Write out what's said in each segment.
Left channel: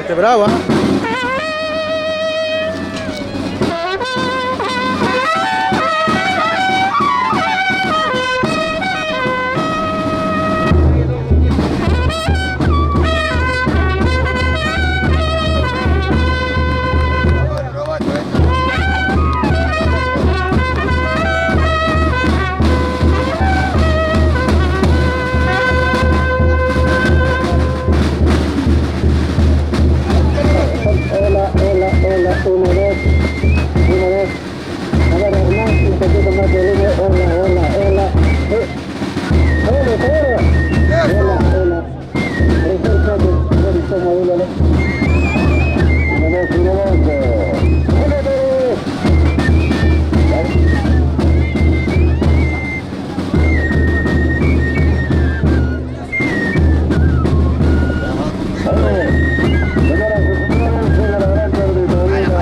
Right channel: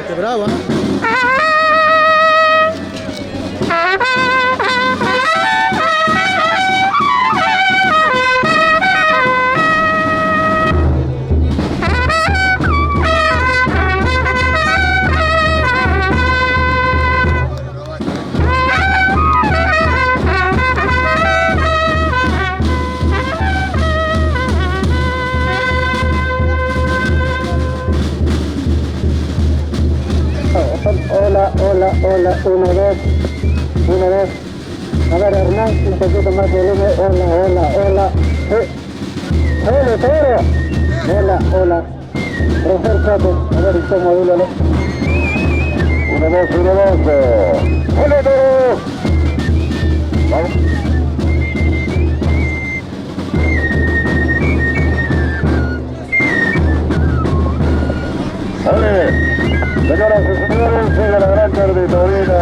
Este bravo, ¿eh? Hola, 1, 2. A ver, Hernán, un poquito más de volumen. Hola. Hola. Profesor Chato, a ver, está modúlalo. 1, 2. ¡Hola todos! Señoras y señores, llega la gran perdidorina.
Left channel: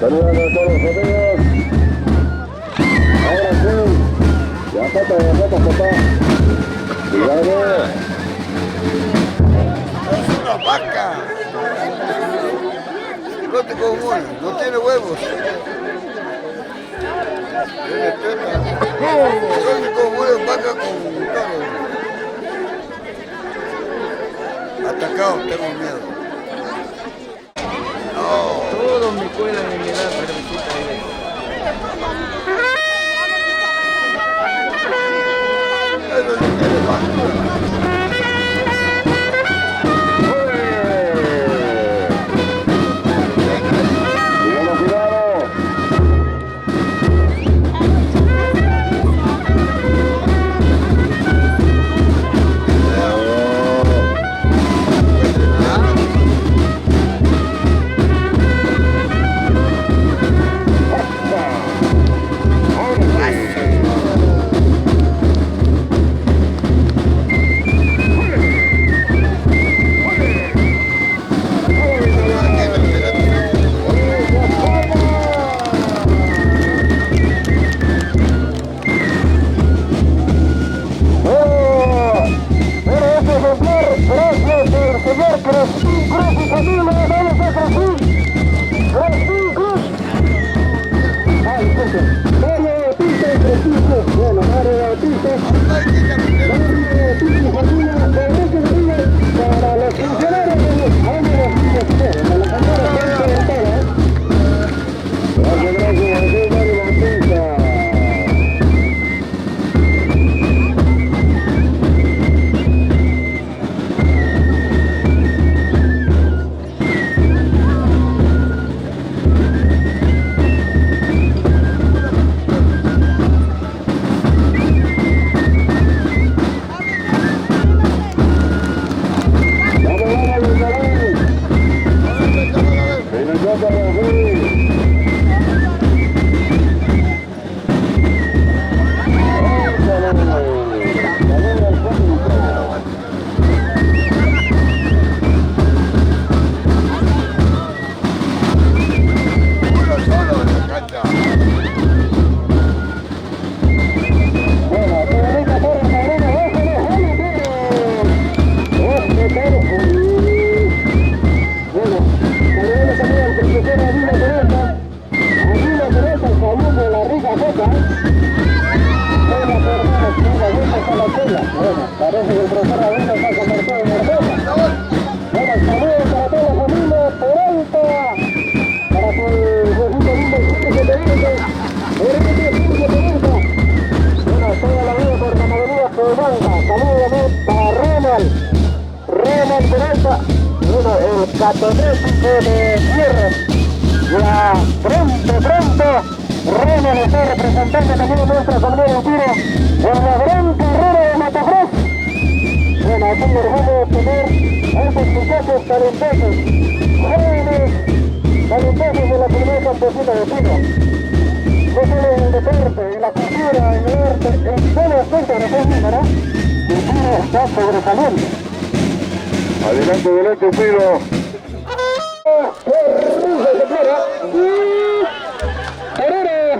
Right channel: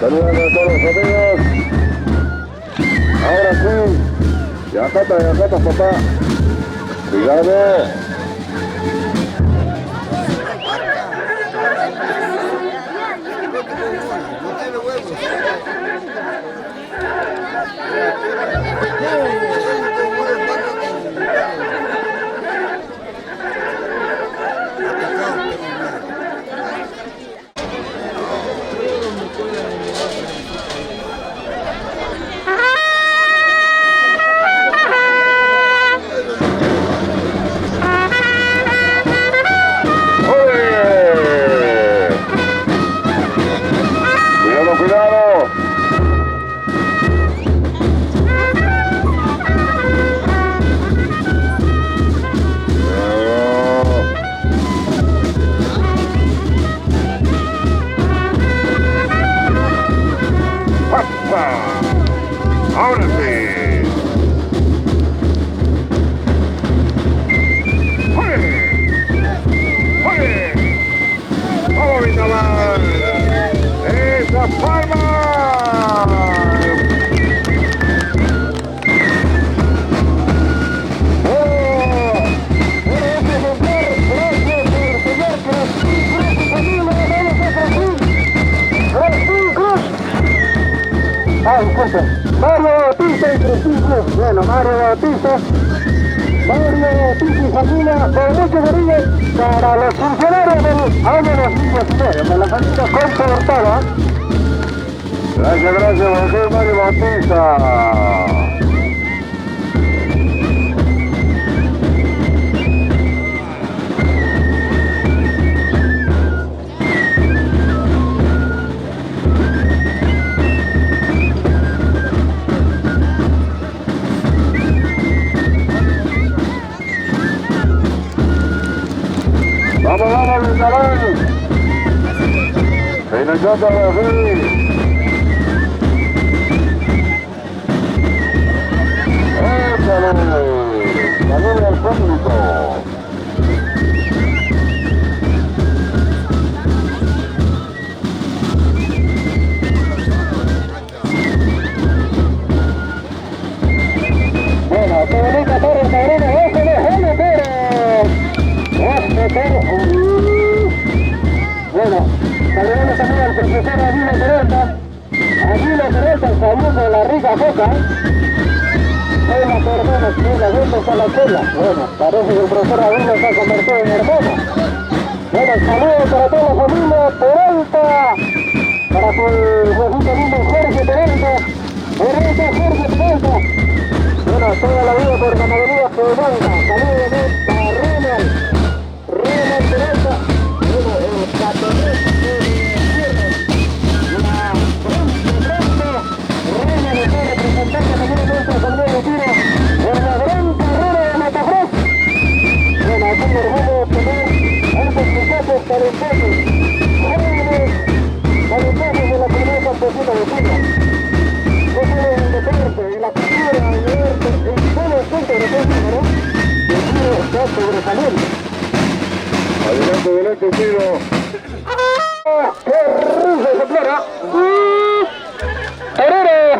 Saludando a todos los amigos. Ahora sí. Ya falta, papá. Cuidado. No tiene huevos. Atacado, tengo miedo. Todos me cuelan en mi edad, Mario Bautista y Francisco. Bueno, Mario Bautista y familia, Enrique Rodríguez, para los funcionarios de los ángeles de la familia Concha. Gracias, Mario Bautista. Adelante Brasil. Ganó el público. Bueno, parece que el profesor Aguila se ha convertido en hermoso. Bueno, saludos para toda la familia Peralta, para su Jorge Peralta, Jorge Peralta. Bueno, toda la vida por ganadería Peralta. Saludos también para Ronald Peralta. Bueno, el catonete de Fierro. Ya pronto, Ronald está representando también a nuestra familia de tiro en la gran carrera de Matacross. Bueno, es un orgullo tener a estos muchachos talentosos, jóvenes talentosos de la primera campesina de tiro. No solo en el deporte, en la cultura, en el arte, en todo aspecto de la misma, ¿no? El tiro está sobresaliendo. Adelante, tiro. ¡Qué risa ejemplar! ¡Torero!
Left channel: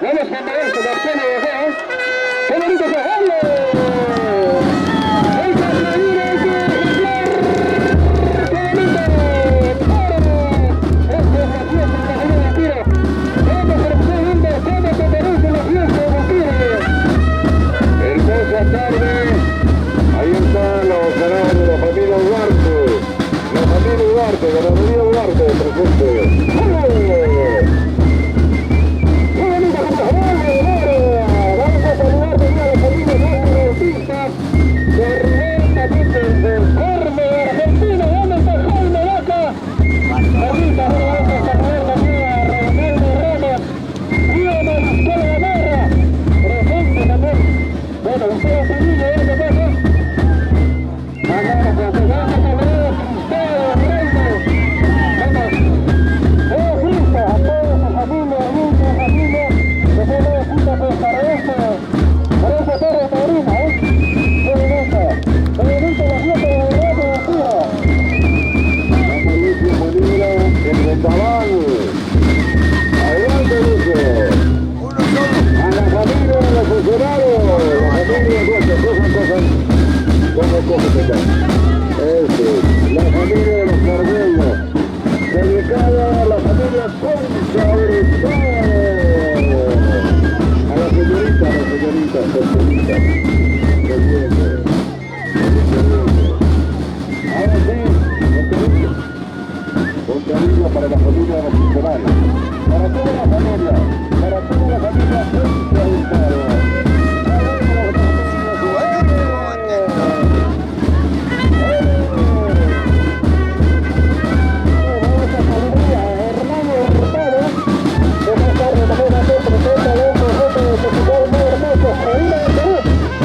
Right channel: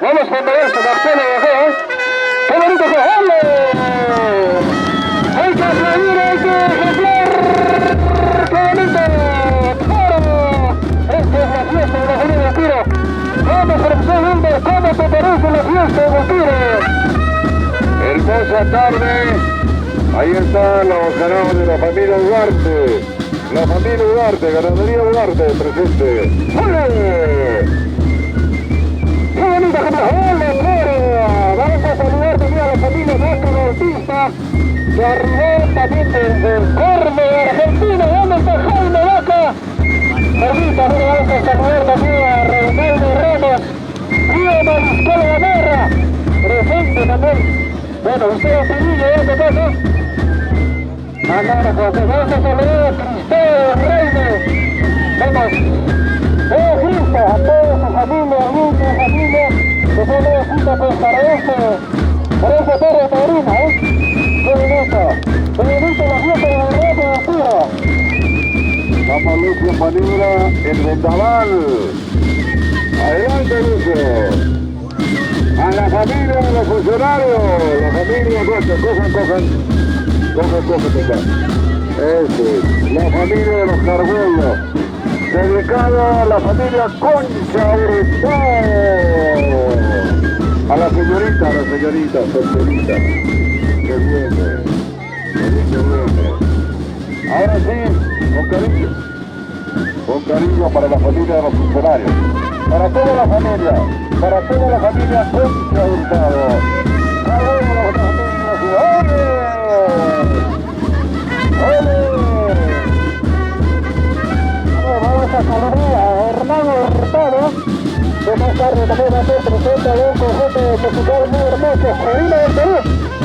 Vamos a moverse, Marcelo de acá, ¡qué bonito que ¡ole! ¡Hay que aplaudir, hay que ejemplar! ¡Qué bonito! ¡Toro! Esta es la fiesta de la familia del tiro. Vamos, profesor Wilmer, ¿cómo te parece la fiesta del tiro? Hermosa tarde. Ahí están los ganadores de la familia Duarte. La familia Duarte, ganadería Duarte presente. ¡Ole! ¡Qué bonita que nos vamos a saludar también a la familia Vasco Bautista, de arriba también del Corme de Argentina. ¿Dónde está Jaime Vaca? Ahorita vamos a saludar también a Reinaldo Ramos, Río Mariscal Gamarra, presente también. Bueno, ustedes también, ¿qué pasa? Vamos a saludar a Cristóbal Reino. Vamos. Fiesta a toda su familia, amigos, familia, que son los juntos para esta torre taurina, Qué bonito la fiesta de la verdad de la tierra. Vamos Lucio Manila, el vendaval. Adelante Lucio. A la familia de los funcionarios, la familia nuestra, cojan. La familia de los Carbollos. Dedicado a la familia Concha Hurtado. A la señorita, Ahora sí, con cariño para la familia de los funcionarios. Para toda la familia Concha Hurtado. También a todos presenta de un conjunto de musical muy hermoso, Medina de Perú,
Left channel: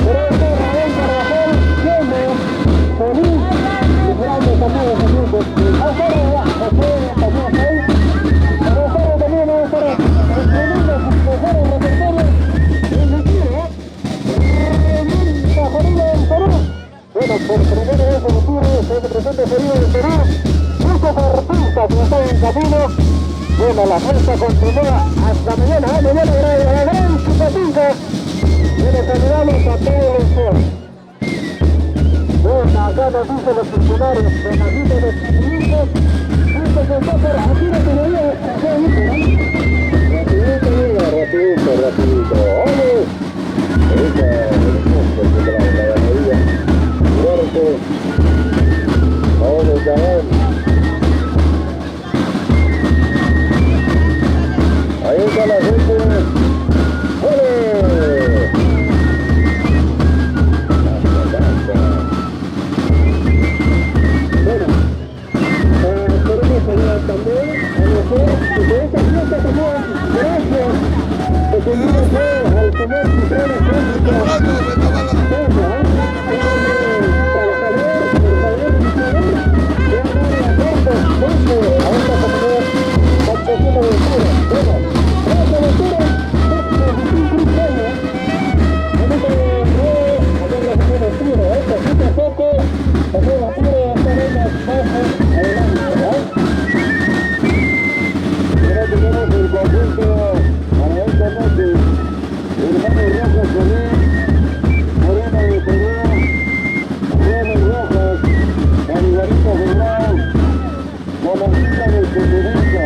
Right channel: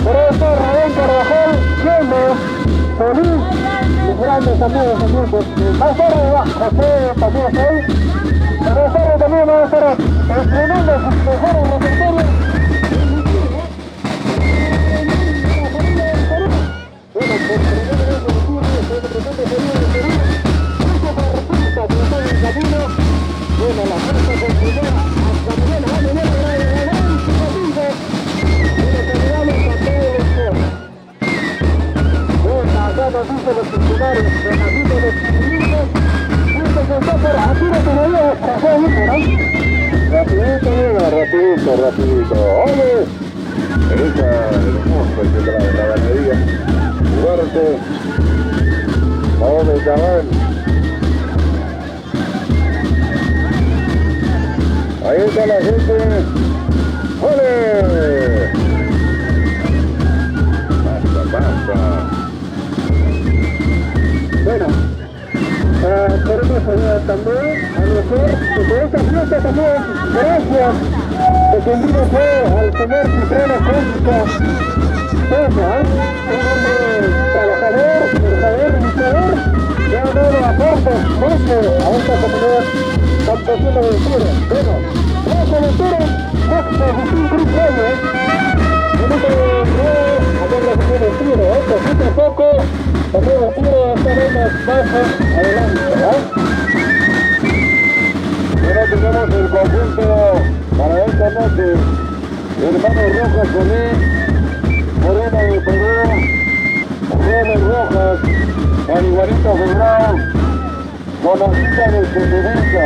por eso Raúl Carvajal, Feliz, mis grandes amigos, más tarde va José también ahí, más tarde también va a estar estrenando sus mejores repertorios en el tiro, la familia del Perú. Bueno, por primera vez en el tiro, se representa el Perú del Perú, muchos artistas que están en camino. Bueno, la fuerza continúa hasta mañana, la gran simpatía. Bueno, saludamos a todos los bueno, acá nos dicen los funcionarios, Bernardito de Chimilingo, esto se está por aquí no todavía rapidito. ¡Ole! Esa hermosa la ganadería Duarte. Ahora chaval. Ahí está la gente. ¡Ole! Bueno, queremos saludar también a nosotros, que esta fiesta también, gracias, que tendría al señor Cipriano Cósmico, trabajador, luchador, que ha dado aportes a esta comunidad. la música de Cotonica.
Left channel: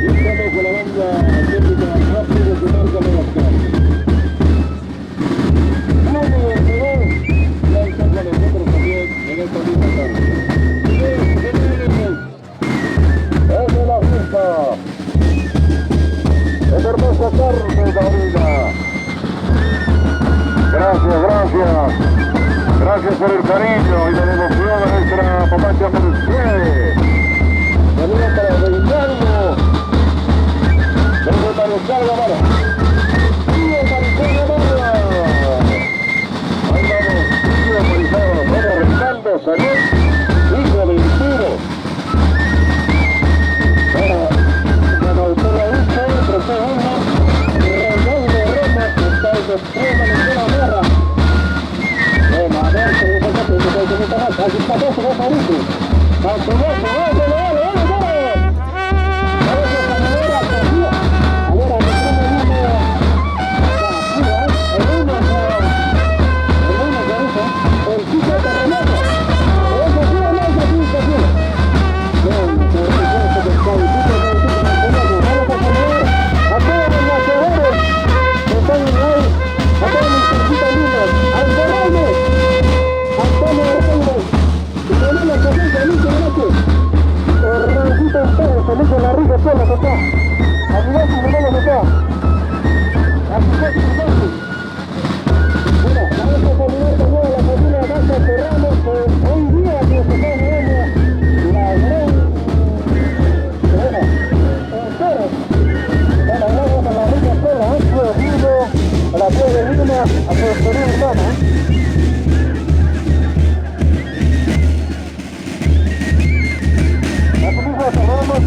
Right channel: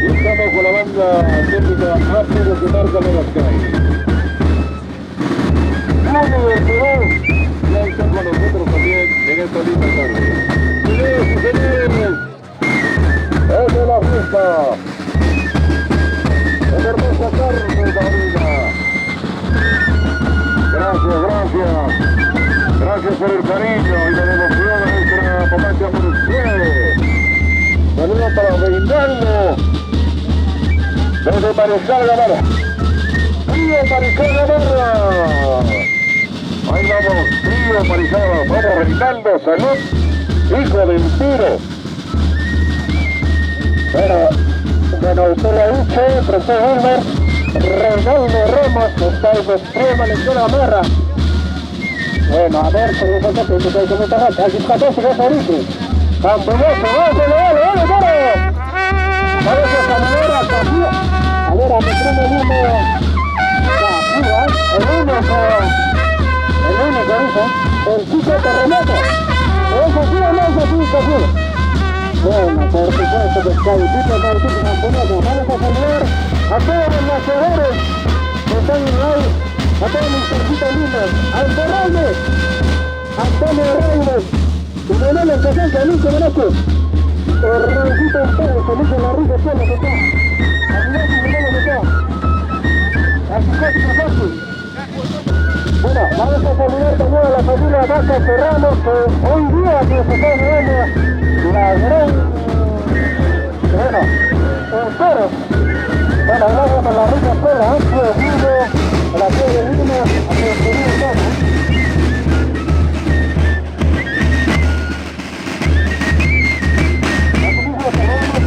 Y estamos con la banda técnica rápido que marca Megasky. Uno de Perú ya está con nosotros también en esta linda tarde. Señores y señores, es de la fiesta. Es hermosa tarde, Taurina. Gracias. Gracias por el cariño y la devoción a nuestra Pamacha Mercedes. Saludos para Reinaldo. Desde Mariscal Gamarra. ¡Tío Mariscal Gamarra! Ahí vamos, tío Mariscal. Vamos, Reinaldo, salud. Hijo del tiro. Bueno, usted lo ha dicho, profesor Wilmer. Reinaldo Ramos, está el de extrema de la Gamarra. Bueno, a ver, aquí está todo, se va a ir. ¡Vamos, dale! Vamos a saludar a Sofía. A ver, a mi primo viene el único, dice, el chico terremoto. ¿Es así o no es así? Bueno, por supuesto que está el chico terremoto. Vamos a saludar a todos los nacedores que están en hoy, a todos mis cerquitas lindos, al Fernández, Antonio Reyes, y tenemos presente a Luis Velázquez, el Rancito Pérez, Feliz en la Rica Puebla que está, Aguilar y Menelo que está, así. Bueno, vamos a saludar también a la familia Vaca Serrano, que hoy día que se está viviendo la gran, bueno, entero. Bueno, hablamos con la Rica Puebla, Ancho Vivo, a la Piedra de Lima, a su querido hermano. Saludamos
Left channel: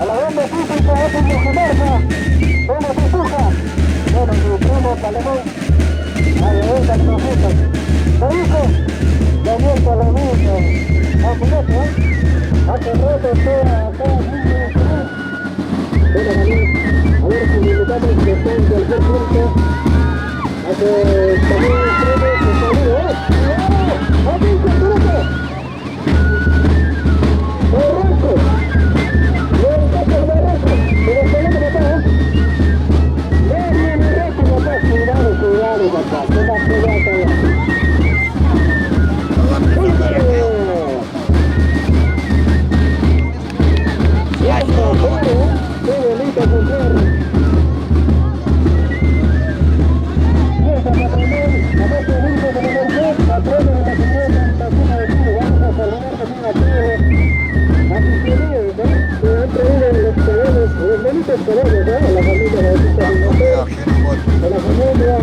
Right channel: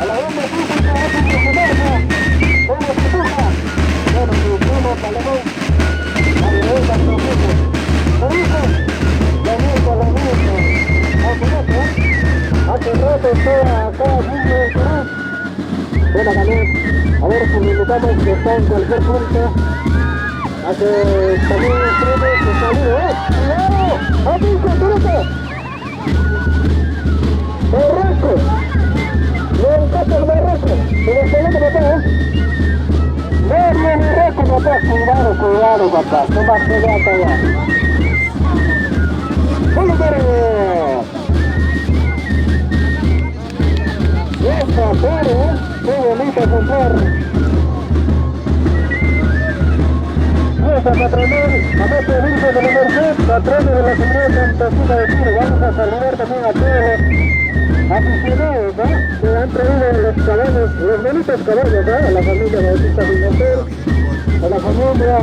a la banda física, a tu mujer, ¿cómo se puja? Bueno, mi primo Salomón, a la venta de nosotros. ¿Qué dijo? Daniel Palomino, a su rato, hace rato está acá, bueno, Daniel, a ver si me invitamos que está en cualquier punto. Hace también un premio que se olvide, ¡cuidado! ¡A ti, Coturuco! ¡Barranco! ¡No encanta el barranco! ¡Pero el pelota que está, ¡no viene recto, papá! ¡Cuidado, papá! ¡No va a quedar allá! ¡Qué bonita mujer! Nuestra patronal, a nuestro grupo de la Merced, patrono de la Comunidad Santa Cruz de Chile, vamos a saludar también a todos aficionados, ¿no? Que han traído los caballos, los bonitos caballos, ¿no? La familia Bautista Pimentel, a la familia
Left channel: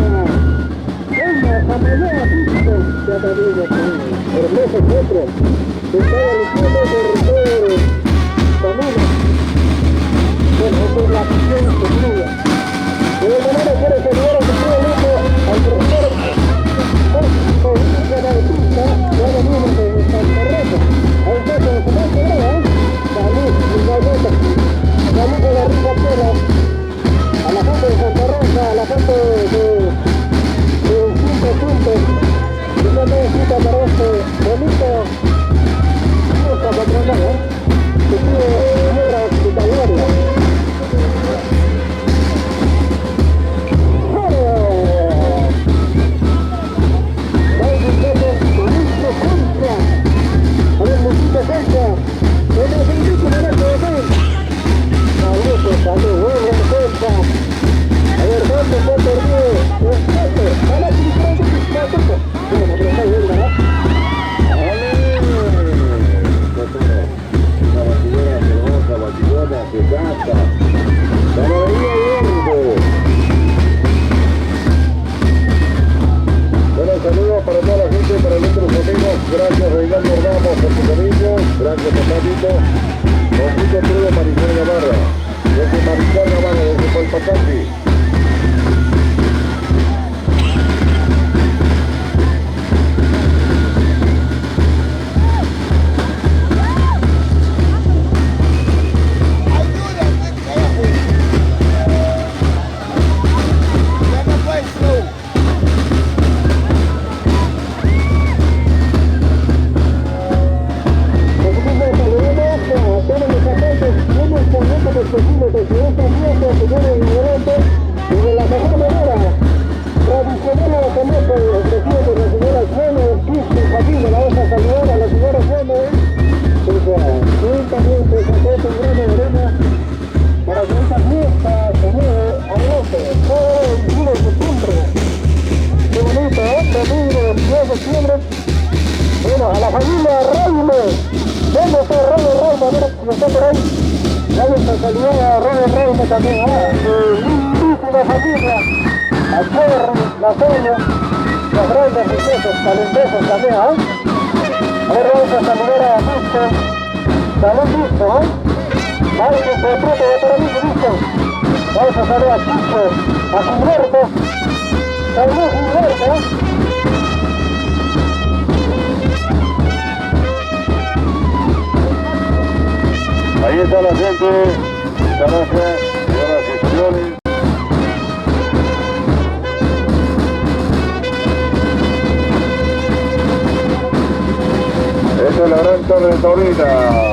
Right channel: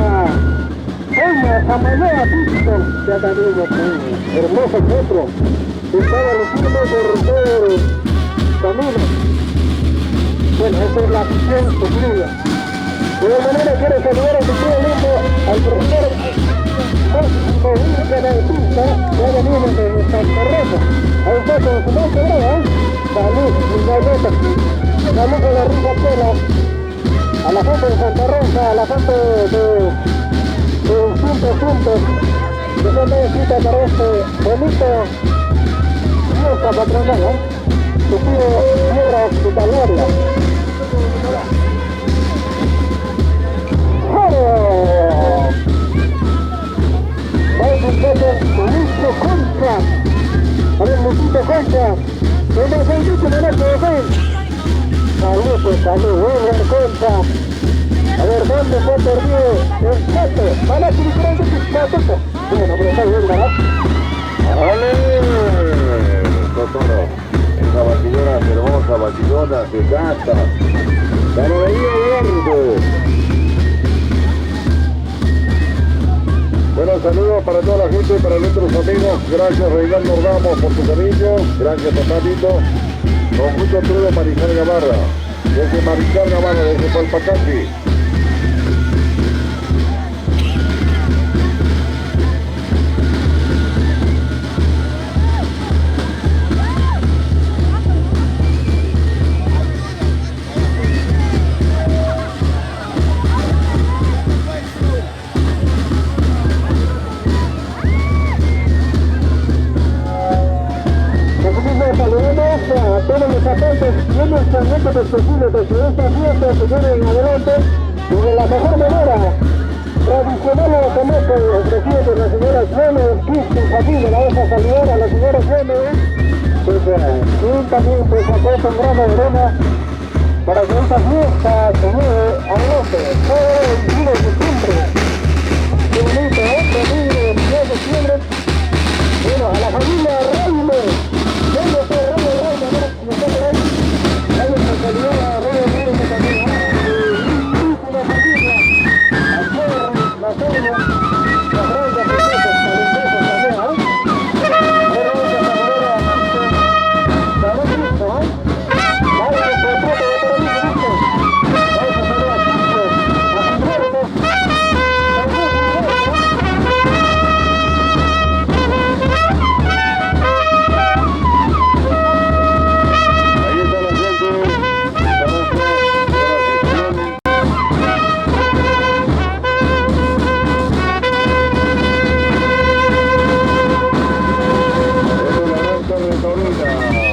Eña, Samayoa, Típico, ya también aquí, hermoso centro, que estaba luciendo por todo familia. Bueno, esa es la afición que sigue. De igual manera quiero saludar a su tío lindo, al profesor Jorge Bautista, que ahora viene de San Carreto. Ahí está con su nombre, ¿verdad? Salud, igualmente. Saludos a la Rica Puebla, a la gente de Santa Rosa, a la gente de 5 puntos, que no necesita para este bonito fiesta patronal, ¿no? Que sigue piedra hospitalaria. A ver, ¿dónde fue perdido? Exacto, van a utilizar la toca. Bueno, pero está bien, ¿verdad? ¡Ale! Cotoro, esa batidora hermosa, batidora que canta. ¡Camarería Eduardo! Bueno, saludos para toda la gente, para nuestros amigos. Gracias, Reinaldo Ramos, por tu cariño. Gracias, papatito. Con mucho trudo, Mariscal Gamarra. Desde Mariscal Gamarra, desde Palpacati. familia, la vamos a saludar a la señora Gómez. Y también se comparte un grano de arena para que esta fiesta se lleve a López todo el 1 de septiembre. Qué bonito, domingo 22 de septiembre. Bueno, a la familia Raime. ¿Dónde está Raime? A ver si está por ahí. Vamos a saludar a Raime también, lindísima familia. A Cherry, la Sonia, las grandes princesas, talentosos también, Ahora vamos a saludar a Cristo. Salud Cristo, Vamos a tratar de para mí, Cristo. Vamos a saludar a Cristo, a Gilberto. Salud Gilberto. Ahí está la gente, esta noche, de la sesión. Esta es la gran torre taurina.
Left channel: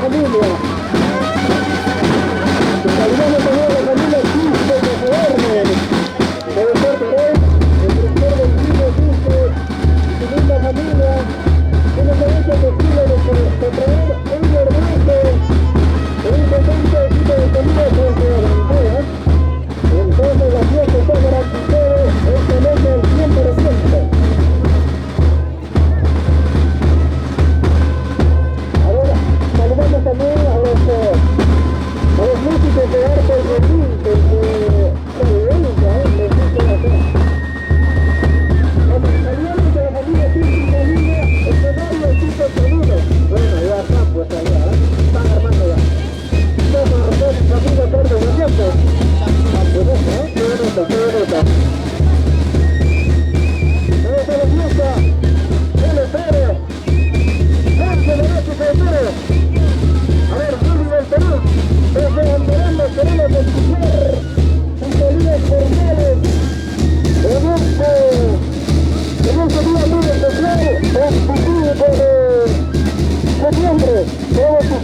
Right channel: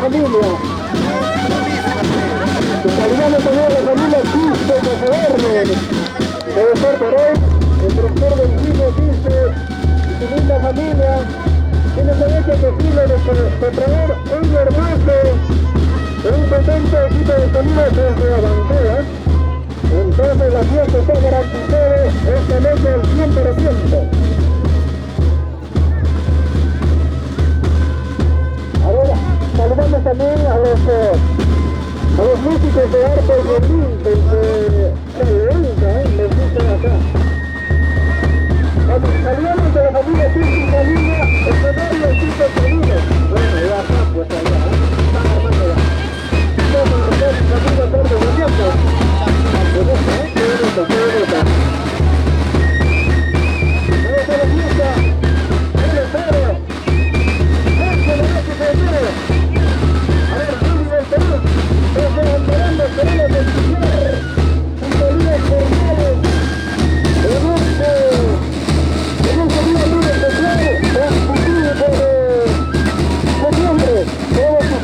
familia,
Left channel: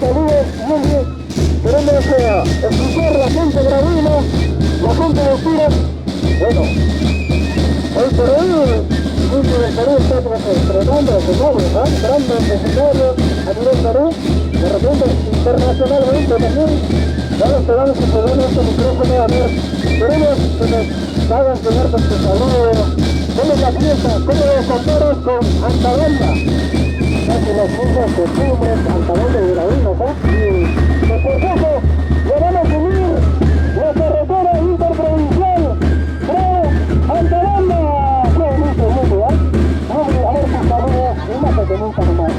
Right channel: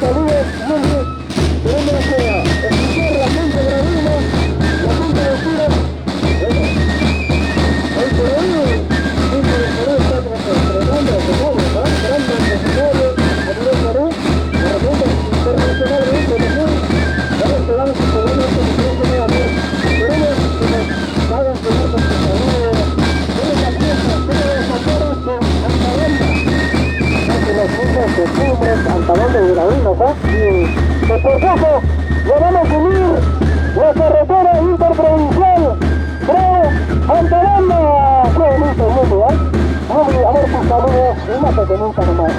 saludos, muy bien. Queremos escuchar la gente gravina, la gente de Tira. Bueno, hoy por hoy, el Perú está tratando de todos, grandes escenarios a nivel Perú, de repente internacionalmente también. Vamos a dar su poder a este micrófono, a ver, queremos que nos hagan llegar con sus saludos. ¿Cómo es la fiesta? ¿Cómo los actores con Antabanda? Casi los mismos costumbres, Antabanda y Gravinos, y por eso le vamos a unir la carretera interprovincial Antabanda. Qué bonito mundo, a ver sus saludos, y más pequeñita nomás,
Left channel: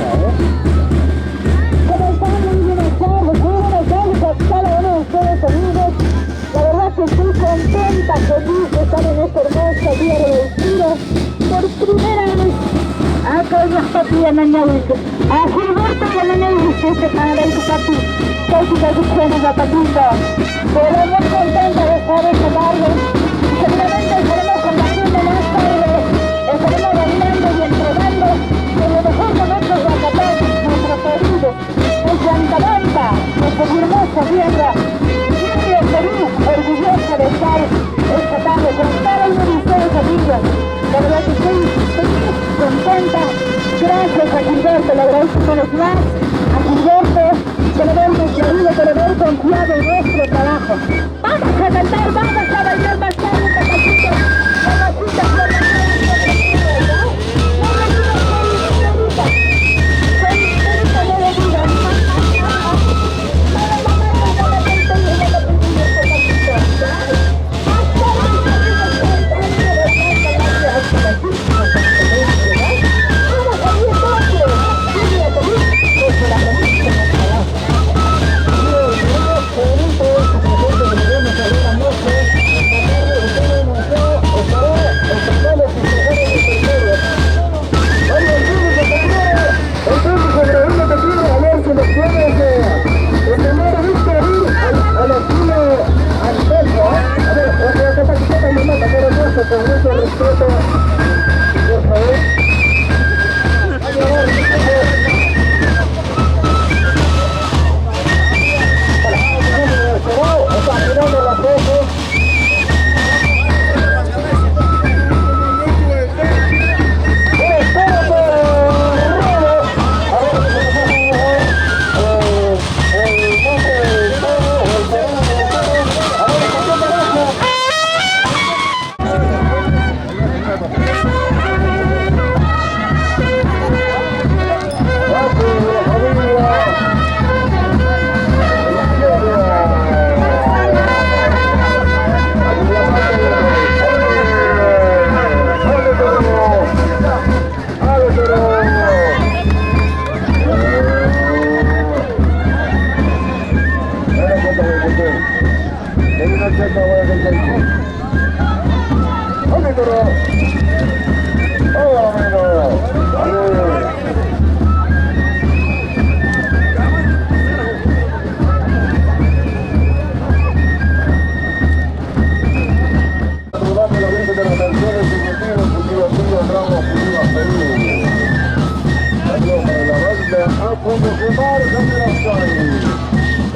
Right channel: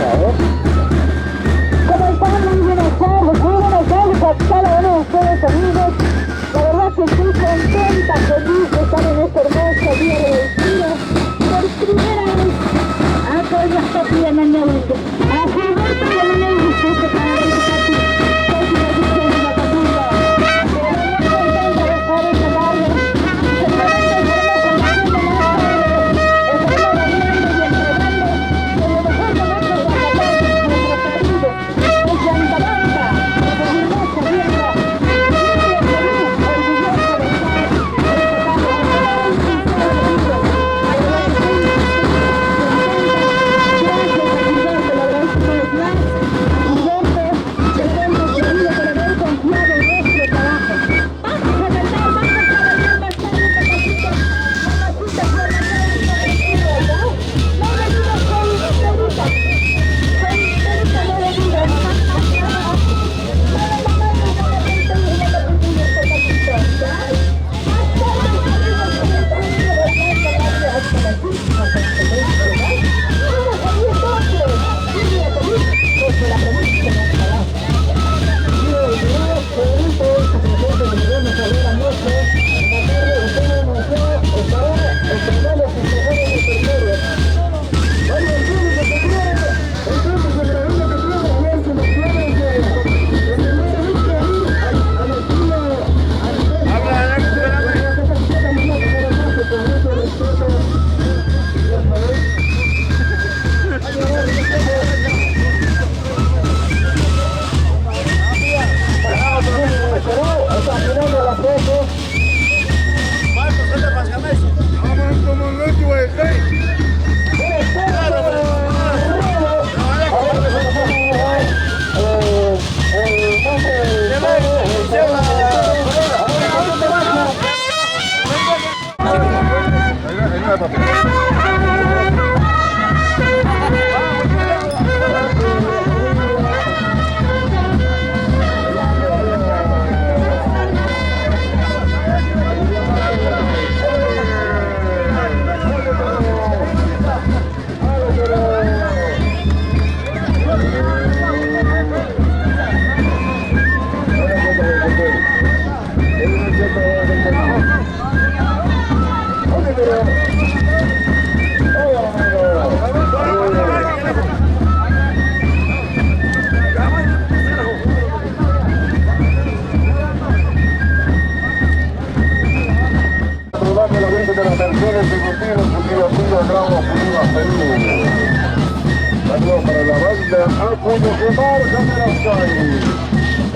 ¿Cómo están? Muy buenas tardes a cada uno de ustedes, amigos. La verdad que estoy contenta, feliz de estar en este hermoso día de Tiro. Por primera vez, acá ya está pidiendo el negocio. A Gilberto y el negocio, este canal de Cati, casi producciones la patita. Pero muy contenta de estar en este barrio. Seguramente estaremos compartiendo más tarde, estaremos bailando y entregando de lo mejor de nuestros guacapanes, nuestros queridos, desde Antabanda, nuestra hermosa tierra. Orgullosa de estar rescatando con cada uno de ustedes, amigos. La verdad que estoy contenta. Gracias a Gilberto, le agradezco una vez más. A Gilberto, que le hemos querido, que le hemos confiado en nuestro trabajo. Vamos a cantar, vamos a bailar bastante, papacito. Mamacita,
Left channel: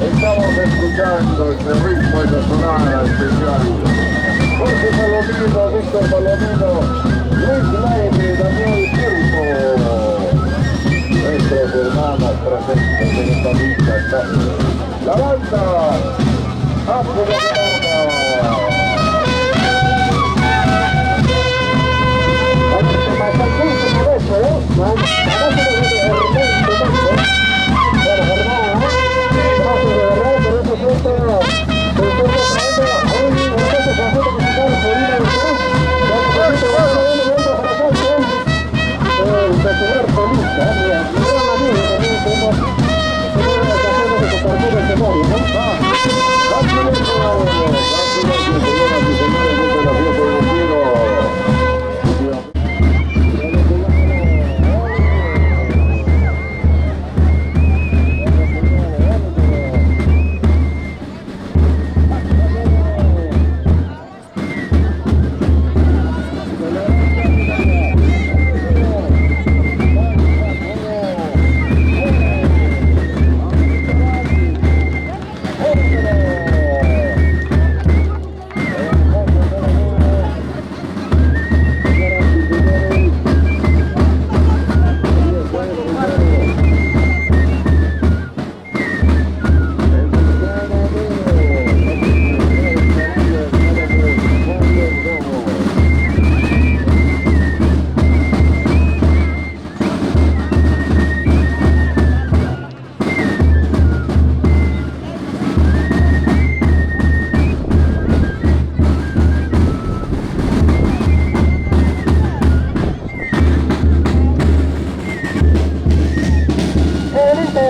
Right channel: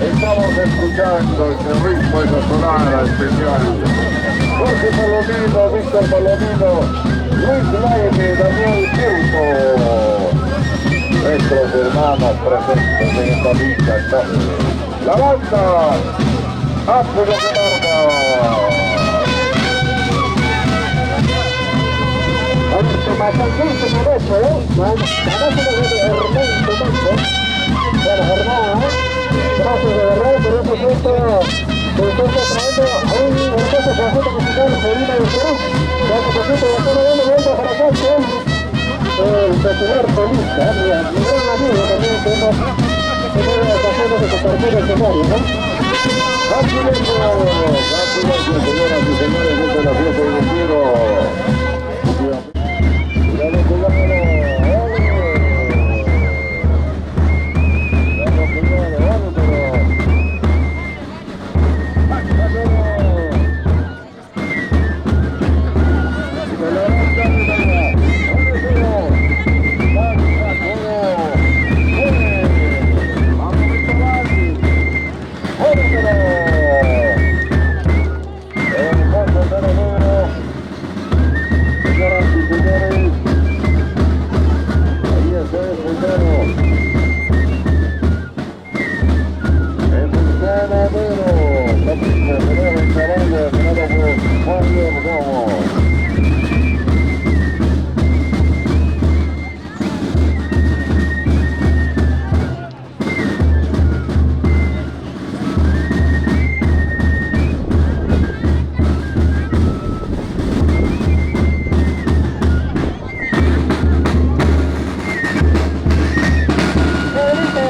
Estamos escuchando este ritmo de la sonada especial. Jorge Palomino, Víctor Palomino, Luis Laine, Daniel Circo. Nuestros hermanos presentes en esta lista. La banda África de Marca.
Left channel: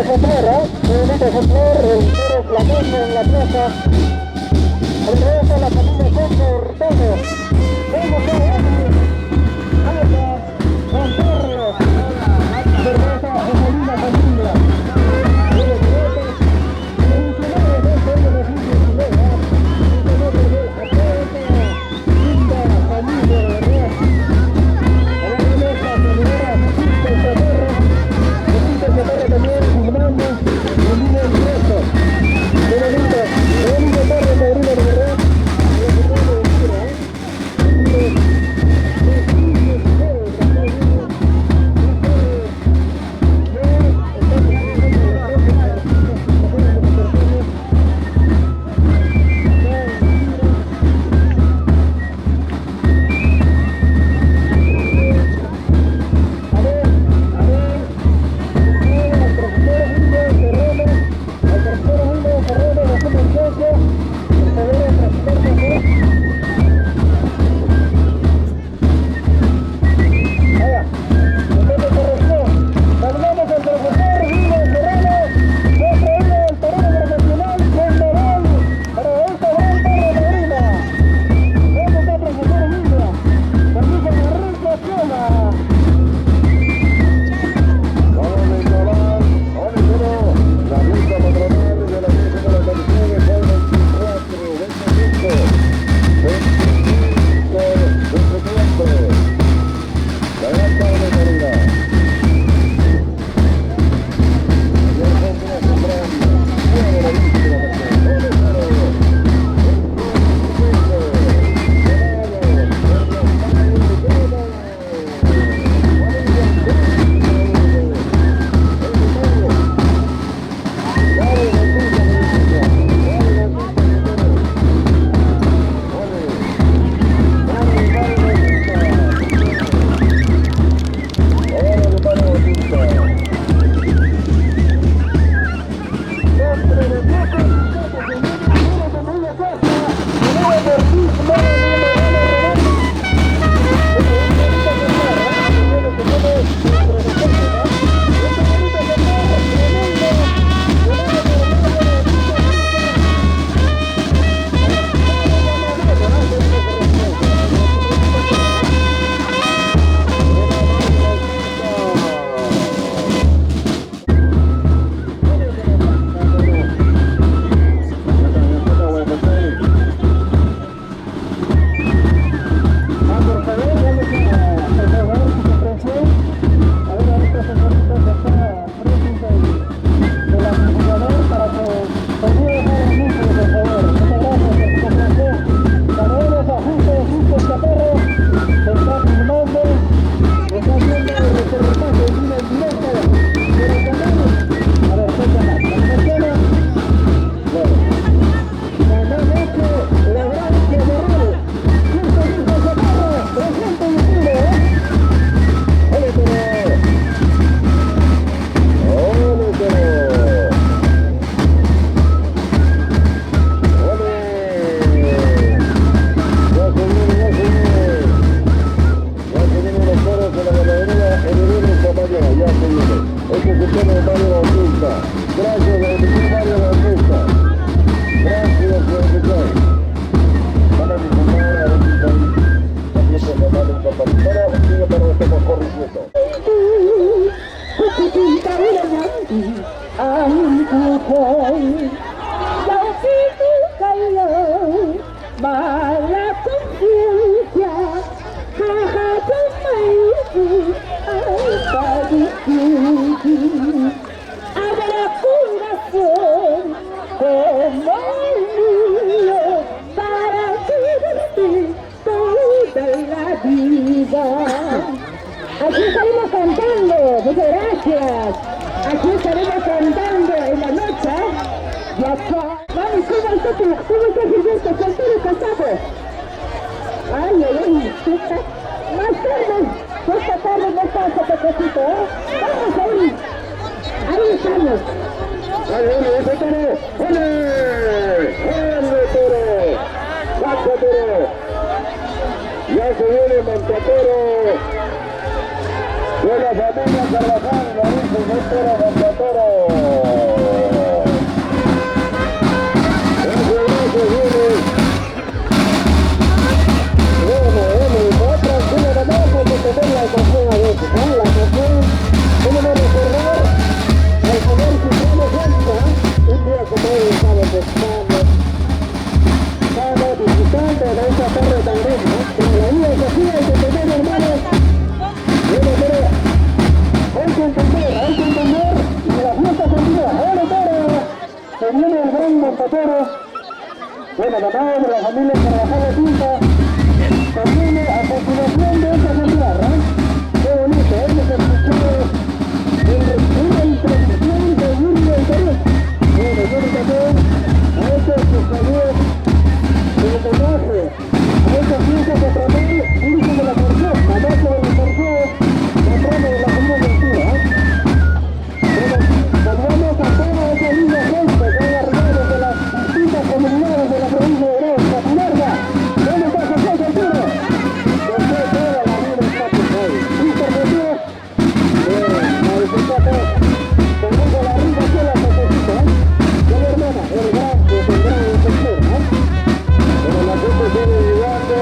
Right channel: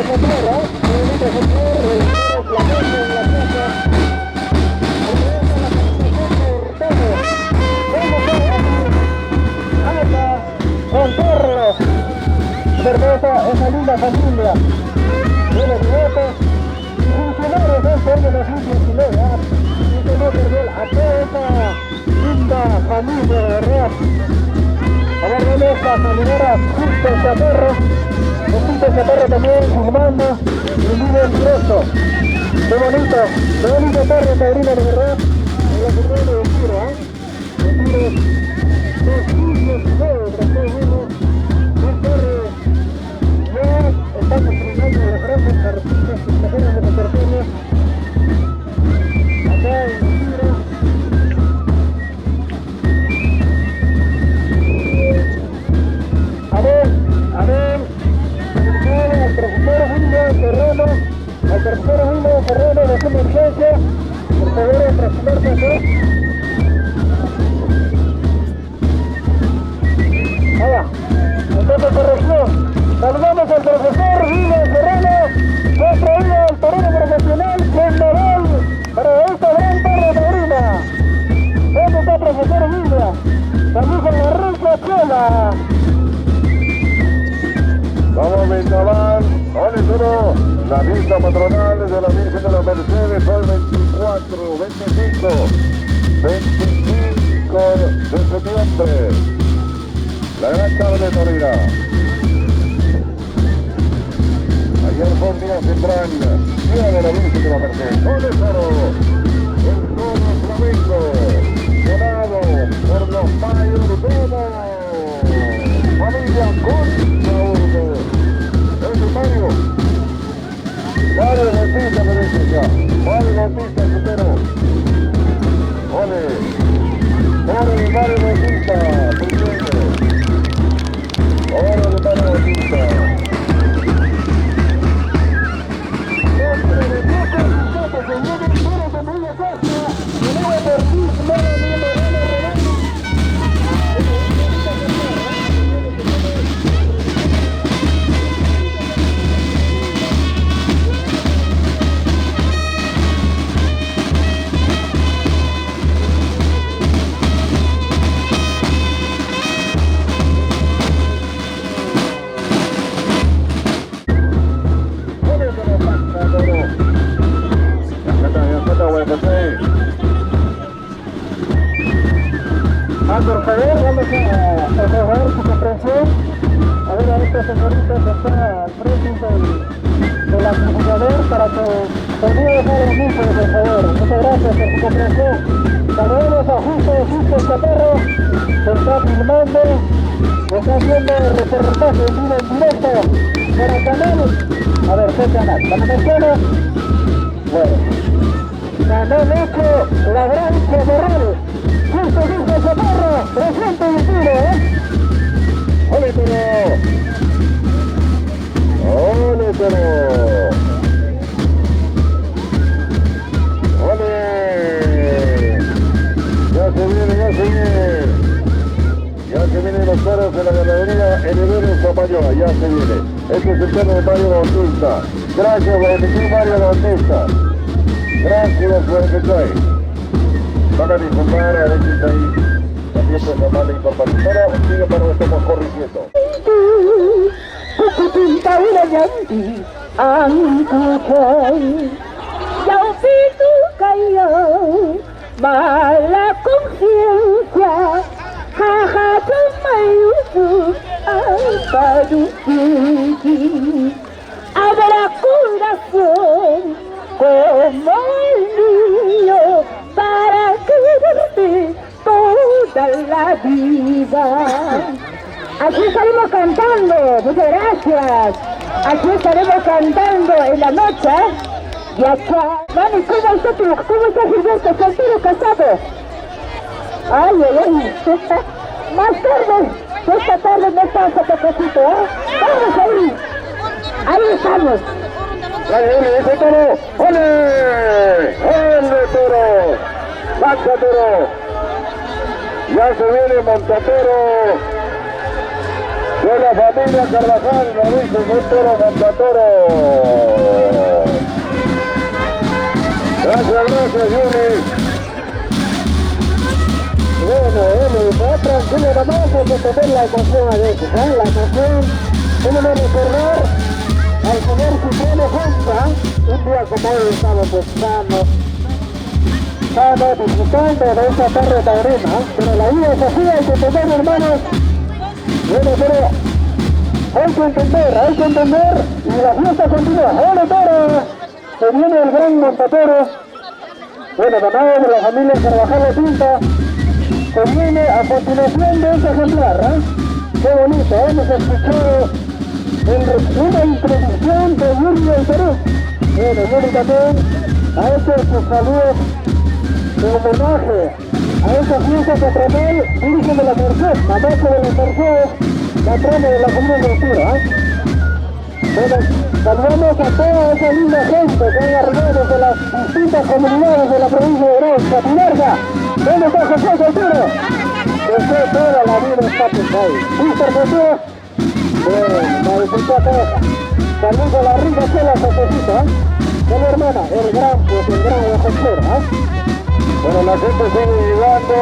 ejemplar, qué bonito ejemplar, el toro flameño en la plaza. Regresa la familia Cortado. Vamos a Juan Carlos. Cerveza, esa linda familia. Los nietos, funcionarios de la familia chilena. A toda esa linda familia, de verdad. A la remesa, señoras, Justo Chaparro. Justo Chaparro también filmando. Y un video expreso. Qué bonito perro, sobrino, de verdad. Gracias, Mario Bautista. Gracias por el que van a disfrutar a veces ahí. También se llama la incorporación. Sigue para que estemos corrigiendo. Mala conciencia, jaja, habrá curación como el mío para quererte toda la vida. Aquí estaremos cantando, muchas gracias. Aquí estaremos cantando en la noche. Y acá, mami, ¿cómo está Gilberto? ¿Soltero casado? Ay, ay, ay. Más tarde, esta tarde no pasa, Pepecito, ¿eh? Vamos ahí. Ahí estamos. ¡Dale, ese toro! ¡Ole! ¡Ole, toro! ¡Saca, toro! Ya se viene Montatoro de la familia Carvajal, la dice el toro Montatoro. la canción a veces, ¿eh? La canción, tenemos que recordar al señor Cipriano Fonsa, un día como hoy estamos pescando, estamos disfrutando de esta tarde de taurina, pero la vida es así, hay que entender, hermanos. Bueno, pero hay que entender, y la fiesta continúa. Bueno, pero se viene el gran montatero, bueno, mamá de la familia Carvajal de Pinta, que viene a continuación de este ejemplar, ¿eh? Qué bonito, hemos escuchado una introducción de Yuri del Perú. Bueno, Yuri también ha hecho sus saludos de homenaje a esa fiesta patronal, Virgen de la Merced, amante de la Merced, patrona de la comunidad de Altura, ¿eh? Bueno, saludamos a toda esa linda gente que han arribado desde las distintas comunidades de la provincia de Orón, Catamarca. ¿Dónde está José Arturo? José toda la vida está ahí. Víctor José, la diputada, saludos a la rica sola Josecita, ¿eh? Bueno, hermana, el gran ejemplar, ¿eh? Bueno, la gente sigue llegando.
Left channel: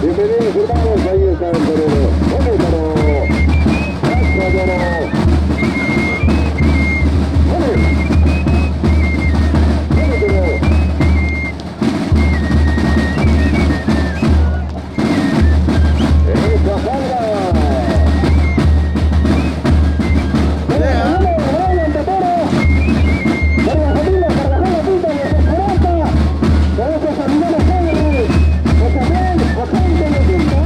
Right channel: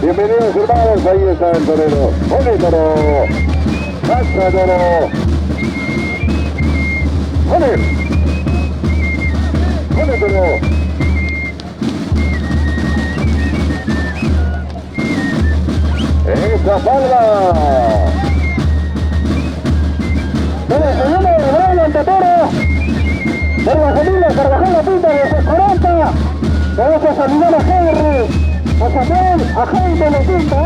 Bienvenidos, hermanos. Ahí está el torero. ¡Ole, toro! ¡Hasta toro! ¡Ole! ¡Ole, toro! ¡Esa salva! Vamos a saludar a Henry, a Samuel, a gente de la Junta.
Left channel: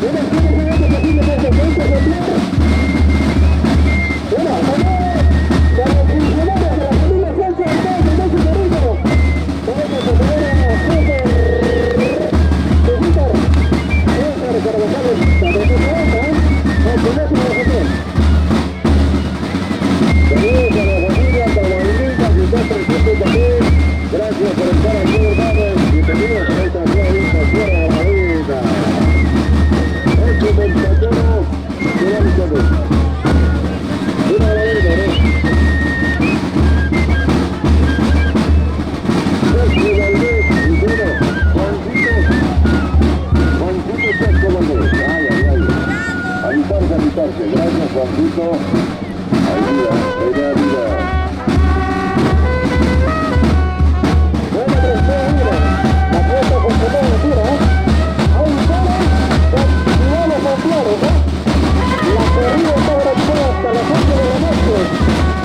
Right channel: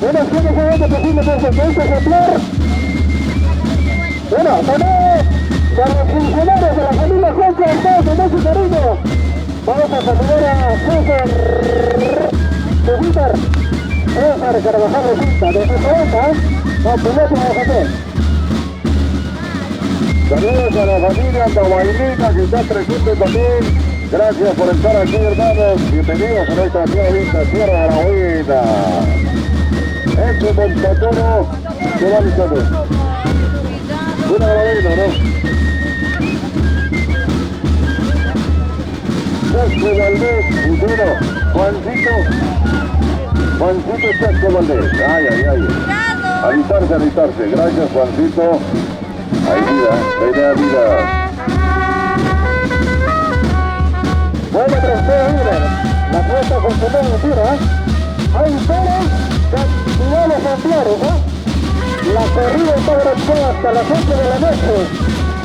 Bueno, ¿quién es el que tiene más de 20 ejemplar? Bueno, para los funcionarios de la familia Junta, todos con ese cariño. Vamos a saludar a César Carvajal de Junta, de su cuenta, a Piloto de Javier. Saludos a la familia Tahuaylita que está presente también. Gracias por estar aquí, hermanos. Bienvenidos a esta nueva Sierra de la Vida. Este es el patrono de la Vicente. Una maravilla, ¿no? Este Valdés, y bueno, Juancito Chasco Valdés. Ay. Alistarse. Gracias, Juancito. Ahí vida. Bueno, la fiesta continúa en tira, ¿eh? Hay toros de iguales ejemplares, ¿eh? La corrida está organizada hasta las 8 de la noche.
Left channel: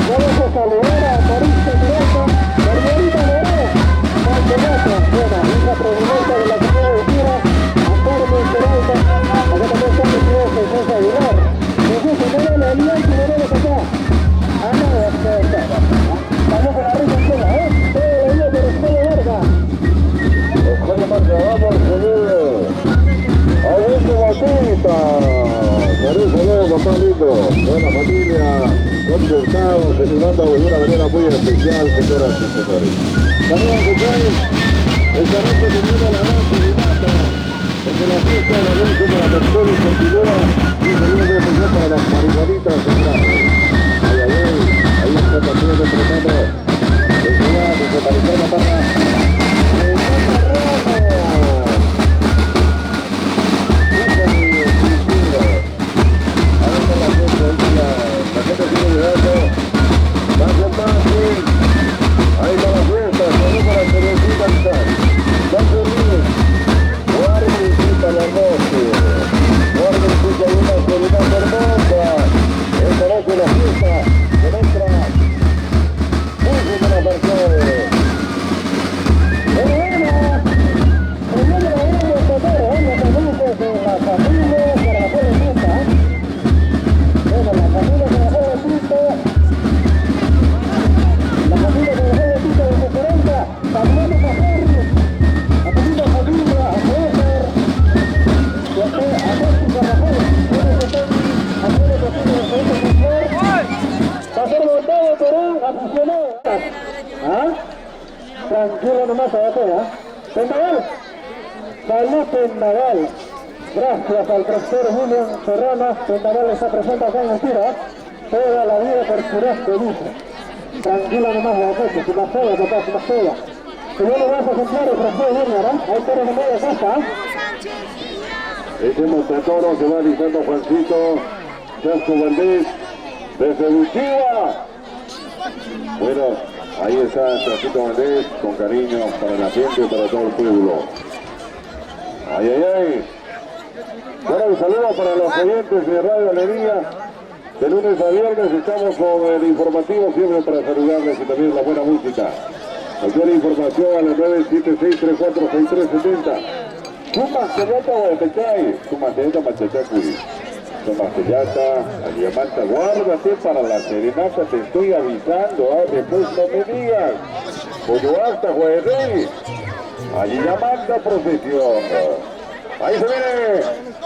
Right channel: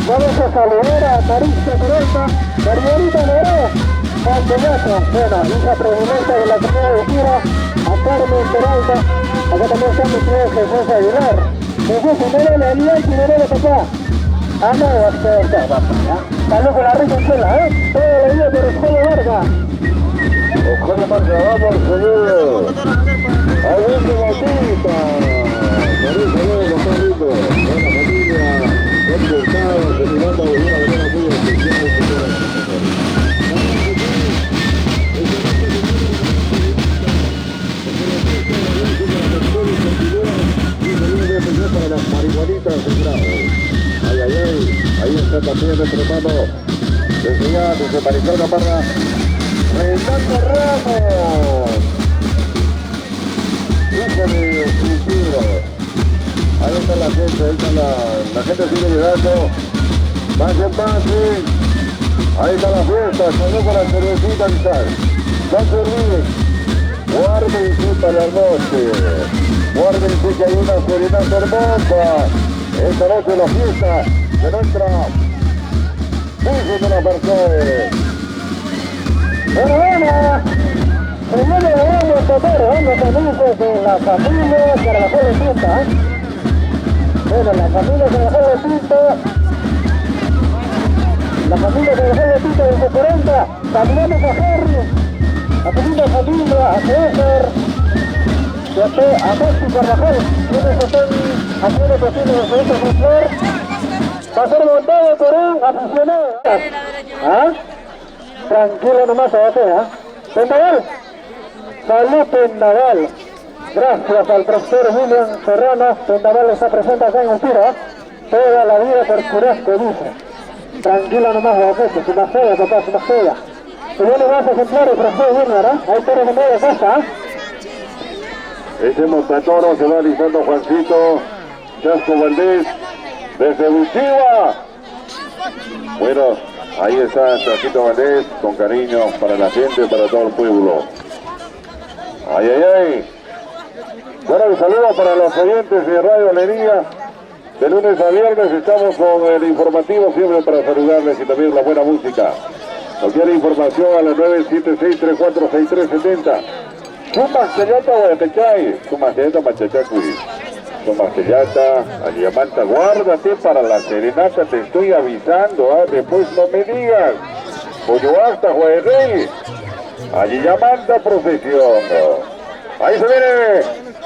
Vamos a saludar a Marisa Peralta, Margarita Moró, Valdegato, bueno, hija presidenta de la comunidad de tira, a Carmen Peralta, acá también están los tres de José Aguilar. Jesús, primero la alianza y primero que está. Salud con la rica escuela, ¿eh? Todo el día por Escuela Vargas. Escuela Vargas, vamos, señor. Augusto Bautista. Saludos, papá lindo. Buena familia. Don Gustavo, se le manda una manera muy especial, señoras y señores. También, señores, esta noche termina la noche de mata. Porque la fiesta de la noche de la Mercedes continúa y saludos de especial para las marihuanitas del lado. Ahí está también nuestro hermano de Ciudad, desde Marisol Parra, Reinaldo Ramos, hijo de Cristina. Ahí está la gente, la gente sigue llegando, más en más, sí. Ahí está la fiesta, salud con la cervecita y tal. No se olviden, guarden y disfruta la noche, guarden y disfruta una serenata hermosa. Esta noche la fiesta de nuestra Virgen de la Merced. Bueno, primero le vamos a tocar, los amigos de la familia Carvajal de Pinta. Bueno, la familia Carvajal de Pinta, desde 40, saludamos a Henry, a tu linda familia, a César, a Maxi Carvajal, quienes están haciendo posible de este ejemplar. Va a ser montado por un aficionado. ¿Ah? Tranquilo nomás, abajo, ¿ah? Pendaval. Salud, Pendaval. Gracias al profesor William Serrano. Pendaval está presente acá en el tiro. Toda la vida por Churrasco, dice. Tranquilo nomás, abajo, su maceda, papá, su maceda. Si viene más ejemplares, profesor William, ¿ah? Ahí está en el medio de casa, ¿ah? Ese montatoro se va alistando Juancito Chasco Valdés desde Buchiva. Bueno, ahí está Chasquito Valdés con cariño para la gente, para todo el pueblo. Ay, ay, ay. Bueno, un saludo para los oyentes de Radio Alegría. De lunes a viernes estamos con el informativo siempre para saludarles y también la buena música. Cualquier información a las 976-346370. Sumastellata Guayapechay, Sumastellata Machachacuy, Sumastellata, Aliamanta, guárdate para la serenata, te estoy avisando, después no me digas. Pollo hasta Guayrey, Aliamanta Procesión. Ahí se viene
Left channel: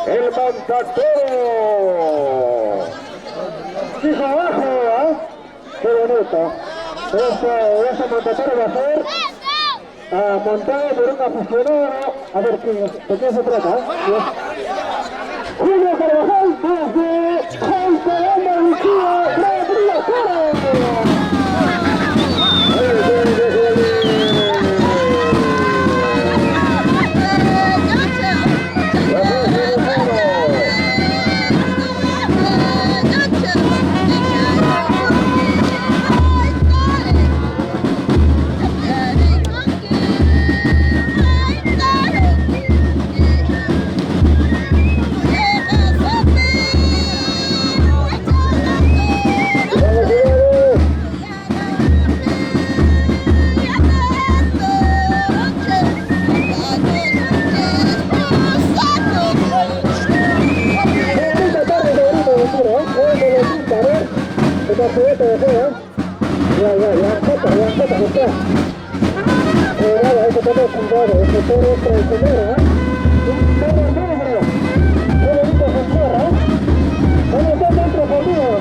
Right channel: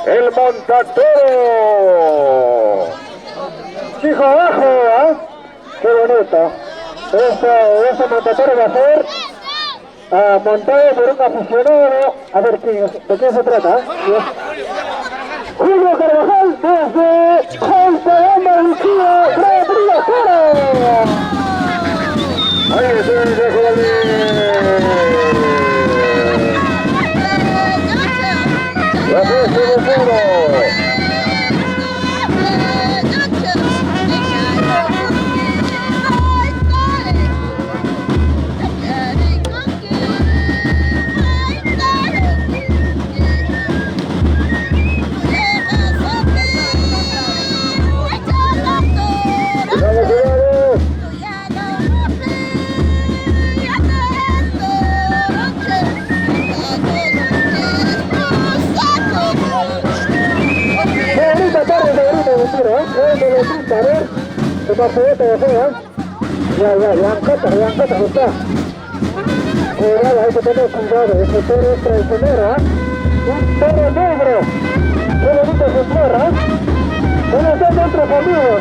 el montatoro. Hijo abajo, ¿eh? Qué bonito. Ese montatoro va a ser montado por un aficionado. A ver, ¿de qué se trata? Julio Carvajal desde Jalpagamba, Buchiva, Gran Prix. Ahí está el de Hay que tener cuidado, ese toro es traicionero, un toro negro, qué bonito su tierra, bueno, están dentro conmigo,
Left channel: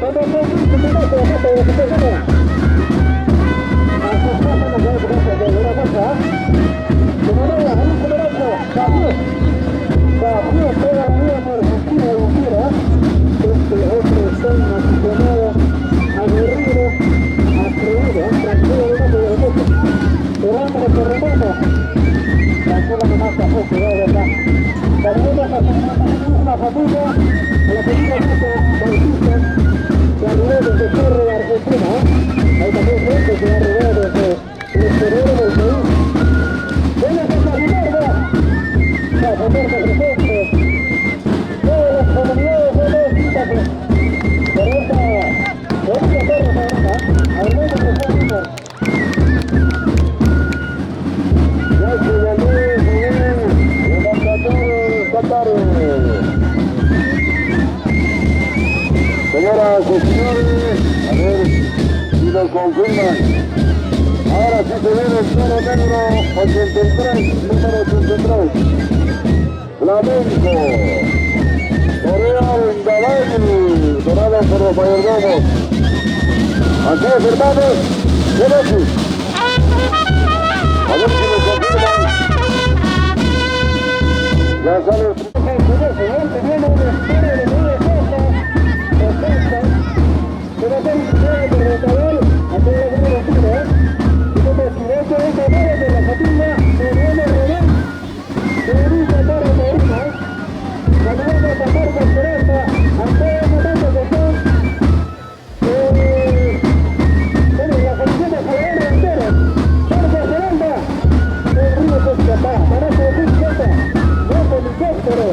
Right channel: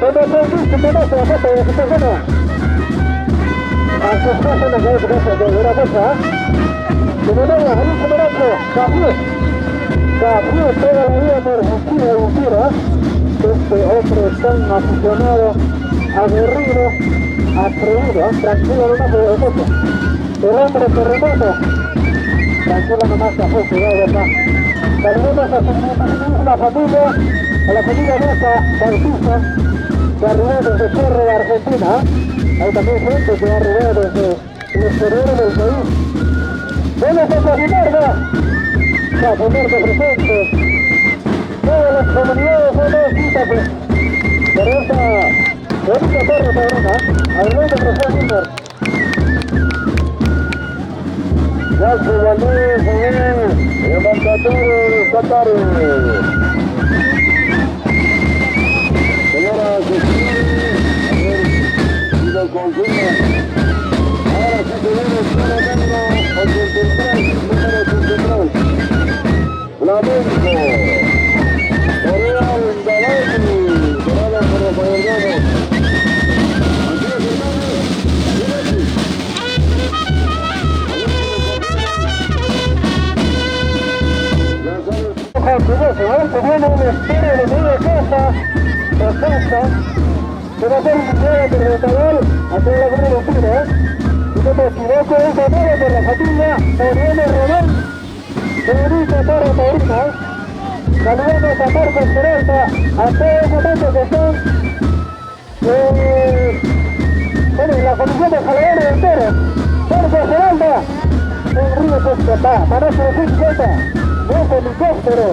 cuando se dice que no se deja de su persona, a sus cosas no se deja de una cosa, como no, hay un comercio, Gabriel, toda la vida por Argentina y Buchiva, este otro es un aficionado, aguerrido, atrevido, tranquilo nomás de mucho. El hombre terremoto, tranquilo nomás que fue cuidado acá. Saludos a la familia, a la familia Rosa Bautista, que arribó desde Cerro de Argentina. Hay también gente que arribó desde el exterior del país. ¿Dónde está Ricardo? Ya, ponerse presente. Todas las comunidades son dos citas por esta bonita torre sabrona. Arriba de José Junior. Ya se volvió, el montatoro de esta tarde. Señoras y señores, a ver si lo confirman. Ahora sí se viene el toro negro 83, número 83. Flamenco. Toreado en Gaballi, dorado por los mayordomos. Así es, hermanos. ¿Qué decís? A ver si lo confirman. Ya sabes. Se viene un estilo de media casa. Perfecto. Se va a hacer un juego territorial. Aquí en la Gran Buchiva. Y como equivoco, es de medio de la familia. Oriente Román. Federico Toro Taurina. Saludamos a Marcos Pereza, a todos los momentos que están en la comisión de Jalgadores entero. Marcos Peralta, un río que escapa, Manazo de Ficheta, no con helicóptero.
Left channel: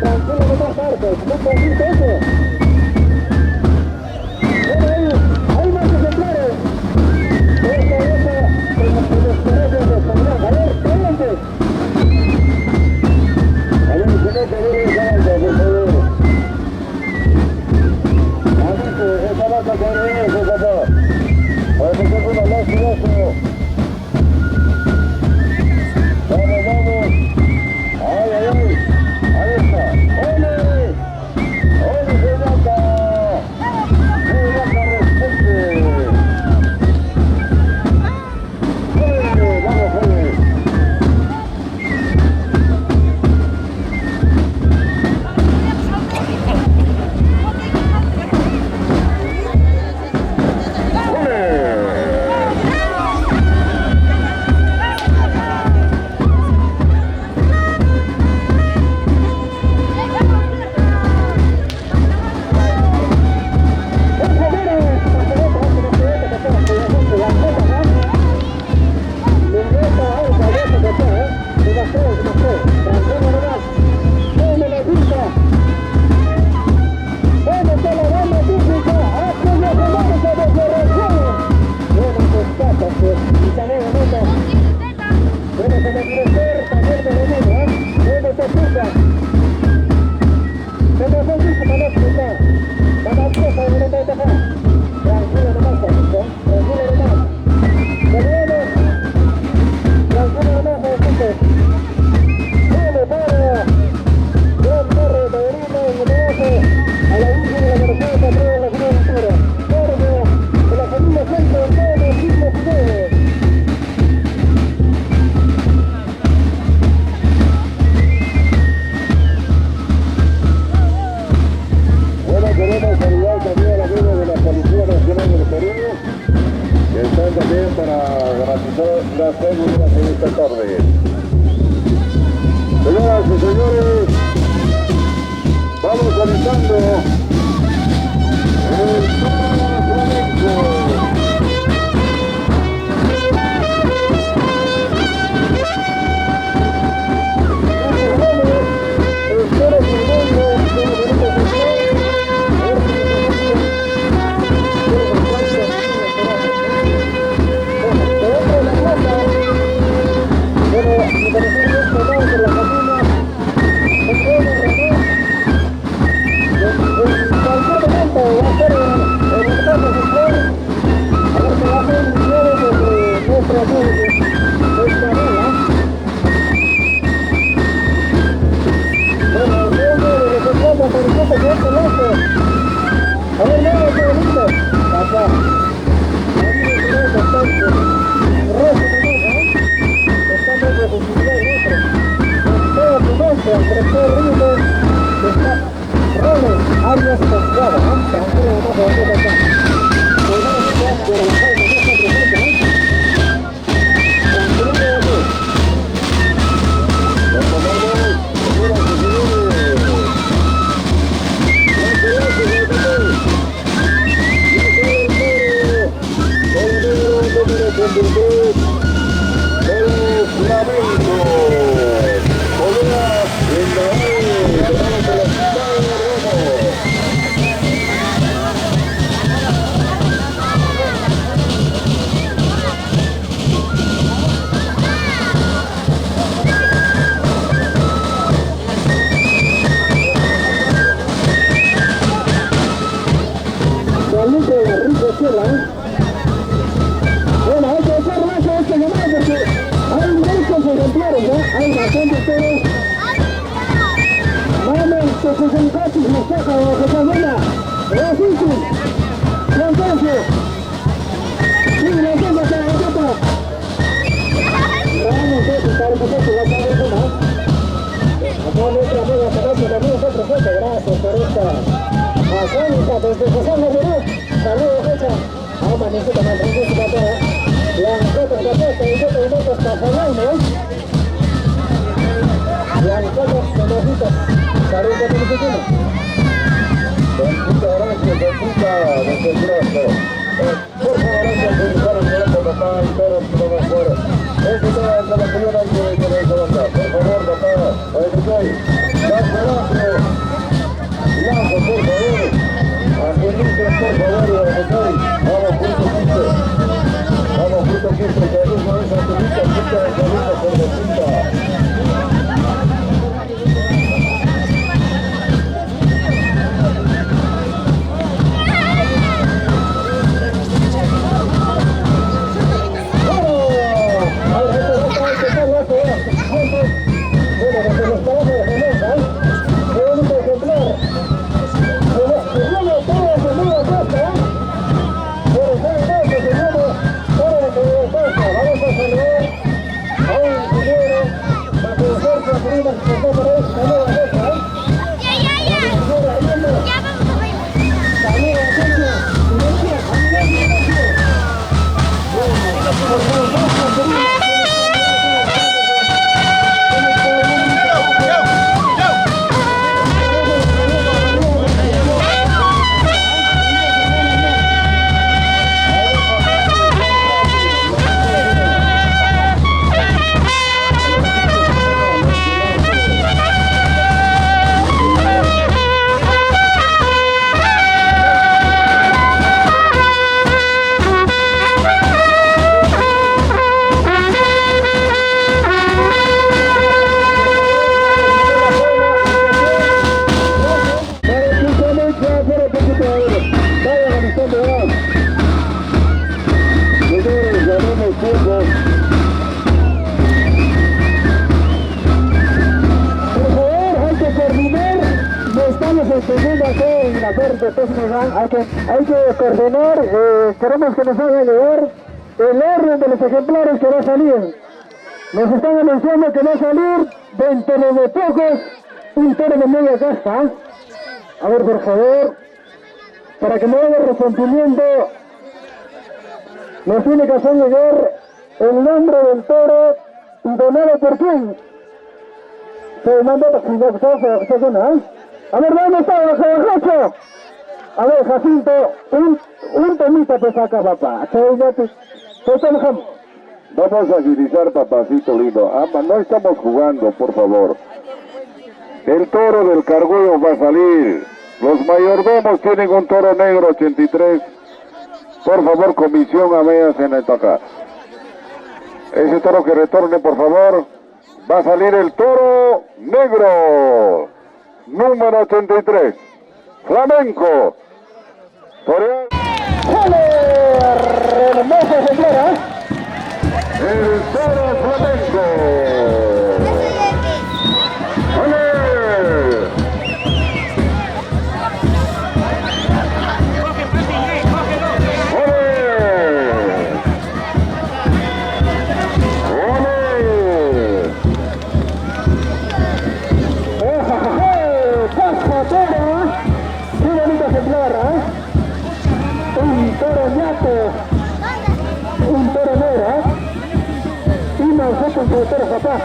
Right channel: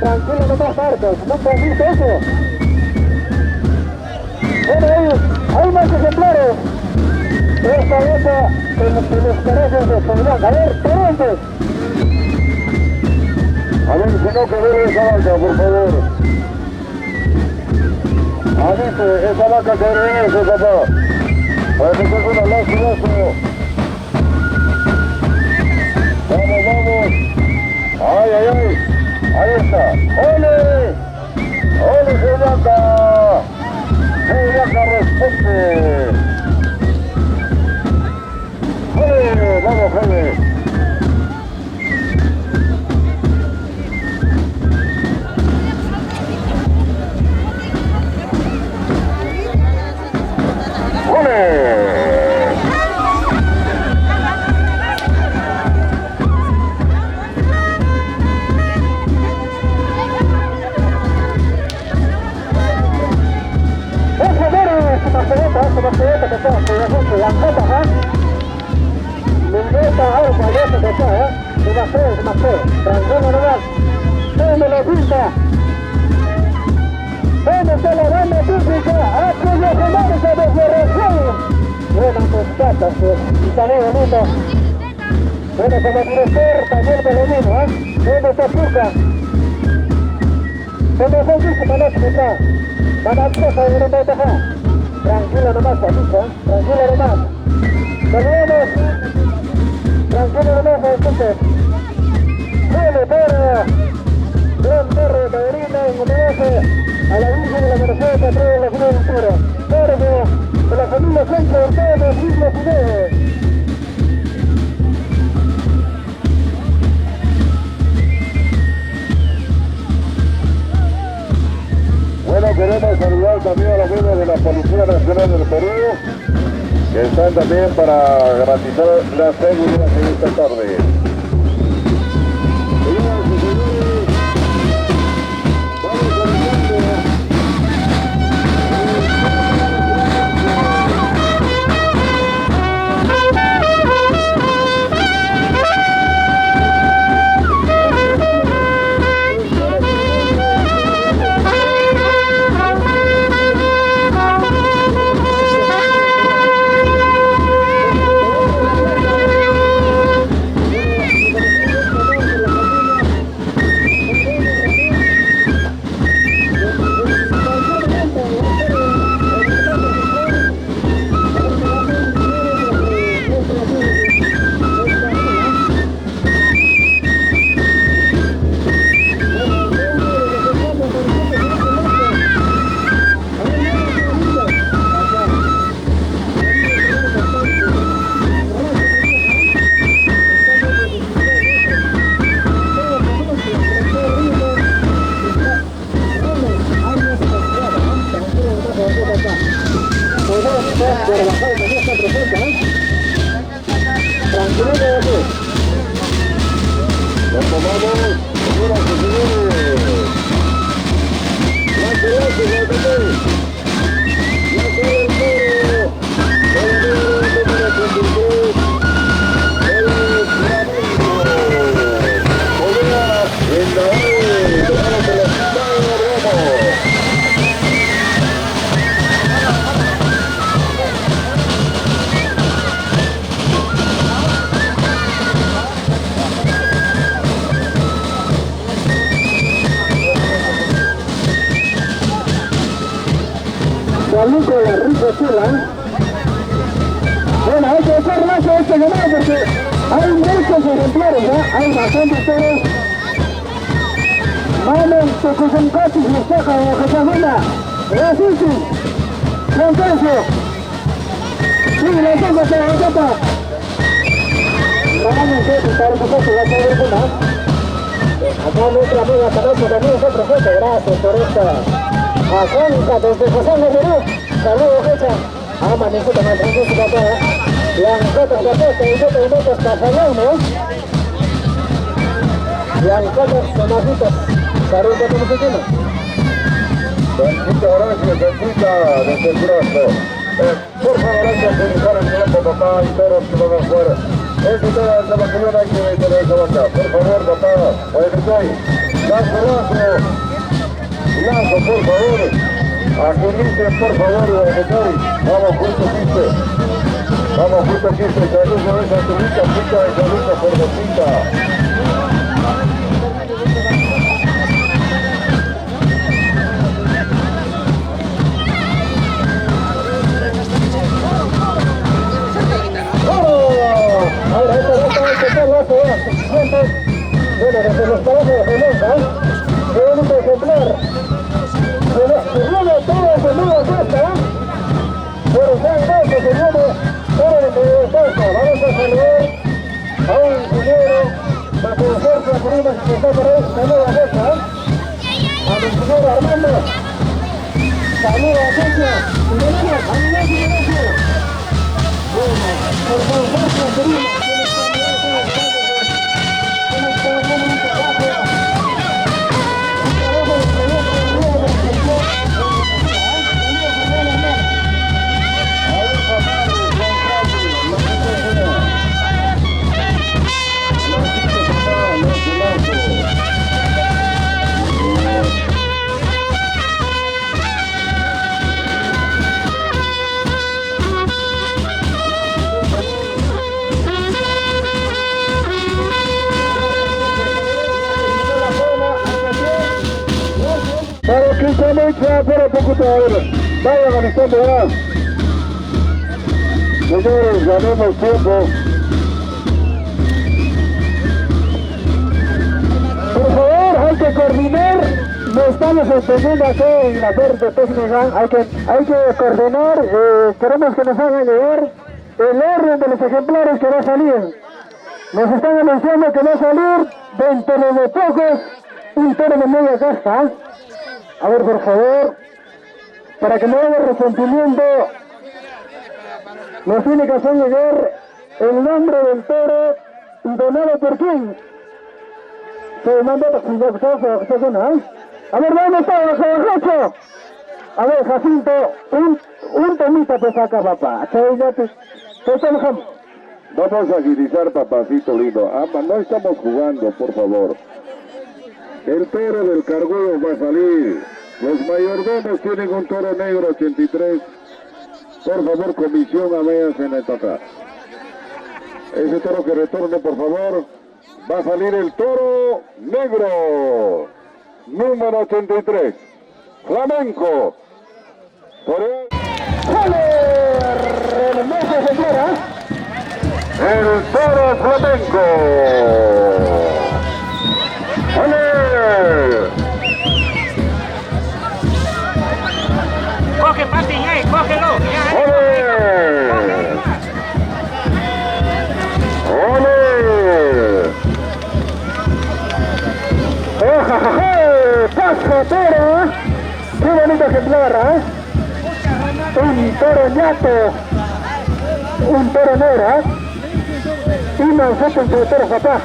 Tranquilo nomás Marcos, no convite eso. Bueno, hay más ejemplares. Esta vieja que nos parece de seguridad. A ver, Torontes. A ver, si no que ver esa vaca, por favor. Avise, esa vaca que ver eso, papá. Para que tenga una lástima. Vamos, vamos. Ay, ay, ay. Ahí está. ¡Ole! ¡Ole, qué vaca! ¡Qué vaca respete! ¡Ole! ¡Vamos, ole! Bueno, como director también de lo mismo, ¿Dónde está Chuca? ¿Dónde está Chuca? Tranquilo nomás, Paquito, tranquilo nomás. Tenemos, tranquilo nomás, Paquito. Bueno, para gran perro de Taberina, y homenaje a la Virgen de la Merced, patrón de la Ciudad Entera. Verde, de la familia Centro, en todos los siglos y meses. Queremos saludar también a los miembros de la Policía Nacional del Perú, que están también para garantizar la seguridad en esta tarde. Señoras y señores, vamos comenzando. Bueno, hay que hacer más a este llamado porque hay muchos ejemplares, ¿ya? Hay bastantes toros. Mamen, Tocosencatis, Mostaja, Josafina, Racisi, Contencio. Sí, la tengo, se la toca. Vamos, para que se va a salir de más. Acá nuestra amiga Canoso también está presente, gracias por esta afónica desde José Medellín. Saludos, Hecha. Amanece también, tranquilo, papá. Blancotas, Caposta, y Motos, Casalano. Blancotas, Tomajitas. Saludos, Tomajitas. Bendita gracias, bendita desde el brazo. Por favor, antes de iniciar el tiempo, papá, y todos que van afuera. Este tema de la señora hay que tener esa banda. Por favor, papá, ahí estoy. Lanzo, por favor. Aquí dice, por favor, vamos, punto 15. Vamos, punto 15. Carluso de Santurita, punta de Carluso por Bocita. Bueno, desde los trabajos de Genosa, qué bonito ejemplar. Se viene todo el mundo a casa, pero ya que se viene todo el mundo a casa. Vamos a saludar a un ingeniero, para conocer su prima que está por ahí, de nueva casa. A mi ingeniero Armando. Saludos a Celia. Por favor, su prima. espera un poquito, a ver, vaya organizando ya. Nosotros ganamos tiempo. Por favor, hay que coordinar. No estamos entendiendo aquí en la parte técnica. Hay que coordinar. Queremos que nos hagan llegar el orden de los ejemplares que va a salir. Nos están anunciando que va a salir dentro de pocos un toro de media casta. A ver, por favor, para que no haya resentimiento, nos tiene que hacer llegar el nombre del toro y donado por quién. Se manda a a ver, ¿dónde está, Jacob? A ver, Jacinto, un temita te saca, papá. Vamos a agilizar, papacito lindo. No estamos jugando, por favor. El toro del Cargollo va a salir. Los mayordomos tienen un toro negro 83. Por favor, comisión a medias en el tocar. Ese toro que retorne, por favor. Va a salir el toro negro. Número 83. Flamenco. Toro. Hermosa señora. El toro flamenco. ¡Ole! Coge, Pati, cógelo. ¡Ole! ¡Ole! ¡Pasa toro! ¡Qué bonito ejemplar, ¿eh? Un toro ñato, un toro negro, y nosotros el toro papá.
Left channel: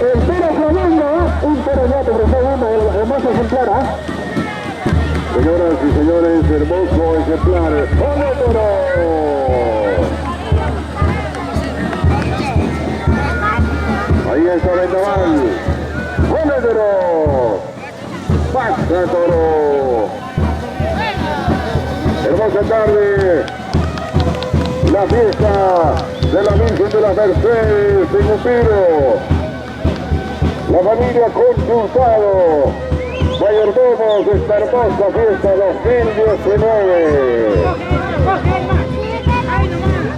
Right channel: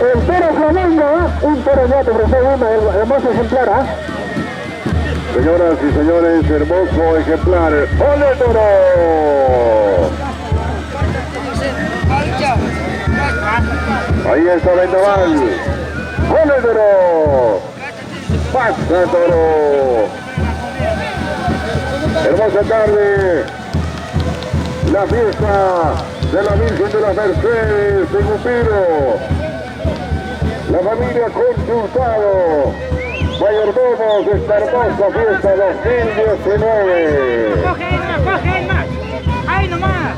El toro flamenco, un toro ñato, un hermoso ejemplar, ¿eh? Señoras y señores, hermoso ejemplar. ¡Ole, toro! Ahí está Vendaval. ¡Ole, toro! ¡Pasa, toro! Hermosa tarde. La fiesta de la Virgen de las Mercedes en Upiro. La familia Consultado. Mayordomos de esta hermosa fiesta 2019. Coge más. Ahí nomás.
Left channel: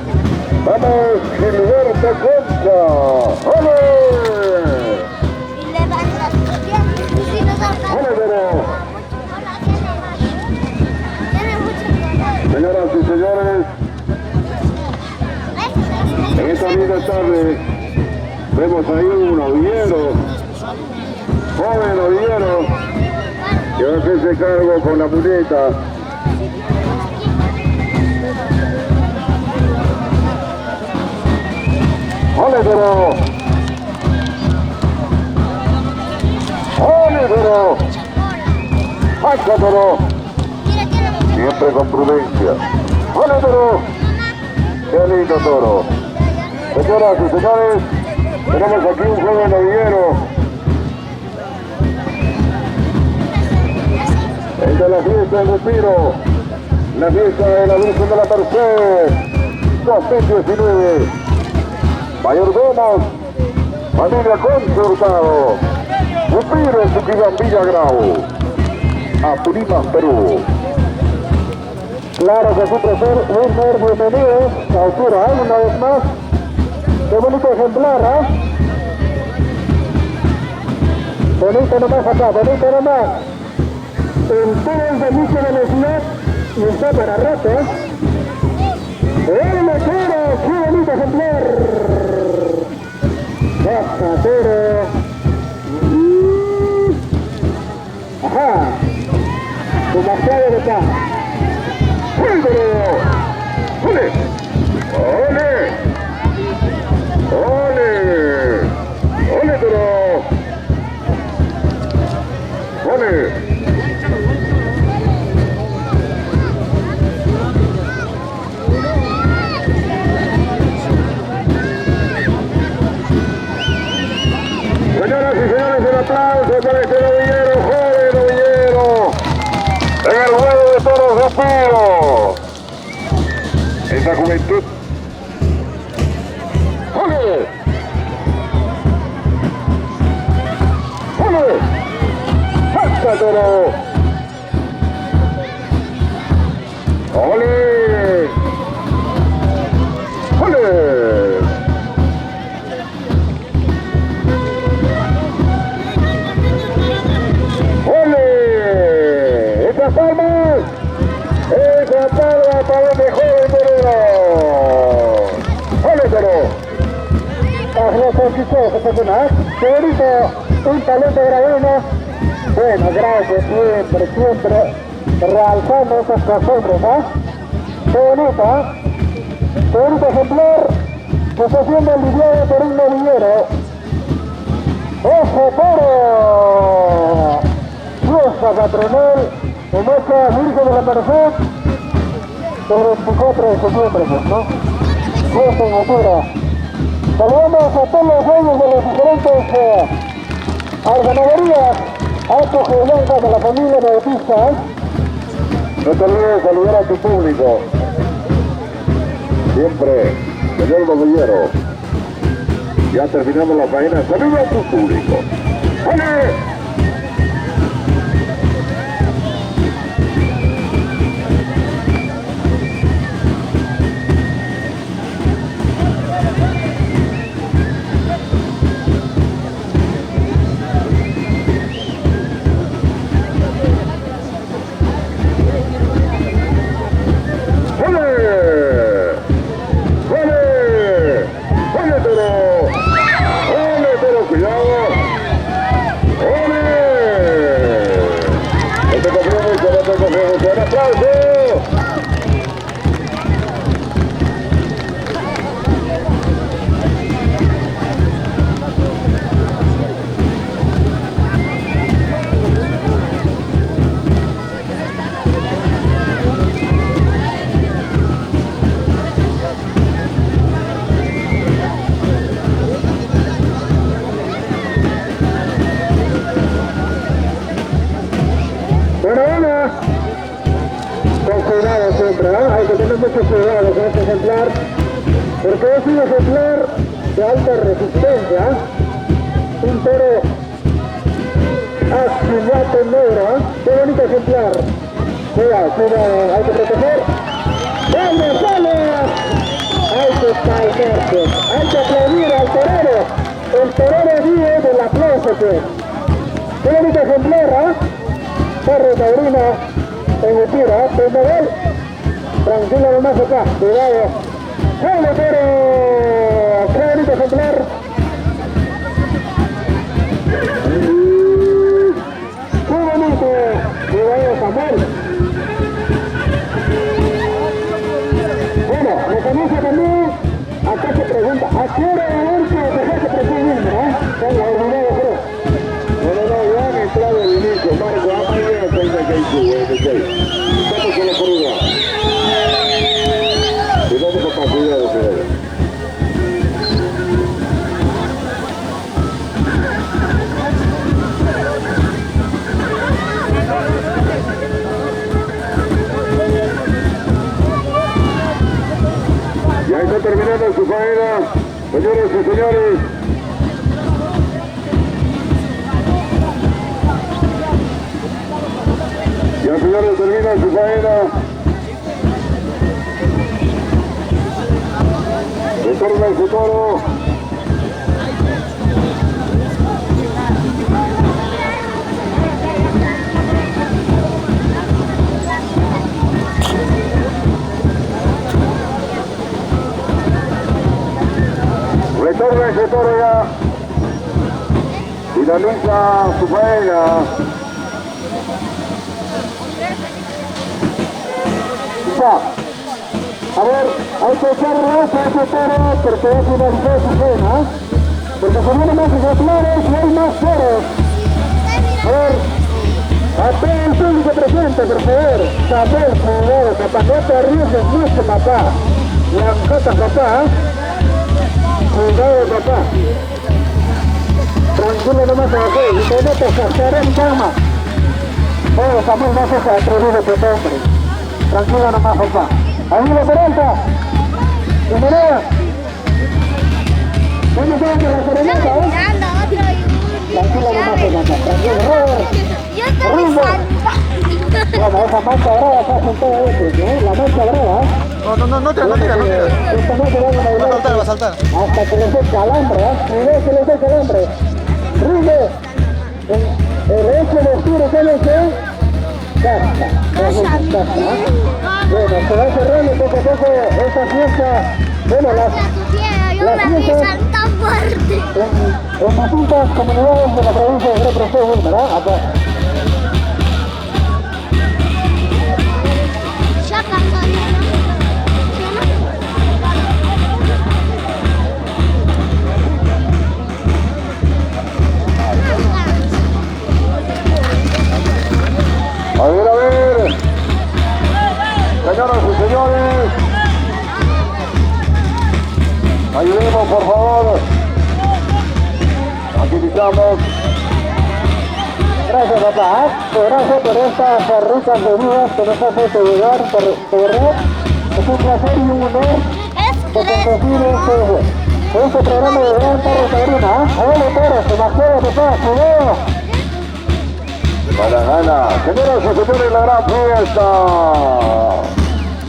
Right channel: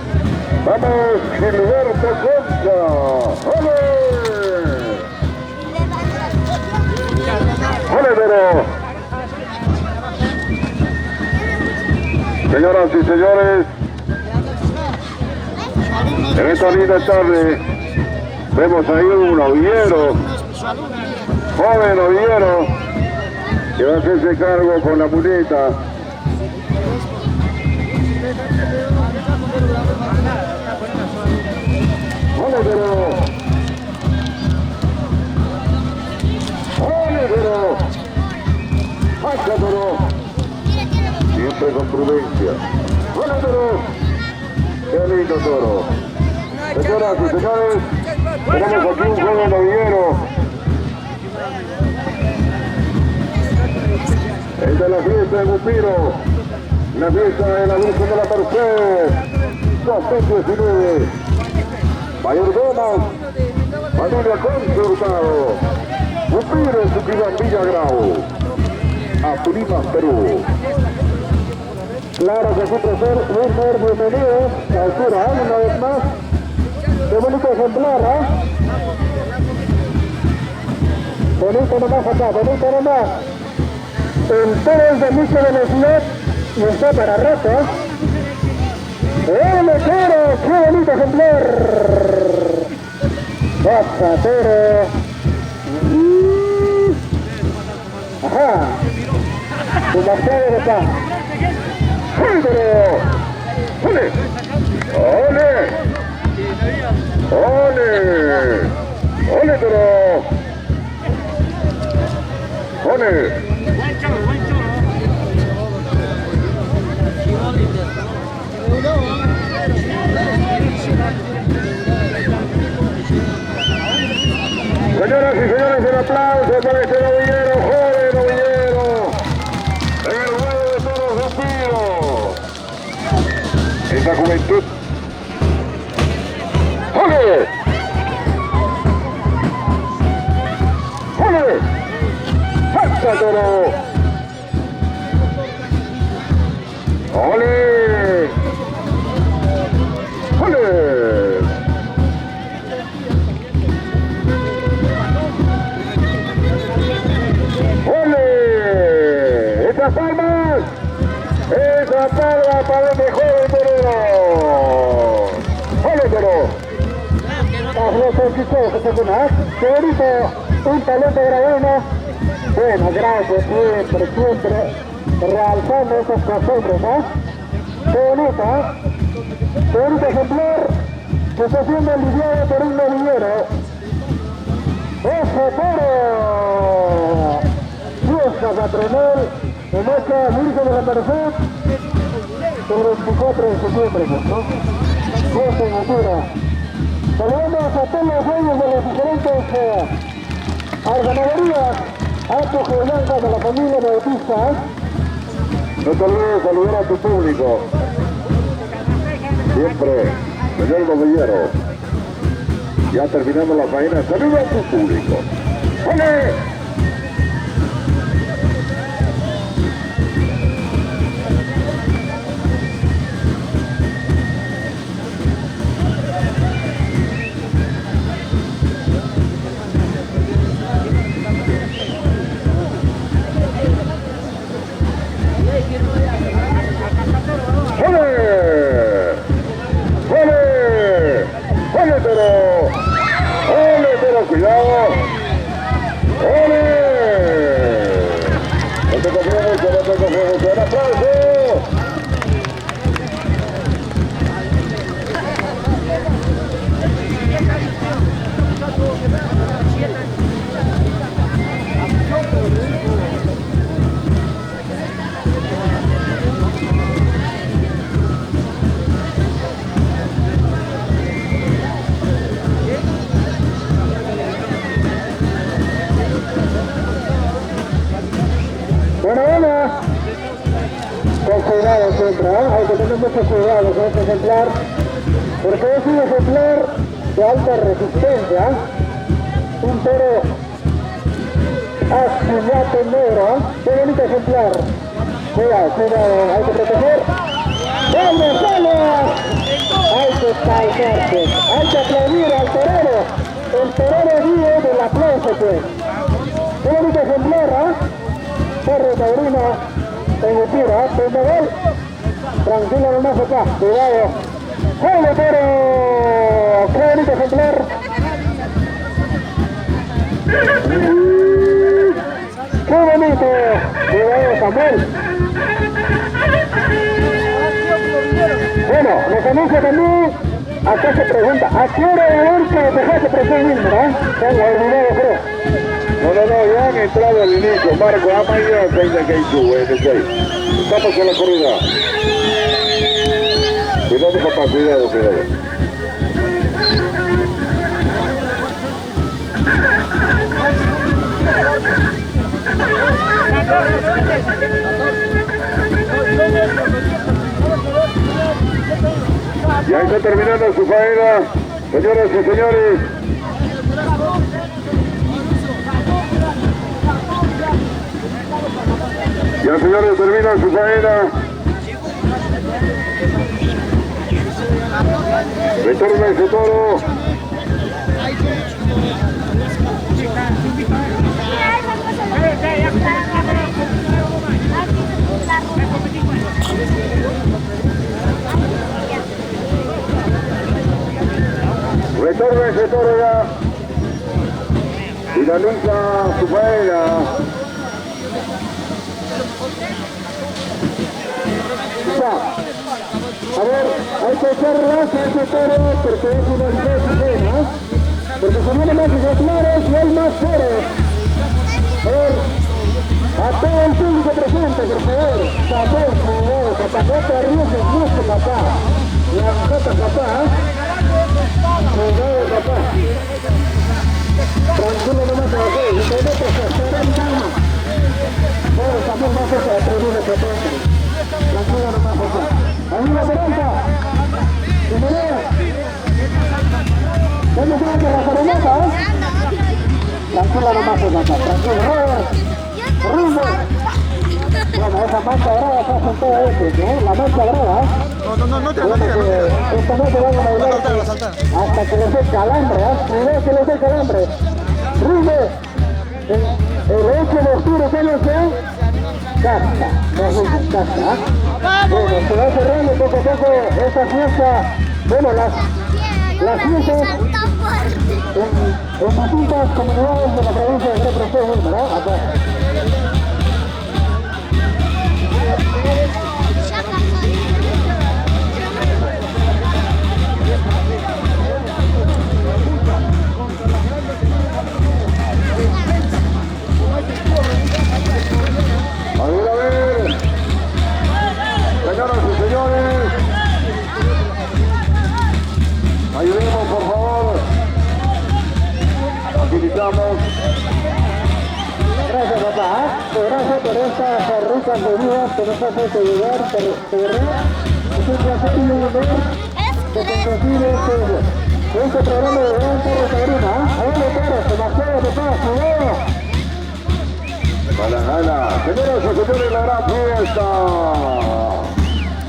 Vamos, Gilberto Concha. ¡Ole! ¡Ole, pero! Señoras y señores, en esta linda tarde vemos ahí un novillero, joven novillero, que va a hacerse cargo con la muleta. ¡Ole, pero! ¡Ole, pero! ¡Pasa, pero! Siempre con prudencia. ¡Ole, toro! ¡Qué lindo toro! Señoras y señores, tenemos aquí un joven novillero. El de la fiesta de Bupiro. La fiesta de la Virgen de la Merced. 2019. Mayordomos. Familia Consultado. Bupiro, Suquibambilla, Grau. Apurímac, Perú. Claro que sí, profesor. Bienvenidos a altura, una vez más. Qué bonito ejemplar, ¿eh? Bonito nomás acá, bonito nomás. El toro es de mucho velocidad y está para rato, ¿eh? ¡Ole, toro! ¡Qué bonito ejemplar! ¡Pasa, toro! ¡Ajá! Demasiado de acá. ¡Ole! ¡Ole! ¡Ole! ¡Ole, toro! ¡Ole! Señoras y señores, un aplauso para este novillero, joven novillero, en el ruedo de toros de Upiro. Esa juventud. ¡Ole! ¡Ole! ¡Pasa, toro! ¡Ole! ¡Ole! ¡Ole! ¡Esas palmas! ¡Esa palma para el mejor del torero! ¡Ole, toro! ¡Qué bonito! Un talento grabino. Bueno, gracias, siempre realzando esas costumbres, ¿no? Qué bonito, ¿eh? Qué bonito ejemplar, posesión del lidiado por un novillero. ¡Ojo, toro! Fiesta patronal, en esta Virgen de la Merced, el 24 de septiembre, pues, ¿no? Fiesta en altura. Saludamos a todos los dueños de las diferentes ganaderías, altos y blancas de la familia Bautista. No te olvides de saludar a tu público. Siempre, señor novillero. Ya terminamos la faena. Saluda a tu público. ¡Vale! Cuidado. ¡Ole! No te confío mucho, no te confío mucho. ¡Un aplauso! Con cuidado siempre, ¿eh? Hay que tener mucho cuidado con este ejemplar, porque es un ejemplar de alta resistencia, un toro axilato negro, ¿eh? Qué bonito ejemplar. Cuidado, cuidado, hay que proteger. ¡Vamos, vamos! Hay que calmarse, hay que aplaudir al torero. El torero vive del aplauso, pues. Qué bonito ejemplar, ¿eh? Perro taurino. En el tiro, Pendavel, tranquilo nomás acá, cuidado. ¡Vale, toro! ¡Qué bonito ejemplar! ¡Qué bonito! Cuidado, Samuel. Bueno, lo conoce también. Acá se pregunta, ¿a qué hora de ver que dejaste proceder, verdad? Tengo olvidado, creo. No, ya han entrado al inicio, Marco, Amaya, 36. Estamos con la corrida. Cuidado, papá, cuidado. Ya está terminando su faena, señoras y señores. Ya, señores, termina su faena. Retorna ese toro. Retorna ese toro ya. Finaliza su faena. A ver, hay que echar raza a ese toro porque es una disciplina, porque se vienen más ejemplares y hay más toros. A ver, a todo el público presente, por favor, saber, cuidado, papá, no te arriesgues mucho, papá. Blancata, papá. Cuidado, papá. Tranquilo nomás aquí, y te metes a hacer en cama. Bueno, Samuel, no se atrevido, papá, hombre. Tranquilo nomás, papá. Ahí lo Peralta. Bienvenida. ¿Dónde está la coroneta, eh? Tranquilo nomás, papá. Tranquilo, Robert. Rumbo. Bueno, esa mancha brava está con todo eso, ¿no? La mancha brava. No tira. Esta noche van a bailar Va a saltar. hasta que les dé calambre, ¿eh? Primero que les dé calambre. Rime, el 8 de octubre, ¿saben qué? Casta. Bueno, se va cerrando poco a poco esta fiesta. Bueno, las fiestas en distintas comunidades de la provincia de Represeo, ¿verdad? Acá. A ver, señoras y señores, ayudemos por favor, agilizamos. Gracias papá, gracias por estas ricas bebidas que nos has hecho llegar, de verdad, es un placer y un honor que conducir este programa de Gran Tarde Taurina, abuelo Toro, demasiado papá, cuidado. Para gana, señoras y señores, la gran fiesta.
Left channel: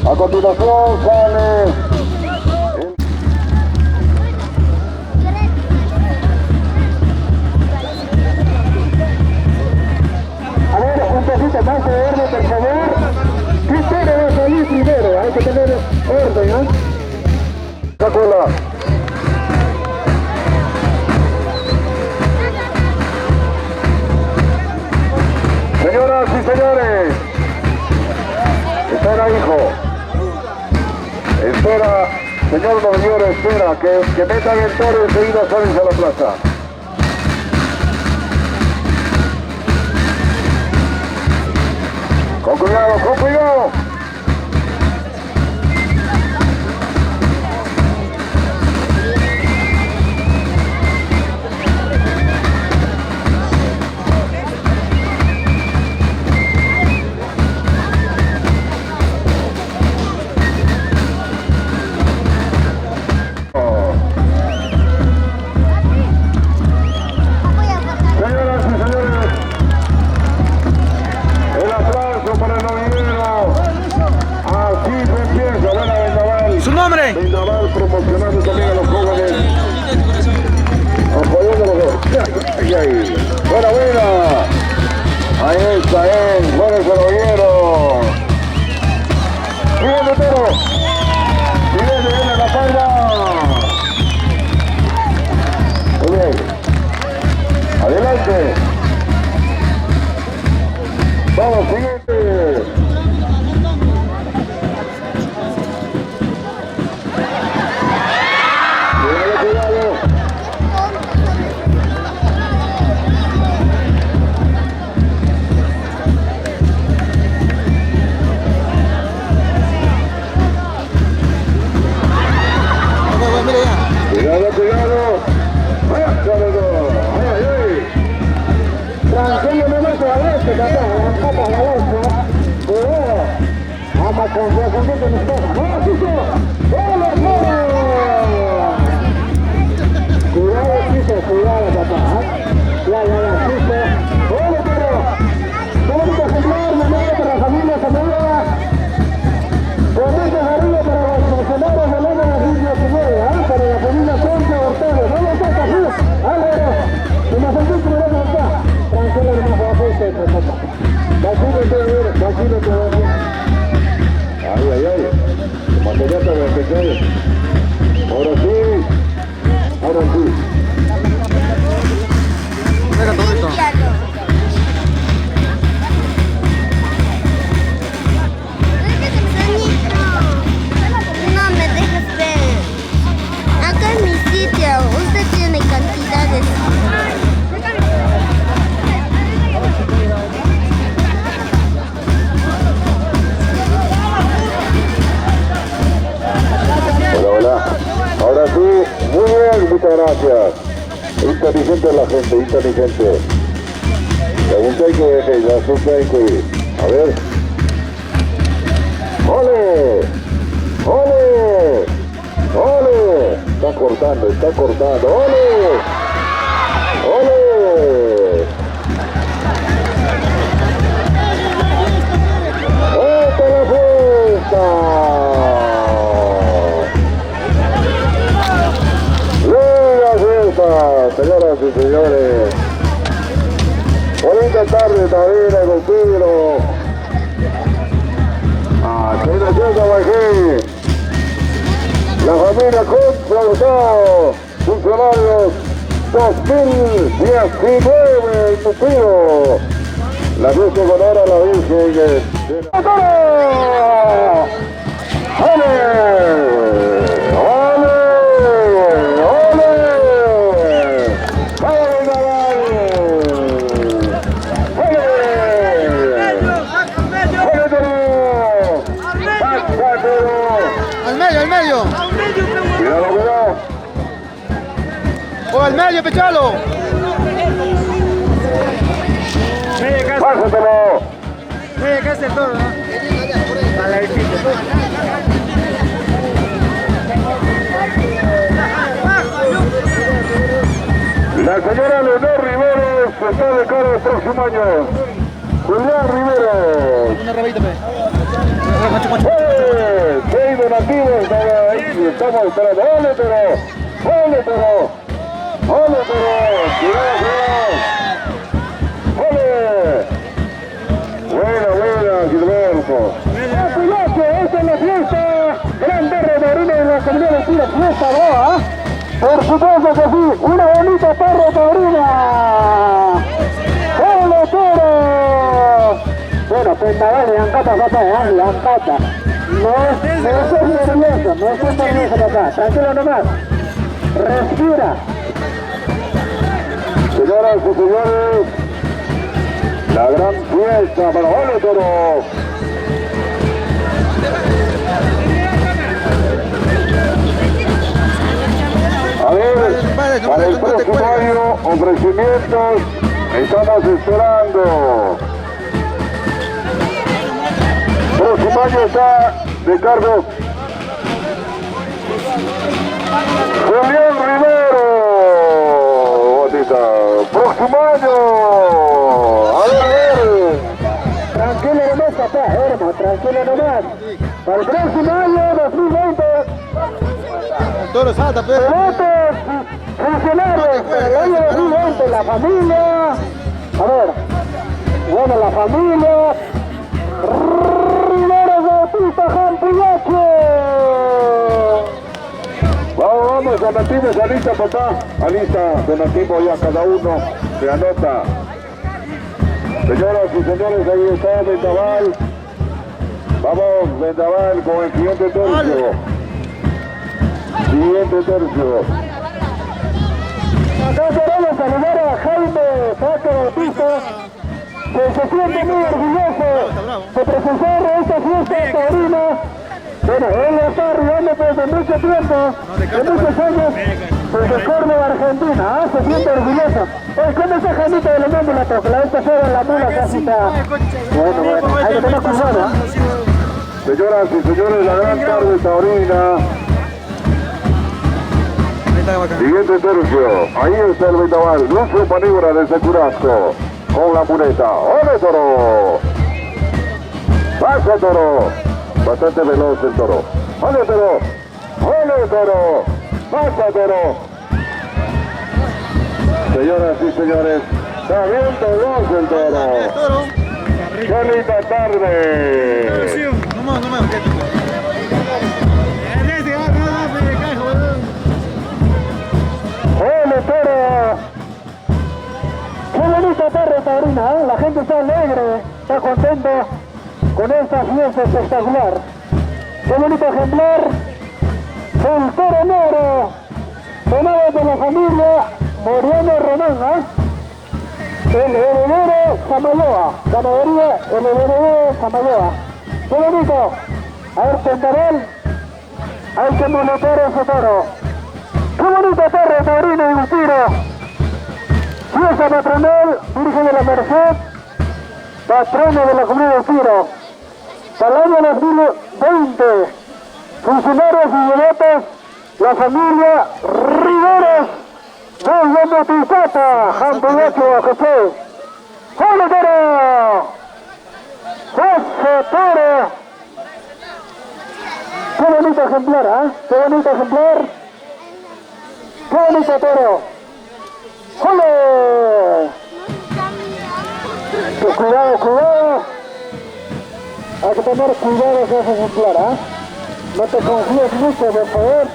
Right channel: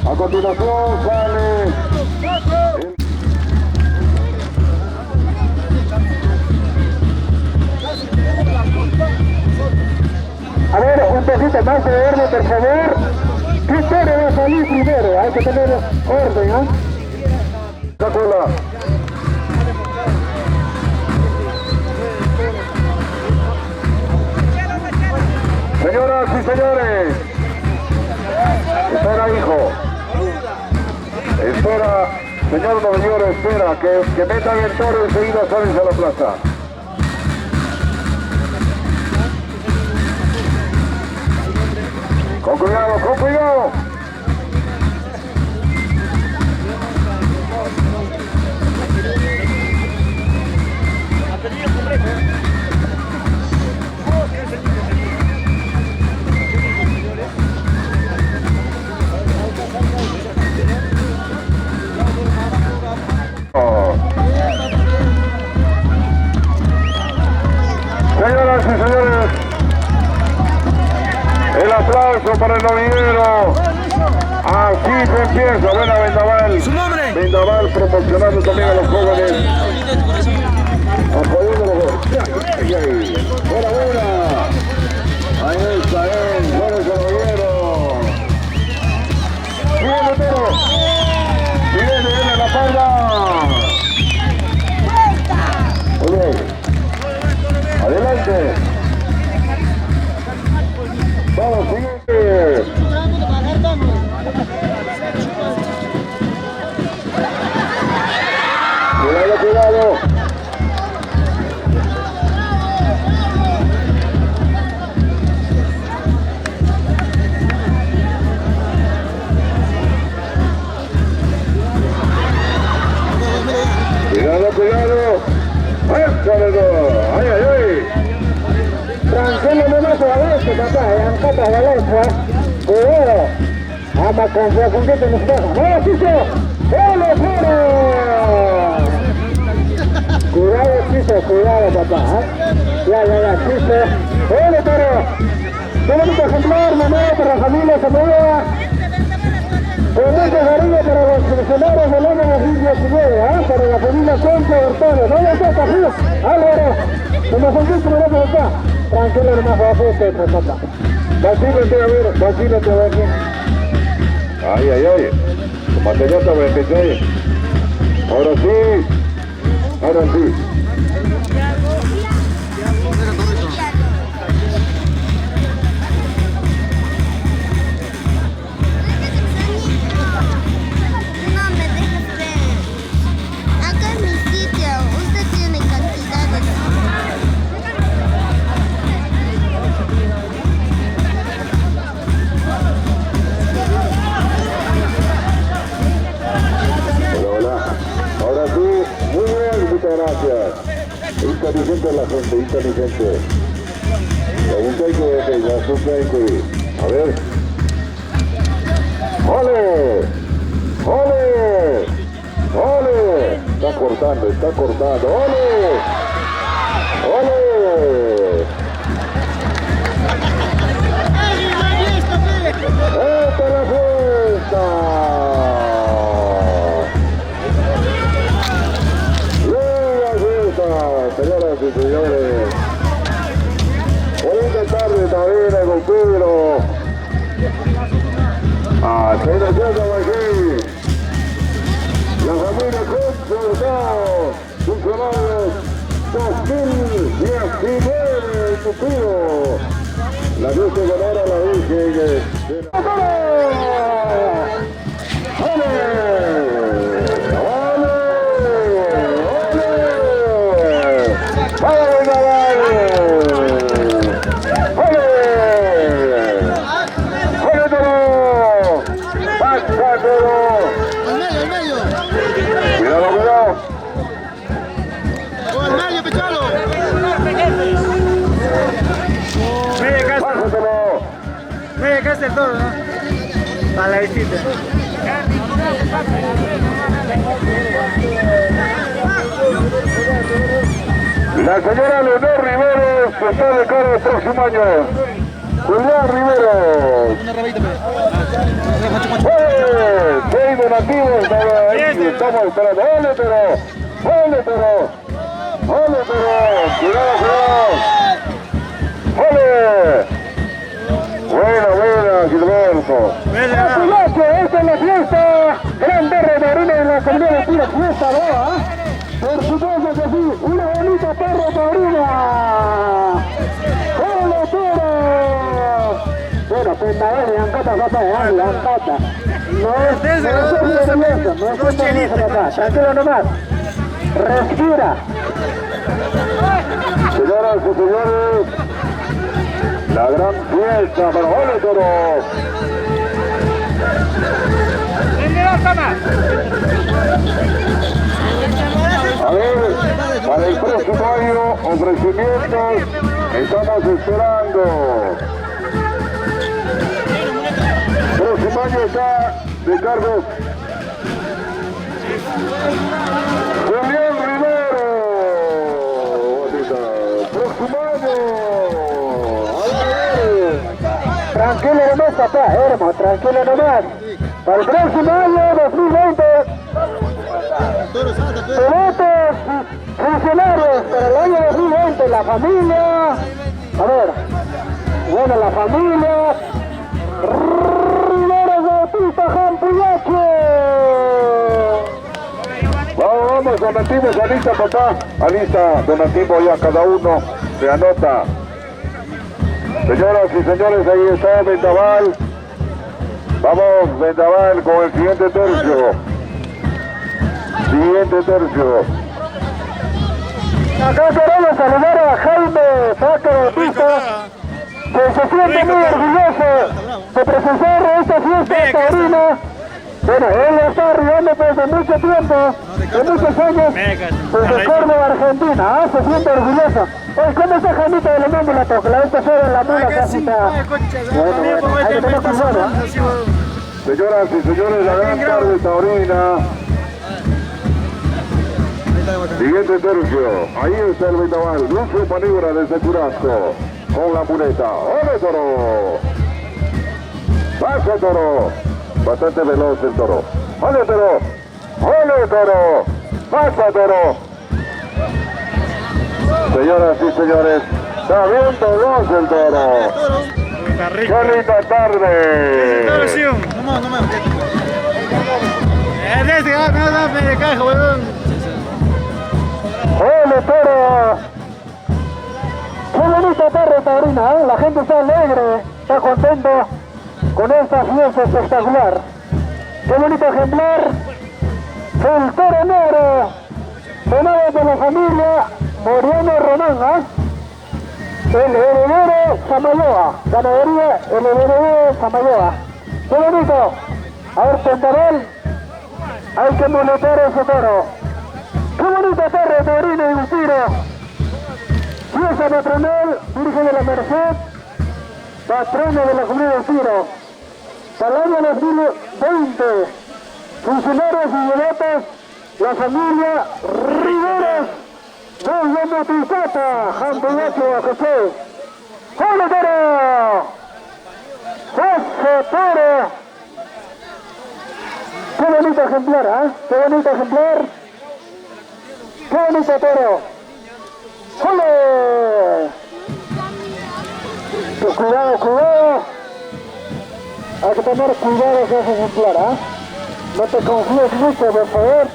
A continuación sale a ver, un poquito más de orden, por favor. ¿Quién va a salir primero? Hay que tener orden, ¿no? Cacola. Señoras y señores, espera hijo, espera, señor Novior, espera, que metan el toro y enseguida salen a la plaza. Con cuidado, con cuidado. Señoras y señores, el aplauso para el novillero. Así se empieza, buena Vendaval. ¿Su nombre? Vendaval proporcionando también a los jóvenes. Apoyando a los jóvenes. Buena, buena. Ahí está él, buena ese novillero. Siguiente toro. Siguiente, viene la falda. Muy bien. Adelante. Vamos, siguiente. Cuidado, cuidado. Cuidado, cuidado. ¡Ay, ay, ay! Tranquilo, no me suavece, papá, la pata de la letra. Cuidado. Vamos con que te nos pasa. ¡No, Chicho! ¡Hola, fuera! Cuidado, Chicho, cuidado, papá. Ya, Chicho. ¡Hola, pero! ¡Qué bonito ejemplar, mamá, para la familia Zamora! Con mucho cariño para los funcionarios del año 2019, para la familia Concha Hurtado. No le toca, sí, Álvaro. Se nos olvidó que no acá. Tranquilo, hermano, bajo este, papá. Vacílate, a ver, vacílate, a ver. Ay, ay, ay. Mantellata, voy a empezar. Ahora sí. Ahora sí. Venga, Torito. No me dejes ver. Acá es mi sitio. Usted tiene cantidades. Hola, hola. Ahora sí, muy bien, muchas gracias. Inteligente la gente, inteligente. Pregunta hay que ver, ya supe hay que ir. A ver. ¡Ole! ¡Ole! ¡Ole! Está cortando. ¡Ole! ¡Ole! del Pedro. Se nos llega aquí. La familia Concha, funcionarios 2019, el motivo. La luz de honor a la Virgen de la... Al medio. Cuidado. O al medio, pechalo. Pásatelo. Media casa el toro, ¿no? A la visita. La señora Leonor Riveros está de cara el próximo año. Julián Riveros. Una rabita, pe. ¡Seis donativos! Estamos esperando. ¡Ole, pero! ¡Cuidado! ¡Ole! Buena, Gilberto. Esta es la fiesta. Gran perro de orina de la comunidad de Tiro. Fiesta boa. Por supuesto que sí. Una bonita perro de orina. ¡Ole, toro! Bueno, Pendaval y Ancata, papá, le Ancata. No estés nervioso papá. Tranquilo nomás. Respira. Señoras y señores, la gran fiesta para Ole Toro. A ver, para el próximo año, ofrecimientos, estamos esperando. Próximo año está de cargo Julián Rivero. Próximo año. A ver. Tranquilo nomás, papá, hermano, tranquilo nomás. Para el próximo año, 2020. Toro salta, pe. Pilotos, funcionarios para el año 2020, la familia. A ver. Bueno, la familia. Rivero Bautista Jampillache. Vamos, donativos, alista, papá. Alista, donativo ya cada uno se anota. Señoras y señores, ahí está Vendaval. Vamos, Vendaval con el siguiente tercio. Acá queremos saludar a Jaime Paco Bautista, que se siente muy orgulloso de presenciar esta fiesta taurina. Bueno, él está arribando desde mucho tiempo, de muchos años, desde Córdoba, Argentina. Se siente orgulloso. ¿Cómo está Jaimito de la Mómula? Porque la vez pasada la mula casi está... Bueno, hay que tener cuidado. Señoras y señores, la gran tarde taurina. Siguiente tercio, ahí está el Vendaval, Lucio Paníbora desde Curasco, con la muleta. ¡Ole, Toro! ¡Pasa, Toro! Bastante veloz el Toro. ¡Ole, Toro! ¡Pasa, Toro! Señoras y señores, está bien veloz el Toro. ¡Qué linda tarde! No me ¡Ole, Toro! ¡Qué bonita tarde taurina! La gente está alegre, está contento con esta fiesta espectacular. ¡Qué bonito ejemplar! El Toro Negro, donado de la familia Moriano Román, el heredero Samayoa, ganadería el heredero Samayoa. ¡Qué bonito! A ver, Pendaval, hay que moletar ese toro. ¡Qué bonita tarde taurina y un tiro! Fiesta patronal, Virgen de la Merced, patrona de la comunidad de Tiro. Para el año 2020, funcionarios y devotos, la familia Riveros, desde Motisata, Jampillache, José. ¡Hola, Toro! ¡José Toro! ¡Qué bonito ejemplar, ¡Qué bonito ejemplar! ¡Qué bonito Toro! ¡Ole! cuidado, cuidado. Hay que tener cuidado con ese ejemplar, ¿ah? No te confíes mucho, por favor.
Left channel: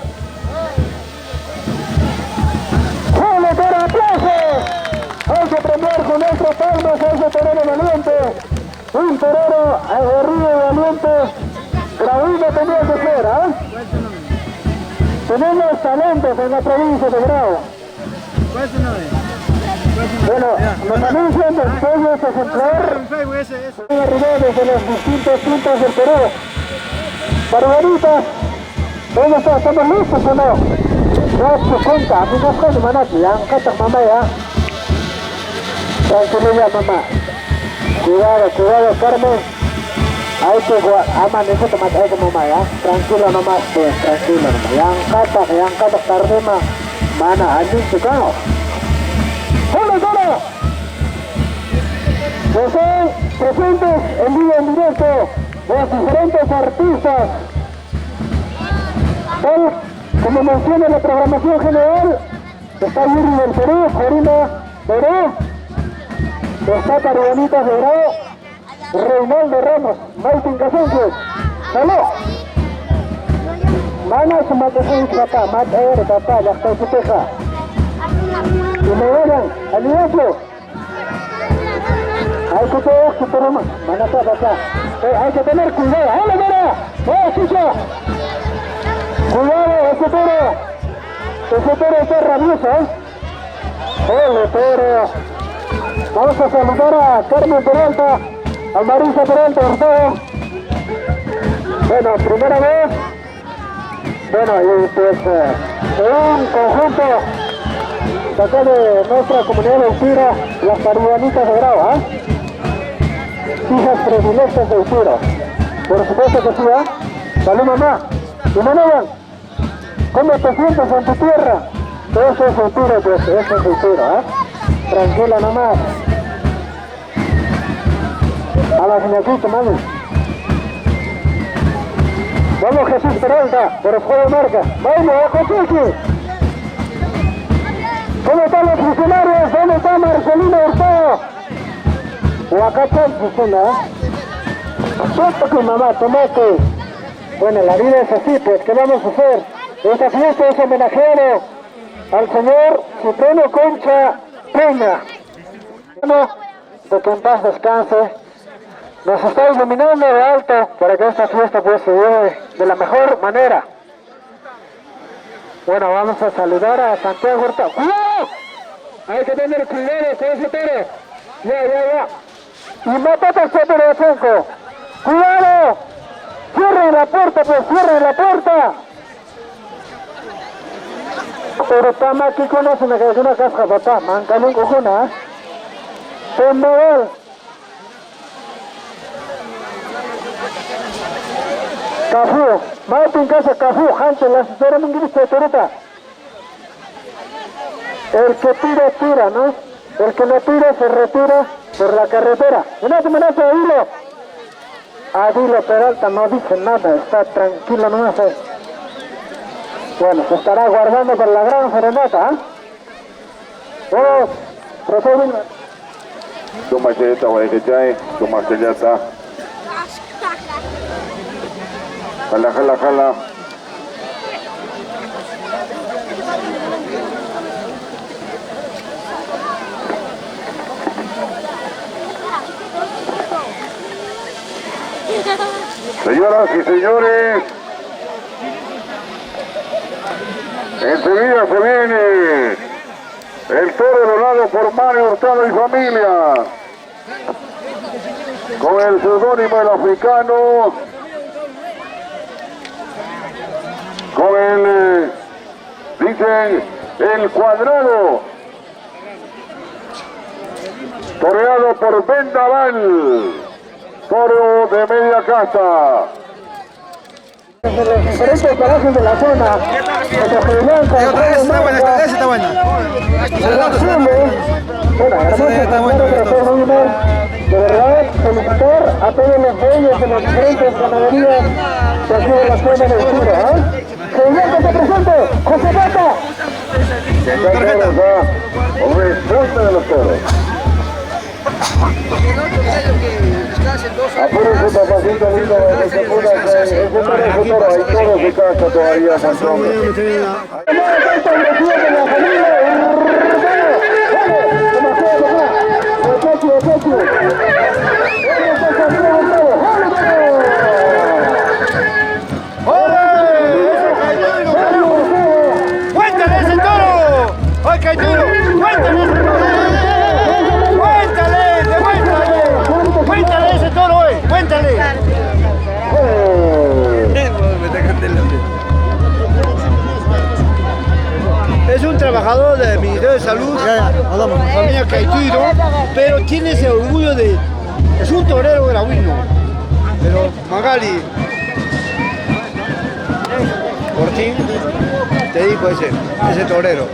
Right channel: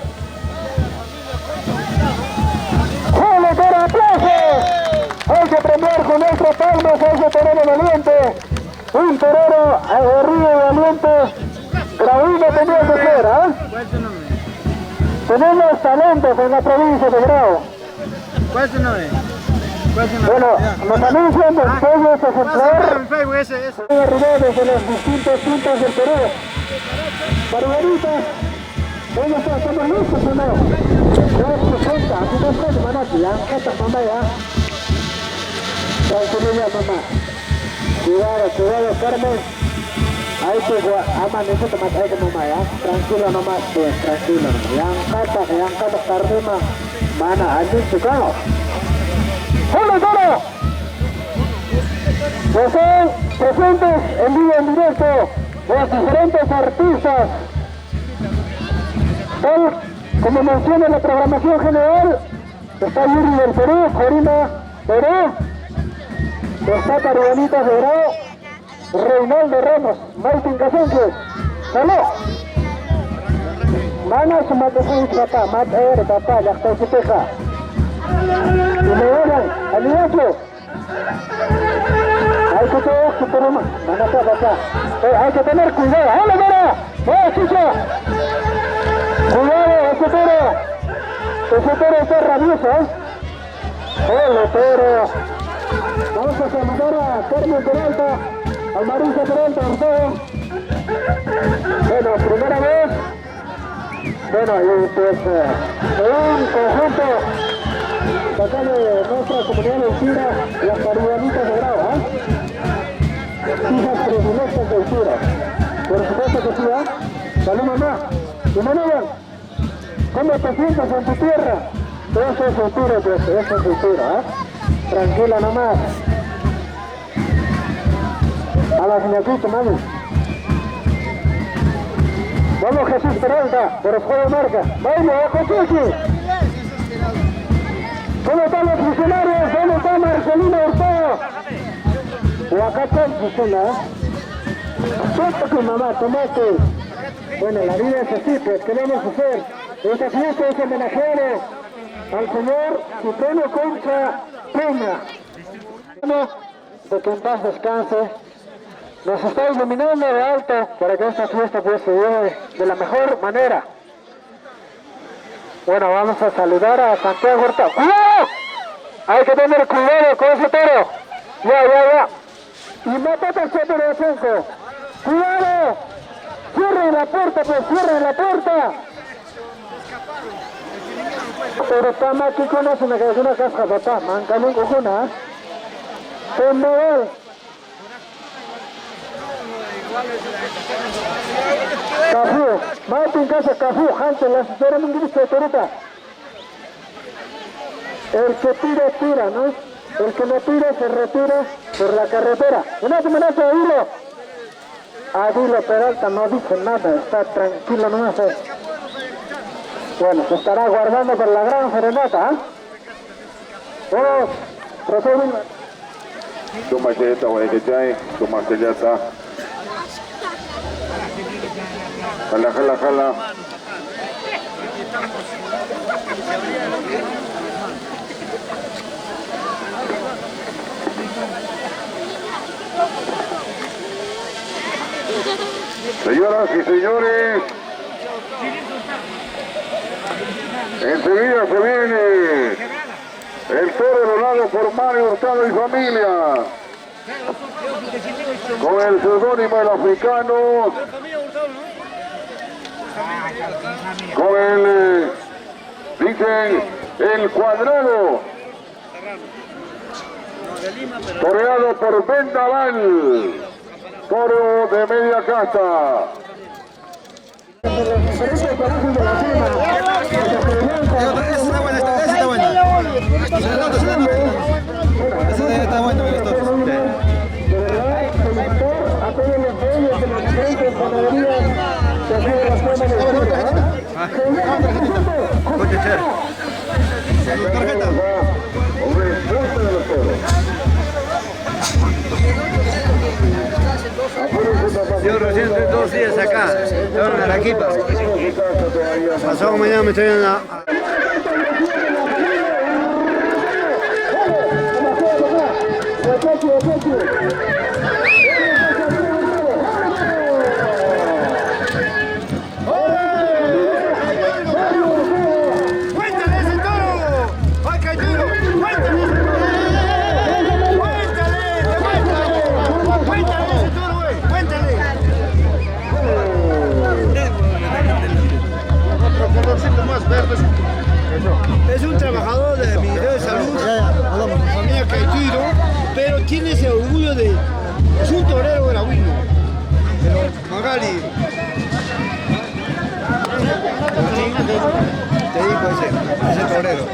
¡Jale, toro, aplausos! Hay que premiar con nuestras palmas a ese torero valiente. Un torero aguerrido y valiente. Graúno tenía que ser, ¿ah? Tenemos talentos en la provincia de Grau. ¿Cuál es tu nombre? Bueno, nos anuncian después de este ejemplar. En Facebook, ese. Arriba desde los distintos puntos del Perú. Barbaritas, ¿dónde está? ¿Estamos listos o no? Ya se cuenta, a mí no fue de manati, ya, cata mamá ya. Tranquilidad mamá. Cuidado, cuidado Carmen. Hay que amanece tomate, hay que mamá ya. Tranquilo nomás, pues, tranquilo nomás. Yang kata Carmen mana anjing suka. ¡Hola, hola! Están presentes en vivo en directo los diferentes artistas. Tal como menciona la programación general, está Yuri del Perú, Corina Perú, está Caruanitas de Grau, Reinaldo Ramos, Martín Casenques, ¡salud! Mana sumatasi kata, mat air kata, yakta suteja. Y me vayan, aliazo. Hay que tener su programa, van a estar acá. Hay que tener cuidado. ¡Hola, mira! Chicha! Cuidado, ese toro está rabioso, ¿eh? ¡Hola, toro! Vamos a saludar a Carmen Peralta, a Marisa Peralta, Ortega. Bueno, primera vez. Bueno, y pues un conjunto de acá de nuestra comunidad de Utira, las Caruanitas de Grau, ¿ah? Hijas predilectas de Utira. Por supuesto que sí, ¿ah? Salud, mamá. Y Manuel, ¿cómo te sientes en tu tierra? Eso es Utira, pues, eso es Utira, ¿ah? Tranquila nomás. A la señorita, mami. Vamos, Jesús Peralta, por el juego de marca. Vamos, Cochichi. ¿Cómo están los funcionarios? ¿Dónde está Marcelino Hurtado? O acá está el funcionario, ¿eh? Que mamá, tomate. Bueno, la vida es así, pues, ¿qué vamos a hacer? Esta fiesta es homenajero al señor Cipriano Concha Peña. De que en paz descanse. Nos está iluminando de alto para que esta fiesta pues se lleve de la mejor manera. Bueno, vamos a saludar a Santiago Hurtado. ¡Cuidado! Hay que tener cuidado con ese toro. Ya. Y matate el toro de Franco. ¡Cuidado! ¡Cierren la puerta, pues! ¡Cierren la puerta! Pero está más aquí con eso, me quedó una casca, papá. Mancalón cojuna, ¿eh? Noel. Cafú, Martín Casa Cafú, Hansen, la asesora mundialista de Torita. El que tira, ¿no? El que no tira se retira por la carretera. Una amenaza de Hilo. Adilo Peralta no dice nada, está tranquilo nomás. Bueno, se estará guardando por la gran serenata, ¿eh? Vamos, procedimos. Toma chayeta, guayquechay, toma chayeta. Jala. Señoras y señores, enseguida se viene el toro donado por Mario Hurtado y familia, con el seudónimo del africano, con el, dicen, el cuadrado, toreado por Vendaval, toro de media casta. De los diferentes parajes de la zona, Está buena. de verdad, felicitar a todos los dueños de las diferentes ganaderías de aquí de la zona de Utira, ¿eh? Señor, que se presente, José Mata. Respuesta de los toros. Apúrense, papacito. Pasado mañana me estoy en la... ¡Cuéntale ese toro! ¡Ay, qué duro! ¡Cuéntale ese toro! ¡Cuéntale ese toro, güey! ¡Cuéntale! Es un trabajador del Ministerio de Salud, familia Caituiro, pero tiene ese orgullo de... Es un torero gravino. Pero Magali, por ti, te digo ese torero.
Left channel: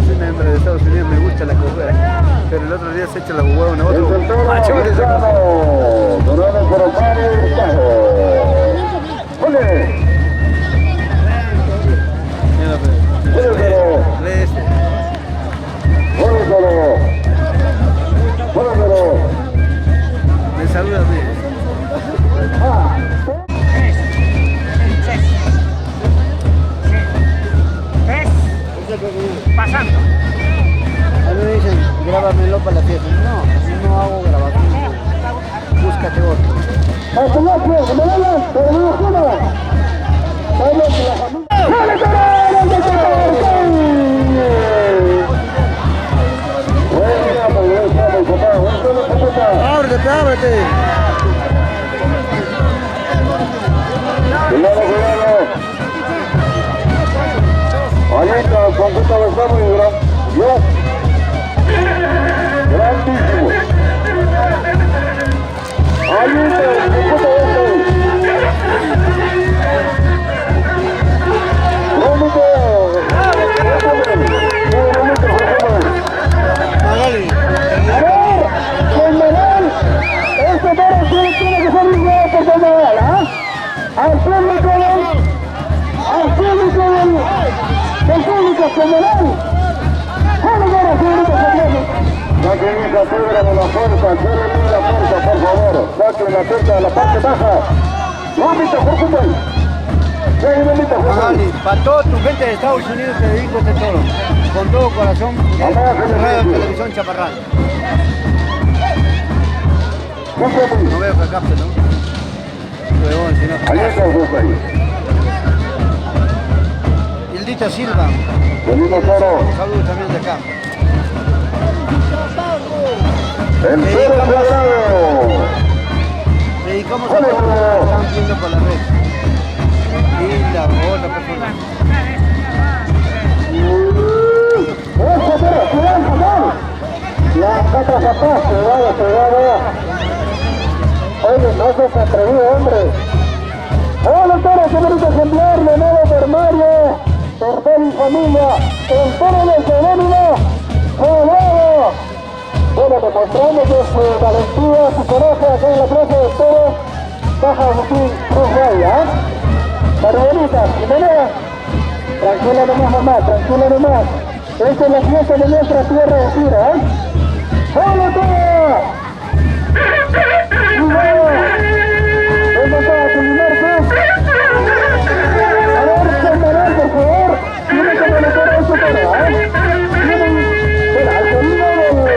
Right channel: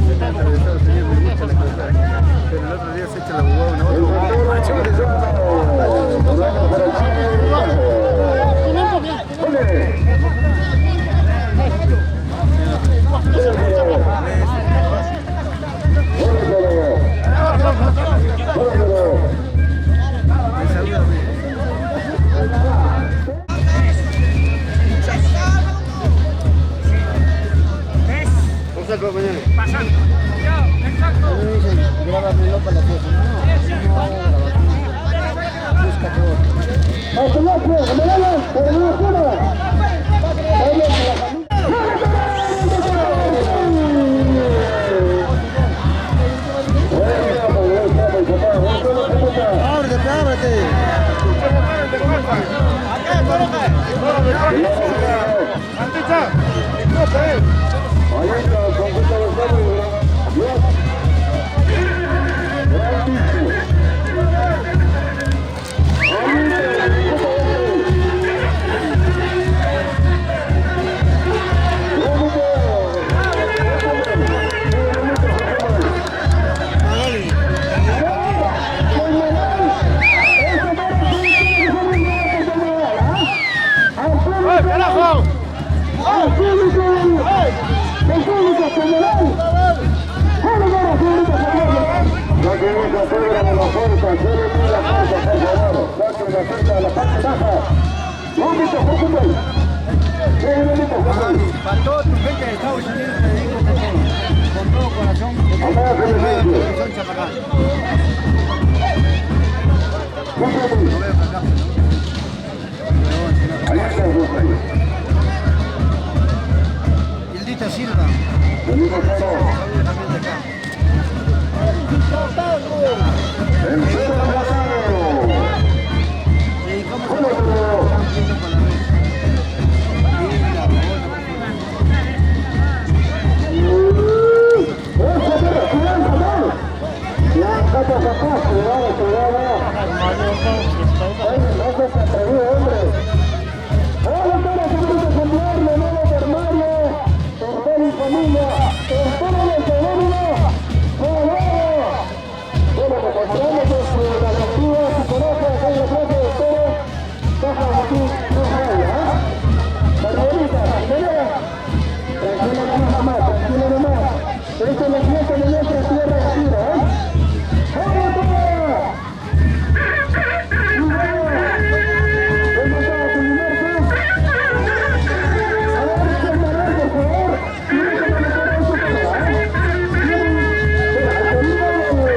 Es un hombre de Estados Unidos, me gusta la cosa, pero el otro día se echa la jugada en otro macho. Me saluda a mí. Pasando. A mí me dicen, grábamelo para la fiesta. No hago grabación. Búscate otro. Ábrete, ábrete. Ahí está, con puta de fuego y grandísimo. Ahí está, con puta de fuego. Magali. Saquen esa piedra de la fuerza, cierren la fuerza, por favor. Saquen la fuerza de la parte baja. Vómito, por fútbol. Magali, para toda tu gente de Estados Unidos te dedico este toro. Con todo corazón, televisión Chaparral. No veo que acá, ¿no? Ahí está el grupo ahí. Hildita Silva. Venimos toro. Saludos también de acá. El cero cuadrado. Dedicamos a todos los que están viendo por la red. Hilda, otra persona. La capa capaz, cuidado. Oye, no seas atrevido, hombre. Hola, toro, qué bonito ejemplar, nuevo por Mario, Tortel y familia, el toro de Jerónimo, ¡bravo! Bueno, demostrando que su valentía, su coraje acá en la plaza de toros, baja Agustín Cruz Raya, Barbarita, Jiménez, tranquila nomás, mamá, tranquila nomás. Esta es la fiesta de nuestra tierra de Tira, ¿eh? ¡Hola, toro! ¡Bravo! ¿Dónde está tu limarco? A ver, Santarán, por favor. Tiene que manejar a su toro, ¿eh? Espera, al sonido del nuevo.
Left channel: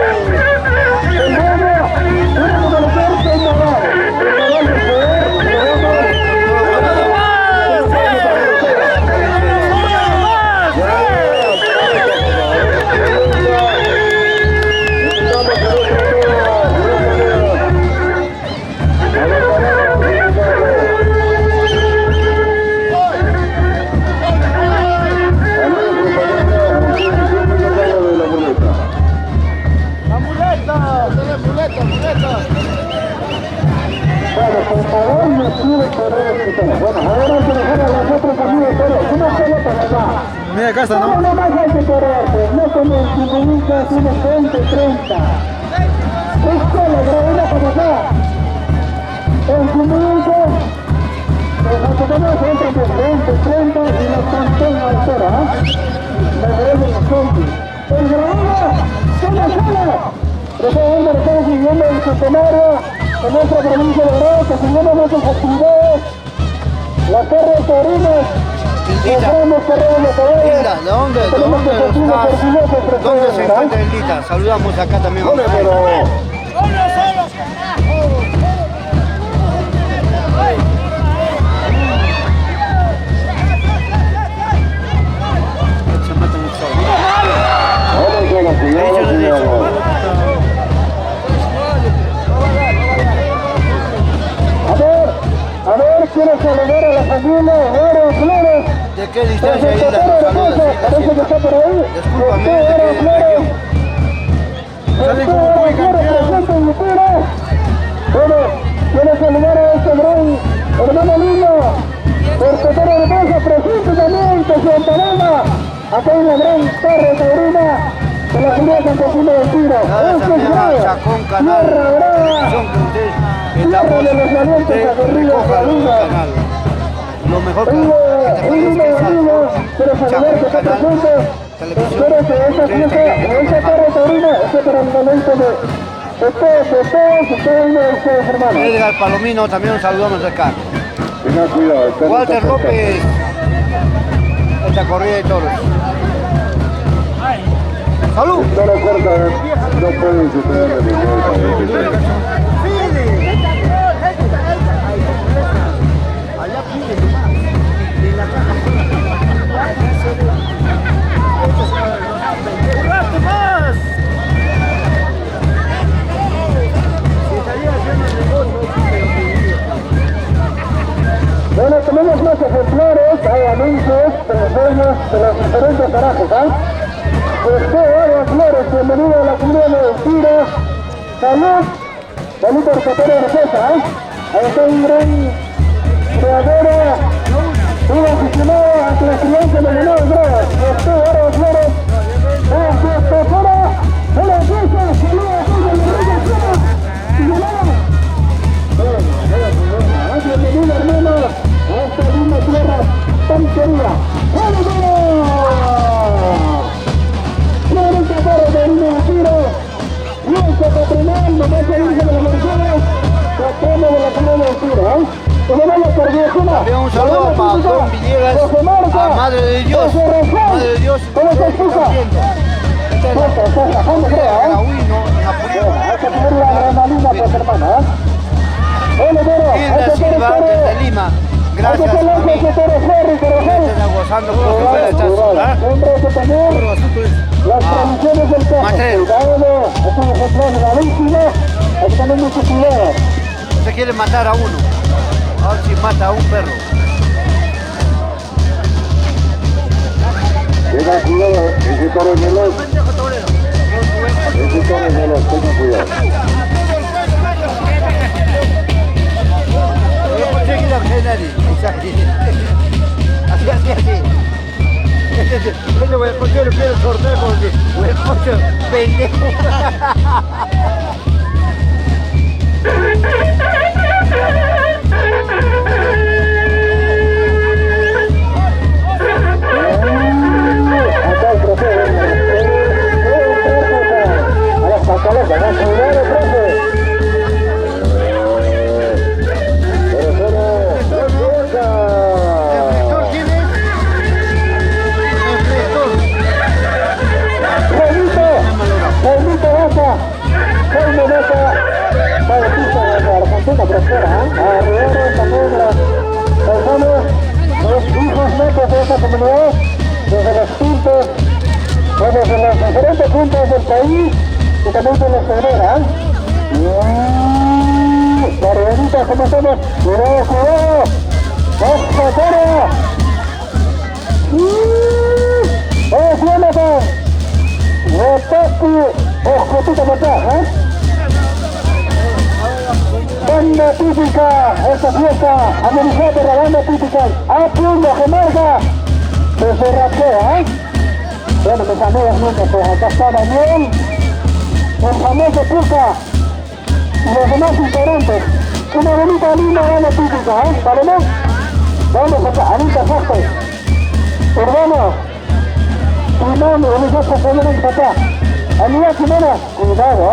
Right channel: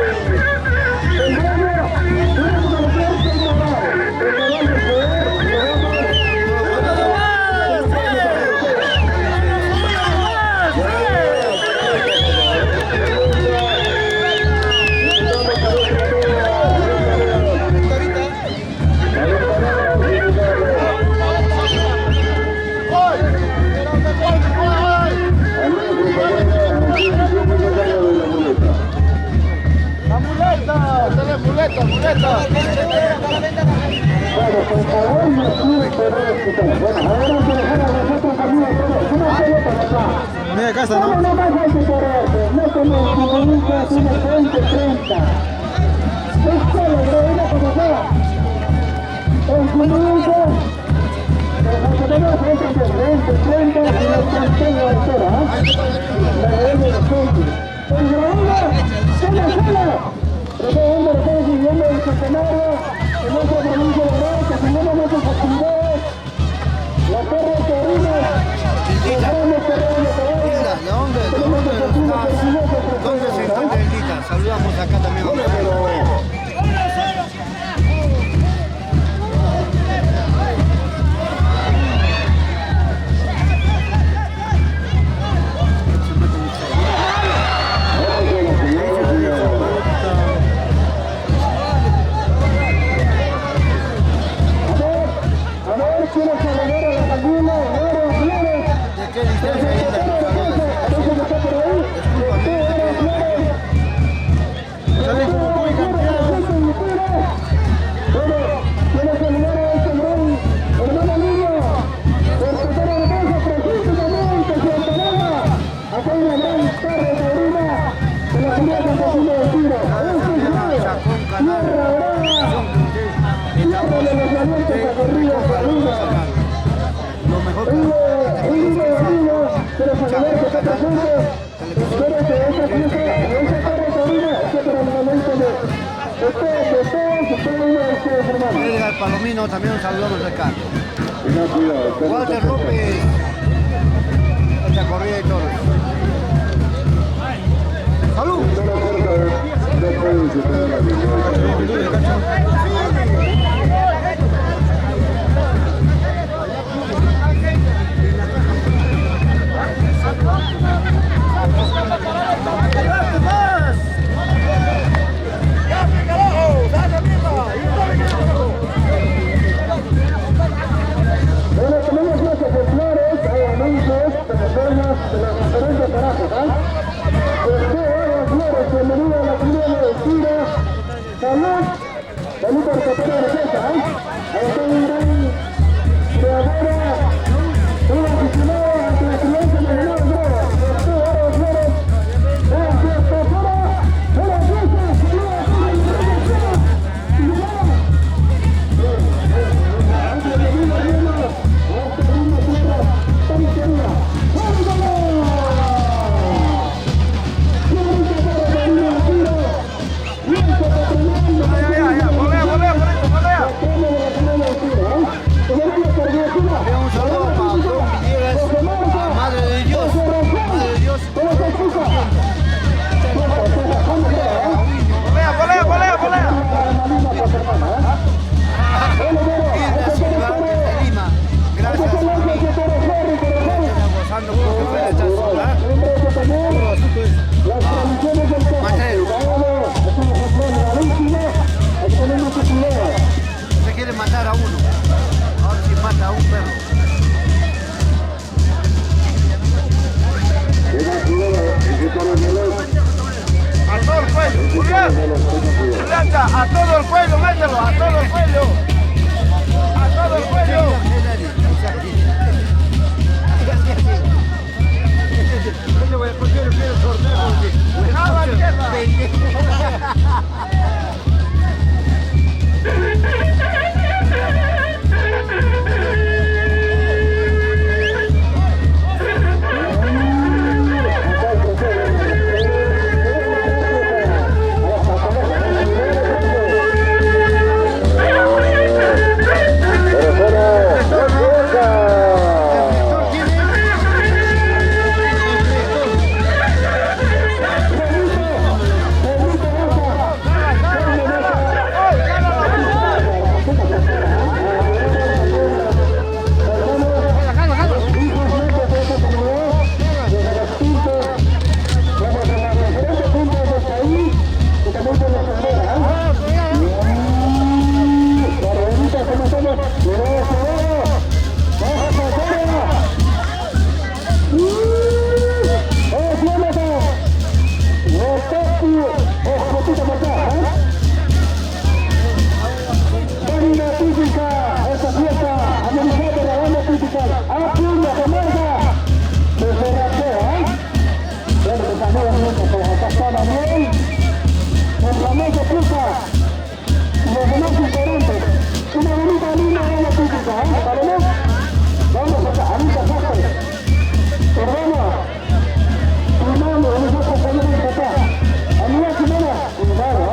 Tiene que manejar Santarán. Preparar, por favor. Bueno, por favor, no sube correr. Bueno, ahora se dejan a nosotros amigos todos. Una sola para acá. Mira casa, No, ¿no? no más hay que correr, no como el futbolista tiene 20-30. Es solo, gravedad para acá. El futbolista, los japoneses entran de 20-30 y los mantengo a altura, ¿eh? Me deben los zombies. El gravedad, sola. Precisamente lo estamos viviendo el centenario en nuestra provincia de Oruro, que seguimos nuestras actividades, las carreras taurinas, los grandes carreras de caballos. Linda, ¿de dónde se encuentra Lindita? Saludamos acá también. A ver, quiero saludar a la familia Oro Flores. ¿De qué distancia hay Parece que está por ahí. Oro Flores. Sale como muy campeón. Bueno, quiero saludar a este gran hermano niño. Por Cotero de Poza, presente también, que se entalaba. Acá en la gran torre taurina de la Junta Campesina del Tiro. Este es Tierra Brava. Tierra de los valientes aguerridos taurinos. Lo mejor Un lindo amigo, quiero saludar que está presente. Espero que esta fiesta, esta torre taurina, esté para el momento de todos y cada uno de ustedes, hermanos. Edgar Palomino, también un saludamos acá. Tenga cuidado. Walter López, esta corrida de toros. ¡Salud! Está la corta, no pueden superar la victoria. Bueno, tenemos más ejemplares, hay anuncios, personas de los diferentes parajes, Oro Flores, bienvenido a la comunidad de Tiro. Salud, bonito el Cotero de Poza, Ahí está un gran creador, un aficionado ante la silencio de Menor Drogas. Oro Flores, bienvenido, hermano, a esta linda tierra tan querida. Nuestro patronal, nomás se dice de las personas, patrono de la comunidad de Tiro, Y le damos por Diosina. Un saludo para Don Villegas, a Madre de Dios. Madre de Dios. ¿Cómo se explica? Estás rajando, creo, la adrenalina, pues, hermano, Bueno, pero, Hilda Silva, desde Lima. Gracias, amigo. Están gozando por que fuera esta ciudad. Las tradiciones del caso. Cuidado, es un ejemplar gravísimo. Hay que tener mucho cuidado. Se quiere matar a uno. A ver si mata a un perro. Tenga cuidado, ese toro es veloz. Ese toro es veloz, tenga cuidado. A todo el pueblo, mételo, a todo el pueblo. ¿Por qué le pido el sorteo? Porque me escucho pendejo. Acá el trofeo. A las pantaletas, ¿no? Cuidado, profe. Desde los puntos, desde los diferentes puntos del país y también de la frontera. Carrerita, ¿cómo estamos? ¡Cuidado, cuidado! ¡Ojo, toro! ¡Oh, Jonathan! ¡Rotaku! ¡Ojotita matá, Banda típica, esta fiesta amenizada por la banda típica. ¡Apunta, Gemarga! Desde Raquea, Bueno, mis amigos míos, pues acá está Daniel, el famoso Puca, y los demás integrantes. Una bonita linda banda típica, ¿Vale? Vamos acá, Anita Jorge, Urbano, Timano, nosotros tenemos acá. Amiga Jimena, cuidado,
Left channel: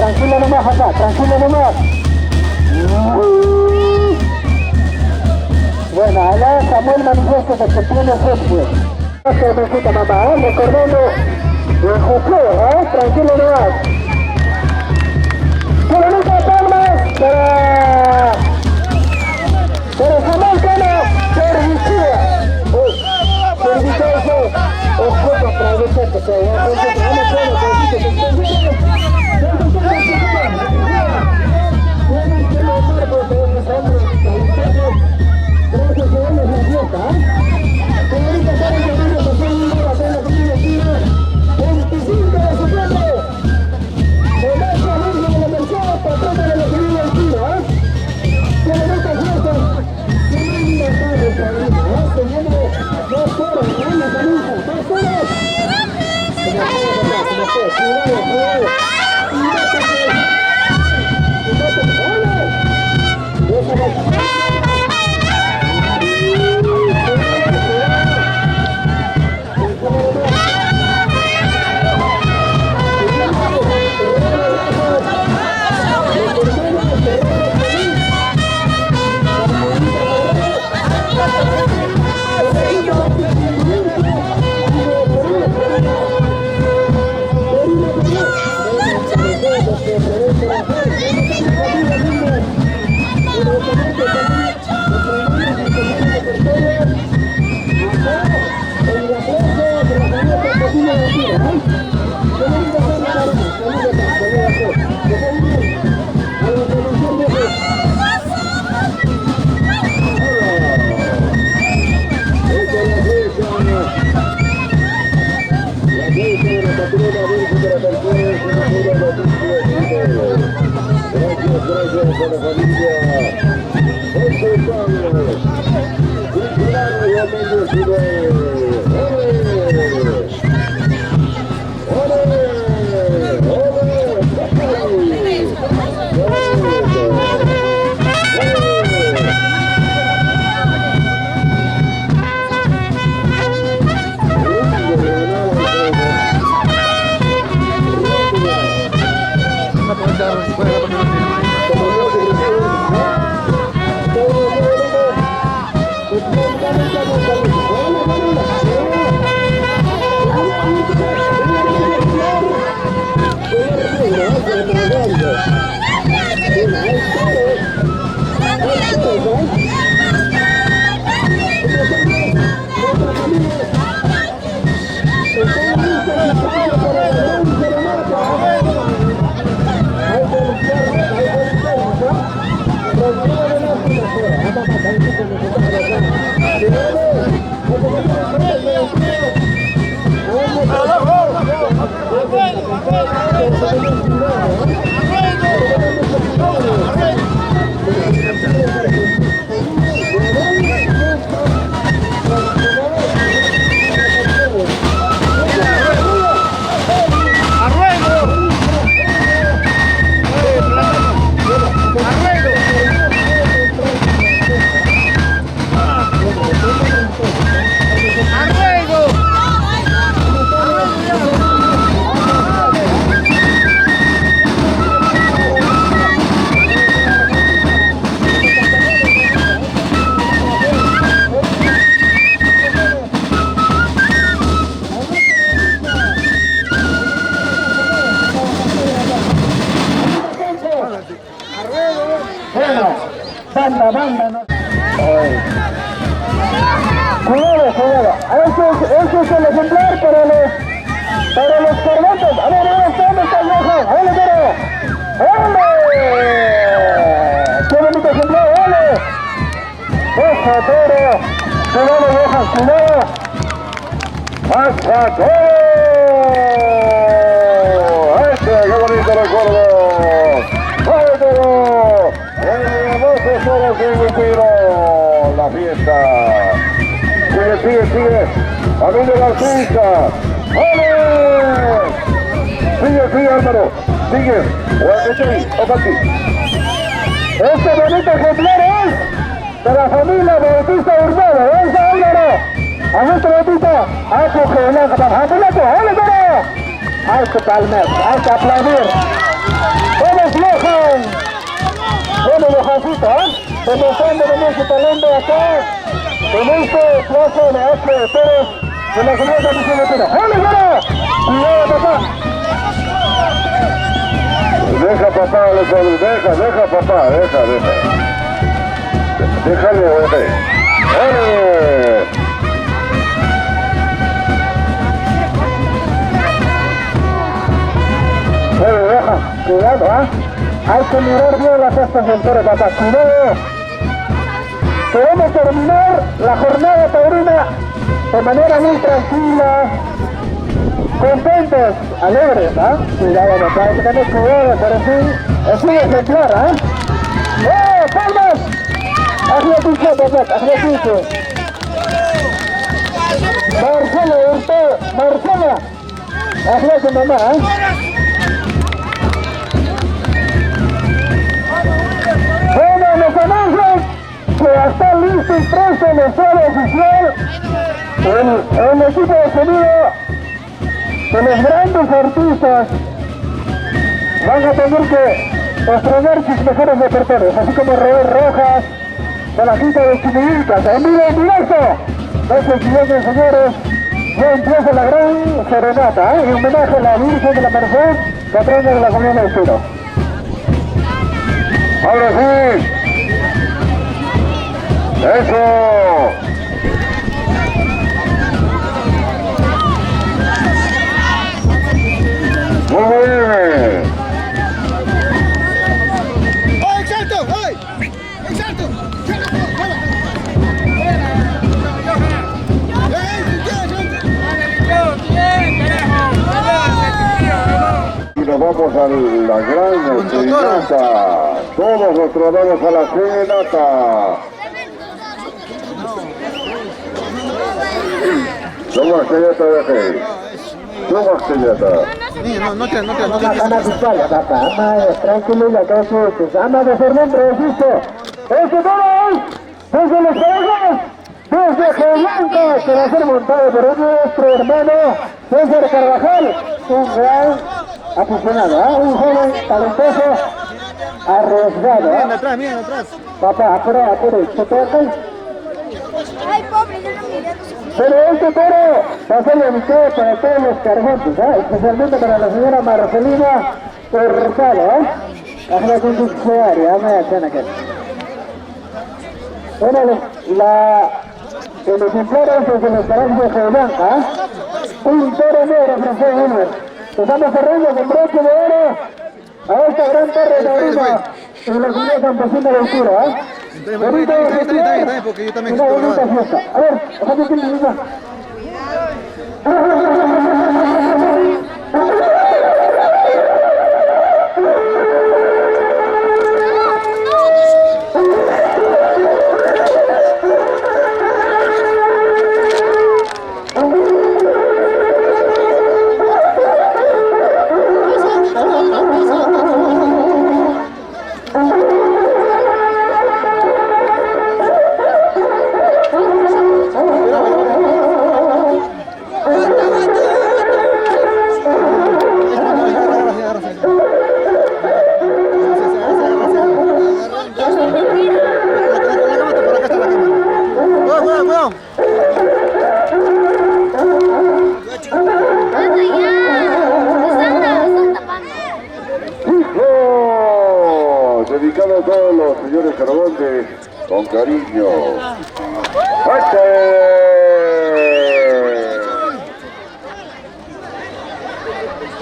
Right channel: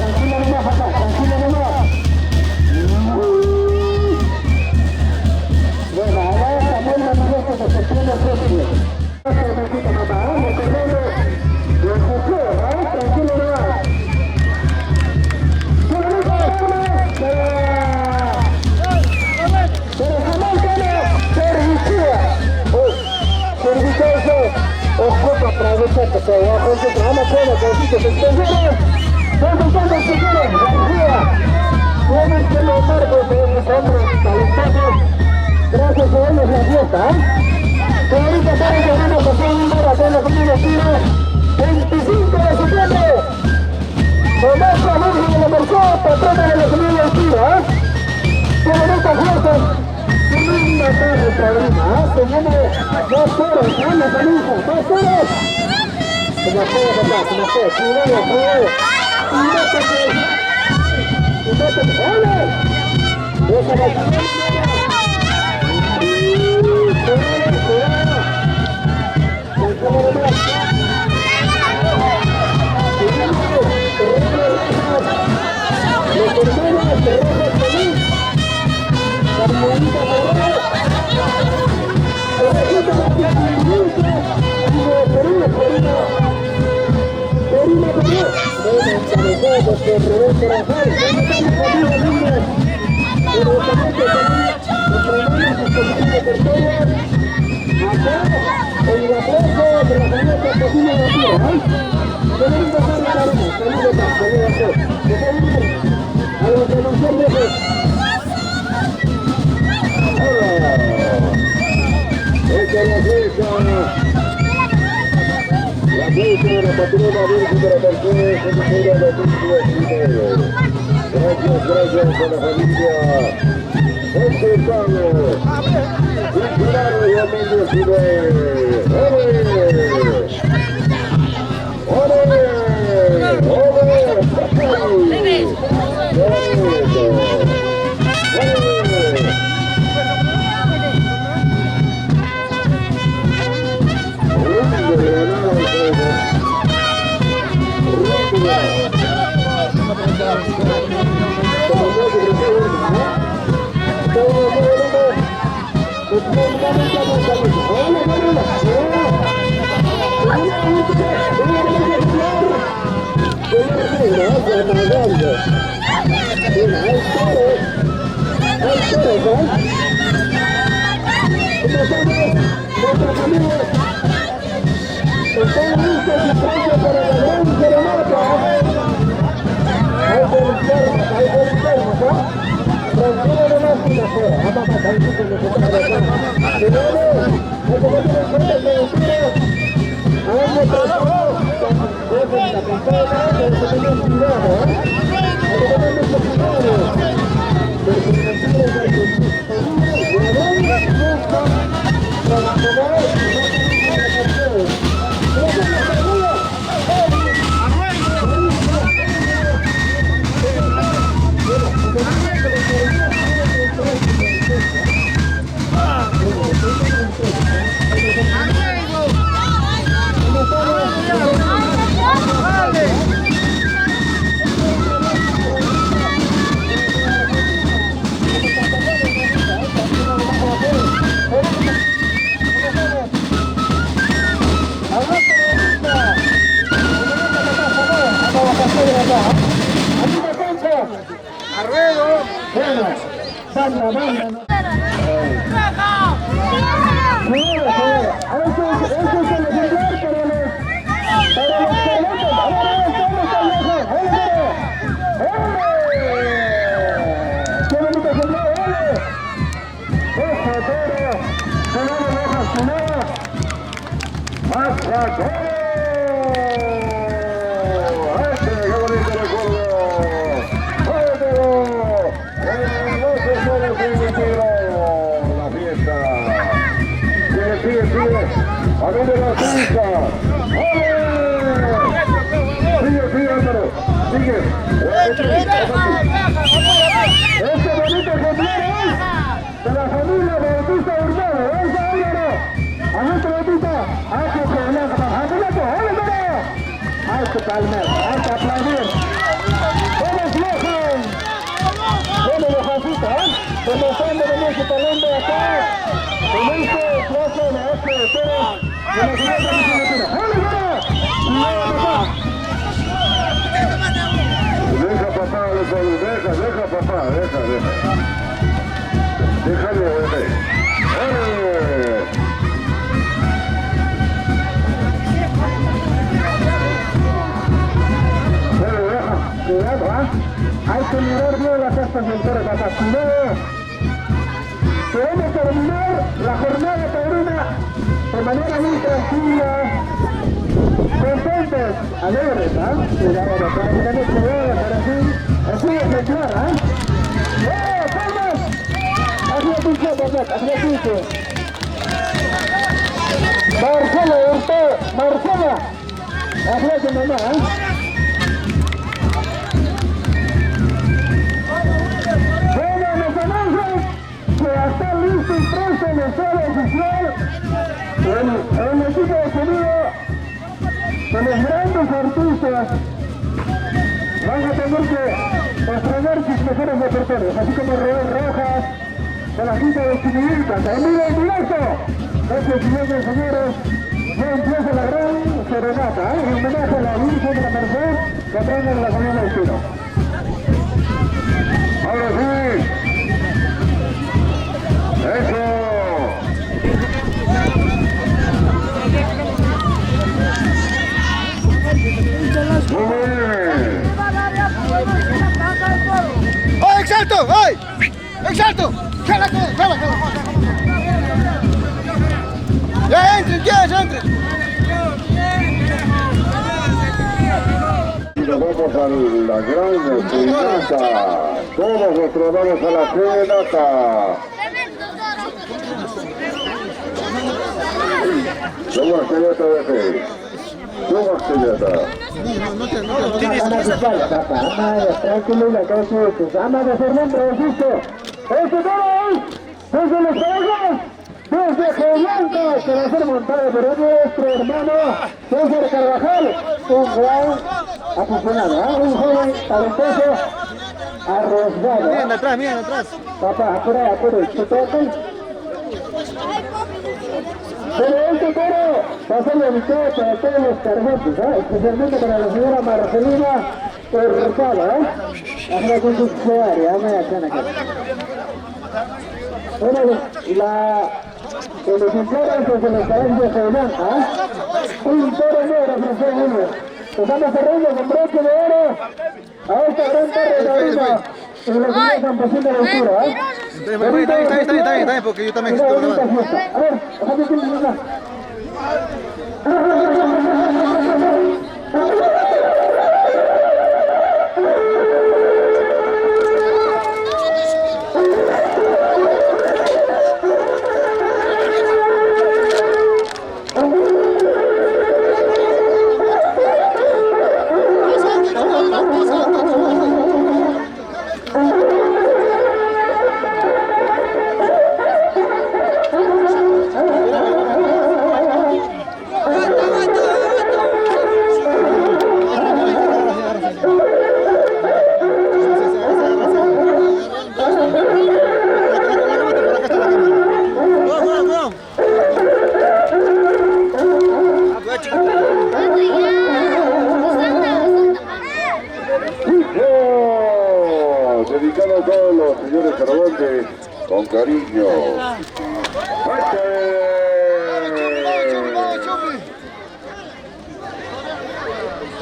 tranquilo nomás acá, tranquilo nomás. Bueno, allá Samuel manifiesta que se tiene fútbol. Gracias, mijita mamá, recordando el José, tranquilo nomás. Bonita palma para Samuel Cano, servicio. Servicio, ojo para el cheque, que va a hacer vamos a hacer que se extendieron. ¿Dónde están los chicos? Tienen que lograr pues esos hombres talentosos. Gracias a ellos la fiesta, Señorita Karen Guerrero, que fue un lugar de los primeros tiros. 25 de septiembre. Tomás Ramírez de la Merced, patrón de la familia del tiro, Señorita Fuerza. Tremenda tarde, Sabrina, teniendo 2 horas, la camisa, 2 horas. Como fue, cuidado, cuidado. ¡Ole! ¡Esa va! Gracias a la familia José Carlos, titular realmente Este bonito ejemplar es de la familia Bautista Urbano. ¡Esa Álvaro! A nuestro Bautista, hay que ¡Hay que palmer! ¡Hay que aplaudir! Johan. Bueno, Johancito, demostrando también su talento acá. En este plazo de H de Pérez de la segunda misión de Pérez. ¡Vale, vale! Cuidado, papá. Deja papá, deja papá, deja. Déjale, ¡ole! Deja, cuidado, hay que mirar bien las astas del toro, papá, cuidado. Queremos terminar la jornada taurina de manera muy tranquila, contentos, alegres, Cuidado, papá, hay que tener cuidado, pero sí, es muy ejemplar, ¡palmas! Hazle piso, papá, hazle piso. Marcela, hazle su mamá, Bueno, nos anuncian que está listo y presto en el estado oficial el equipo de sonido de los grandes artistas. Van a tener que estrenar sus mejores repertorios, así como Robert Rojas, de la quinta de Chimilcas, en vivo en directo. Entonces, señores, ya empieza la gran serenata, en homenaje a la Virgen de la Merced, patrona de la Comunidad del Chino. Ahora sí. Eso. Muy bien. ¡Oh, exalto! ¡Ay! ¡Exalto! Y nos vamos a la gran serenata. Todos nos vamos a la serenata. Toma serenata de aquí. Toma serenata. Ama de espalda, papá, ama de tranquilidad, que asustes, ama de ser nombre, insisto. ¡Este todo desde los Carajos, desde Geoblanca, que va a ser montado por nuestro hermano César Carvajal, un gran aficionado, un joven talentoso, arriesgado. Miren atrás. Papá, apure, ¿se toca? Ay, pobre, yo no miré. Pero este toro va a ser dedicado para todos los cargantes, especialmente para la señora Marcelina Torricado, Hazla con tu área, hazme acá. Bueno, el ejemplar es de los cargantes de Geoblanca, un toro negro, Francés Wilmer. Estamos cerrando con broche de oro a esta gran torre taurina en la ciudad campesina de Altura, Está bien, porque yo también estoy grabando. A ver, déjame que me diga. Dedicado a todos los señores Carabotes, con cariño. ¡Fuerte!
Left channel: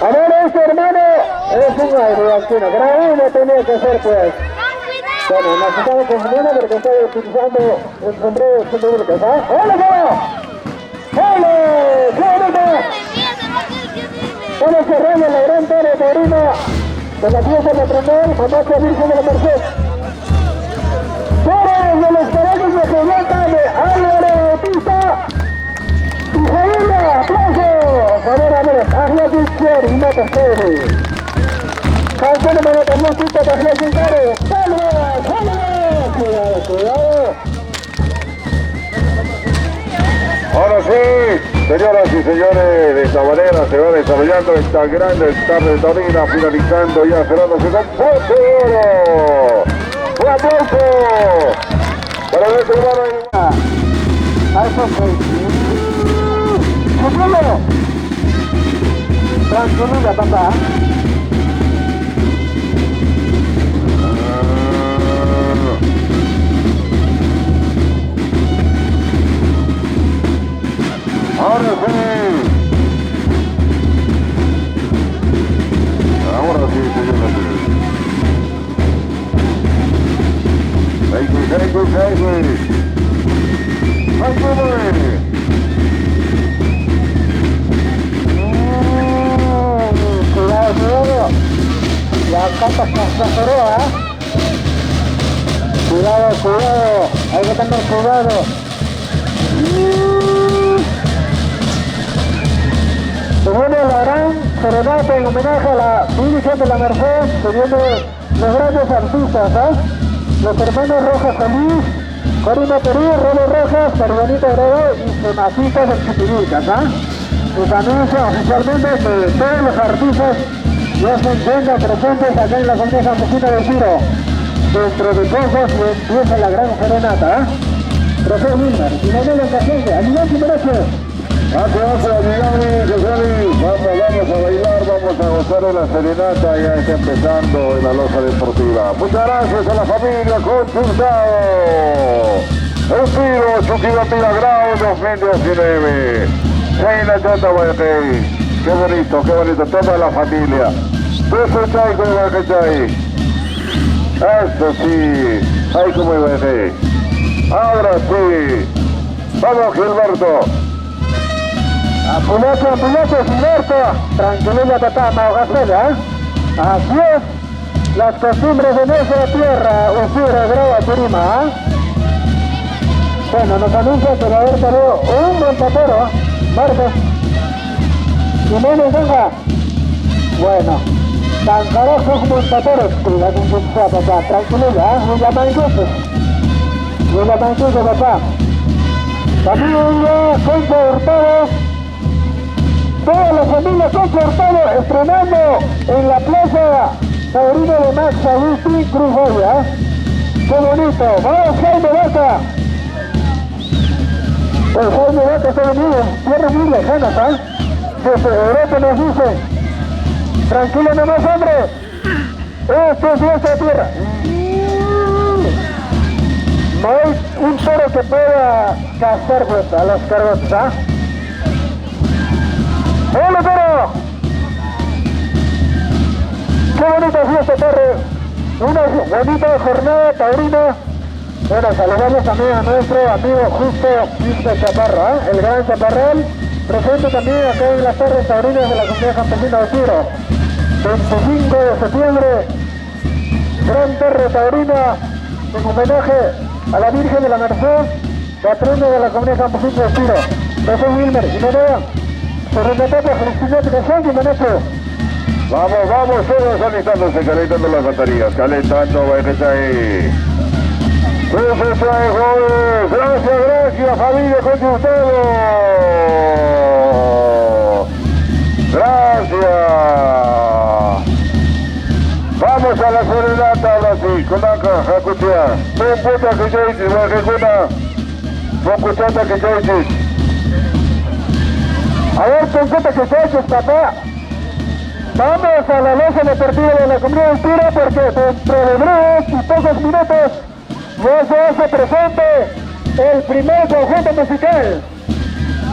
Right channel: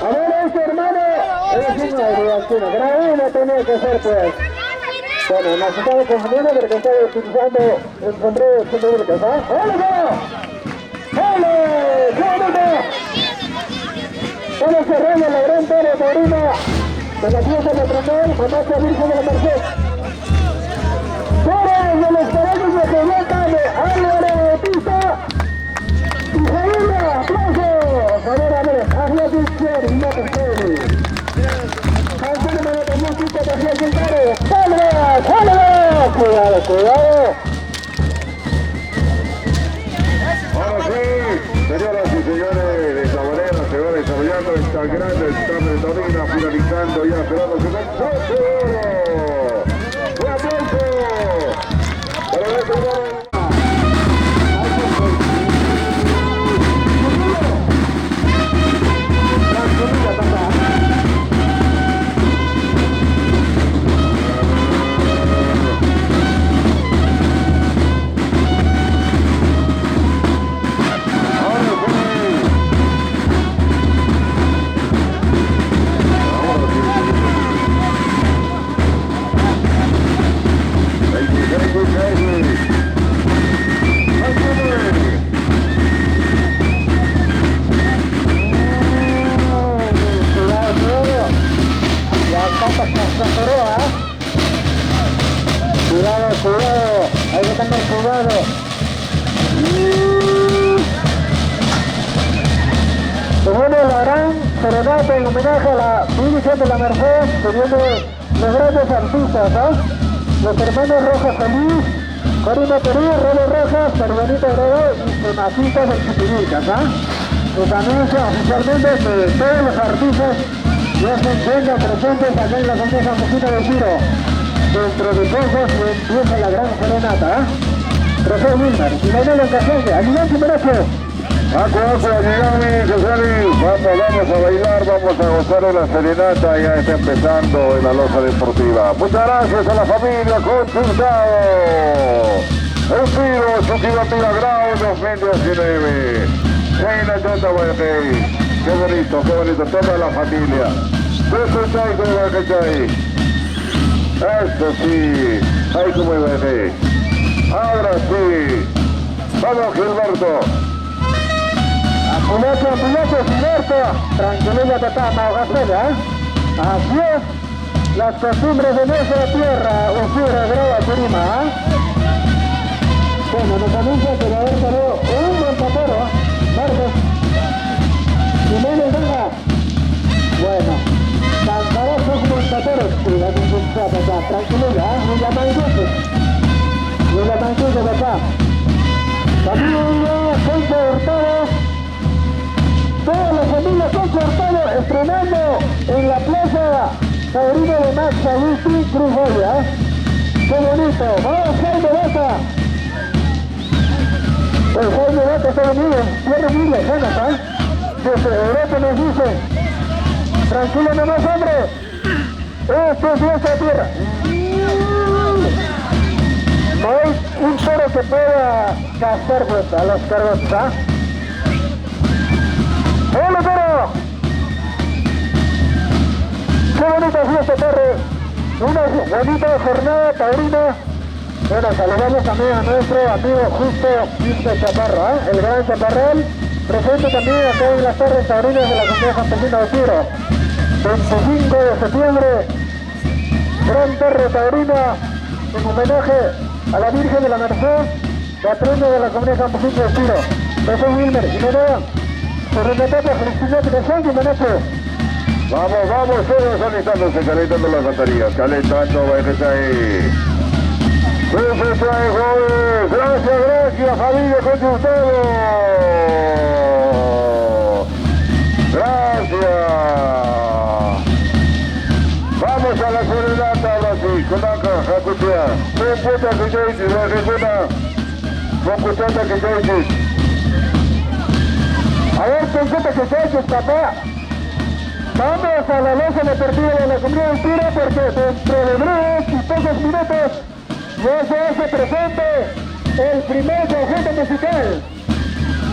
A ver, este hermano es un agriantino, pero uno tenía que ser, pues. Bueno, nos estamos confundiendo porque estaba utilizando el sombrero de públicas, ¡Hola, ¡Hola! ¡Qué bonito! Estamos cerrando la gran torre taurina de la fiesta patronal, Mamá Virgen de la Merced. Toros de los caballos de Geoblanca de Álvaro Bautista y familia, aplausos. A ver, hazle disco y no te quedes. Canción de también quita de Hazle sin caro. ¡Salva! Cuidado. Ahora sí. Señoras y señores, de esta manera se va desarrollando esta grande tarde taurina, finalizando ya cerrándose con fuerte oro. ¡Un aplauso para nuestro hermano! Tranquilidad, papá. Ahora sí. Ahora sí, señor. Thank you. Cuidado. La capa se aceró, Cuidado. Hay que tener cuidado. Se viene la gran serenata en homenaje a la Virgen de la Merced. Se vienen los grandes artistas, los hermanos Rojas Solís, Corina Perú, Rolo Rojas, Pervanita Grego y Sonatitas del Chipiricas, Nos anuncia oficialmente que todos los artistas ya se encuentran presentes acá en la Comunidad Campesina del Tiro. Dentro de pocos empieza la gran serenata, Profesor Wilmer, y no me encajense, ayudante Mereche. Vamos a bailar, vamos a gozar de la serenata, ya está empezando en la loza deportiva. Muchas gracias a la familia Consultado. El Tiro, Chuquibatira Grau 2019. Sheila Chota Guayacay. Qué bonito, toda la familia. Eso chay como Guayacay. Eso sí, ay como Guayacay. Ahora sí. Vamos Gilberto. Apulecho, Gilberto. Tranquilidad, papá, Maugacela, Así es. Las costumbres de nuestra tierra, Usura, Grava, Turima, Bueno, nos anuncia que va a haber salido un buen papero, Marcos. Jiménez, venga. Bueno, Tancarojos como paperos, cuidado con su papá, tranquilidad, no llaman cosas, papá. Familia Concha Hurtado, toda la familia Concha Hurtado estrenando en la plaza taurina de Max Agustín Cruz Joya. Qué bonito, vamos Jaime Vaca. El Jaime Vaca está venido, tierras muy lejanas, Desde Europa nos dice, tranquilo nomás, hombre, esto es nuestra tierra. No hay un toro que pueda gastar a los cargos, ¡Hola, toro! ¡Qué bonita fiesta, torre! Una bonita jornada taurina. Bueno, saludamos también a nuestro amigo Justo Mr. Chaparro, el gran Chaparrón, presente también acá en las torres taurinas de la Comunidad Campesina de Tiro. 25 de septiembre, gran torre taurina en homenaje a la Virgen de la Merced, patrona de la Comunidad Campesina de Tiro. Profesor Wilmer, y me vean, se remete por Cristinete de Sánchez, Menecho. Vamos, todos calentando las baterías, calentando, ahí. Jóvenes, gracias familia con ustedes. Gracias. Vamos a la serenata ahora sí, con la jacutia. Con puta que yo hice, la ejecuna. Con puchata que yo hice. A ver, con puta que yo hice, papá. Vamos a la loza deportiva de la Comunidad de Tiro porque dentro de breves y pocos minutos ya se hace presente el primer conjunto musical.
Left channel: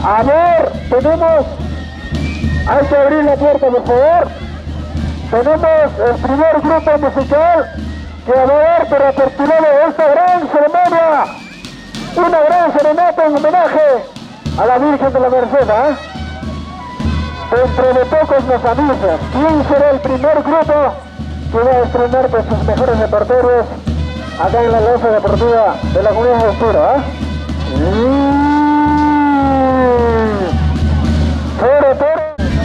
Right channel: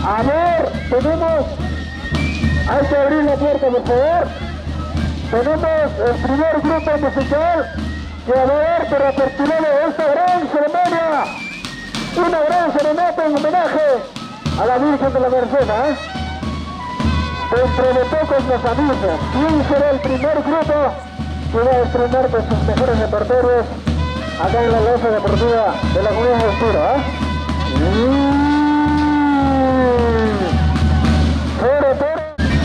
A ver, hay que abrir la puerta, por favor. Tenemos el primer grupo musical que va a dar para aperturar esta gran ceremonia. Una gran serenata en homenaje a la Virgen de la Merced, Dentro de pocos nos anuncian quién será el primer grupo que va a estrenar de sus mejores repertorios acá en la loza deportiva de la Comunidad de Tiro,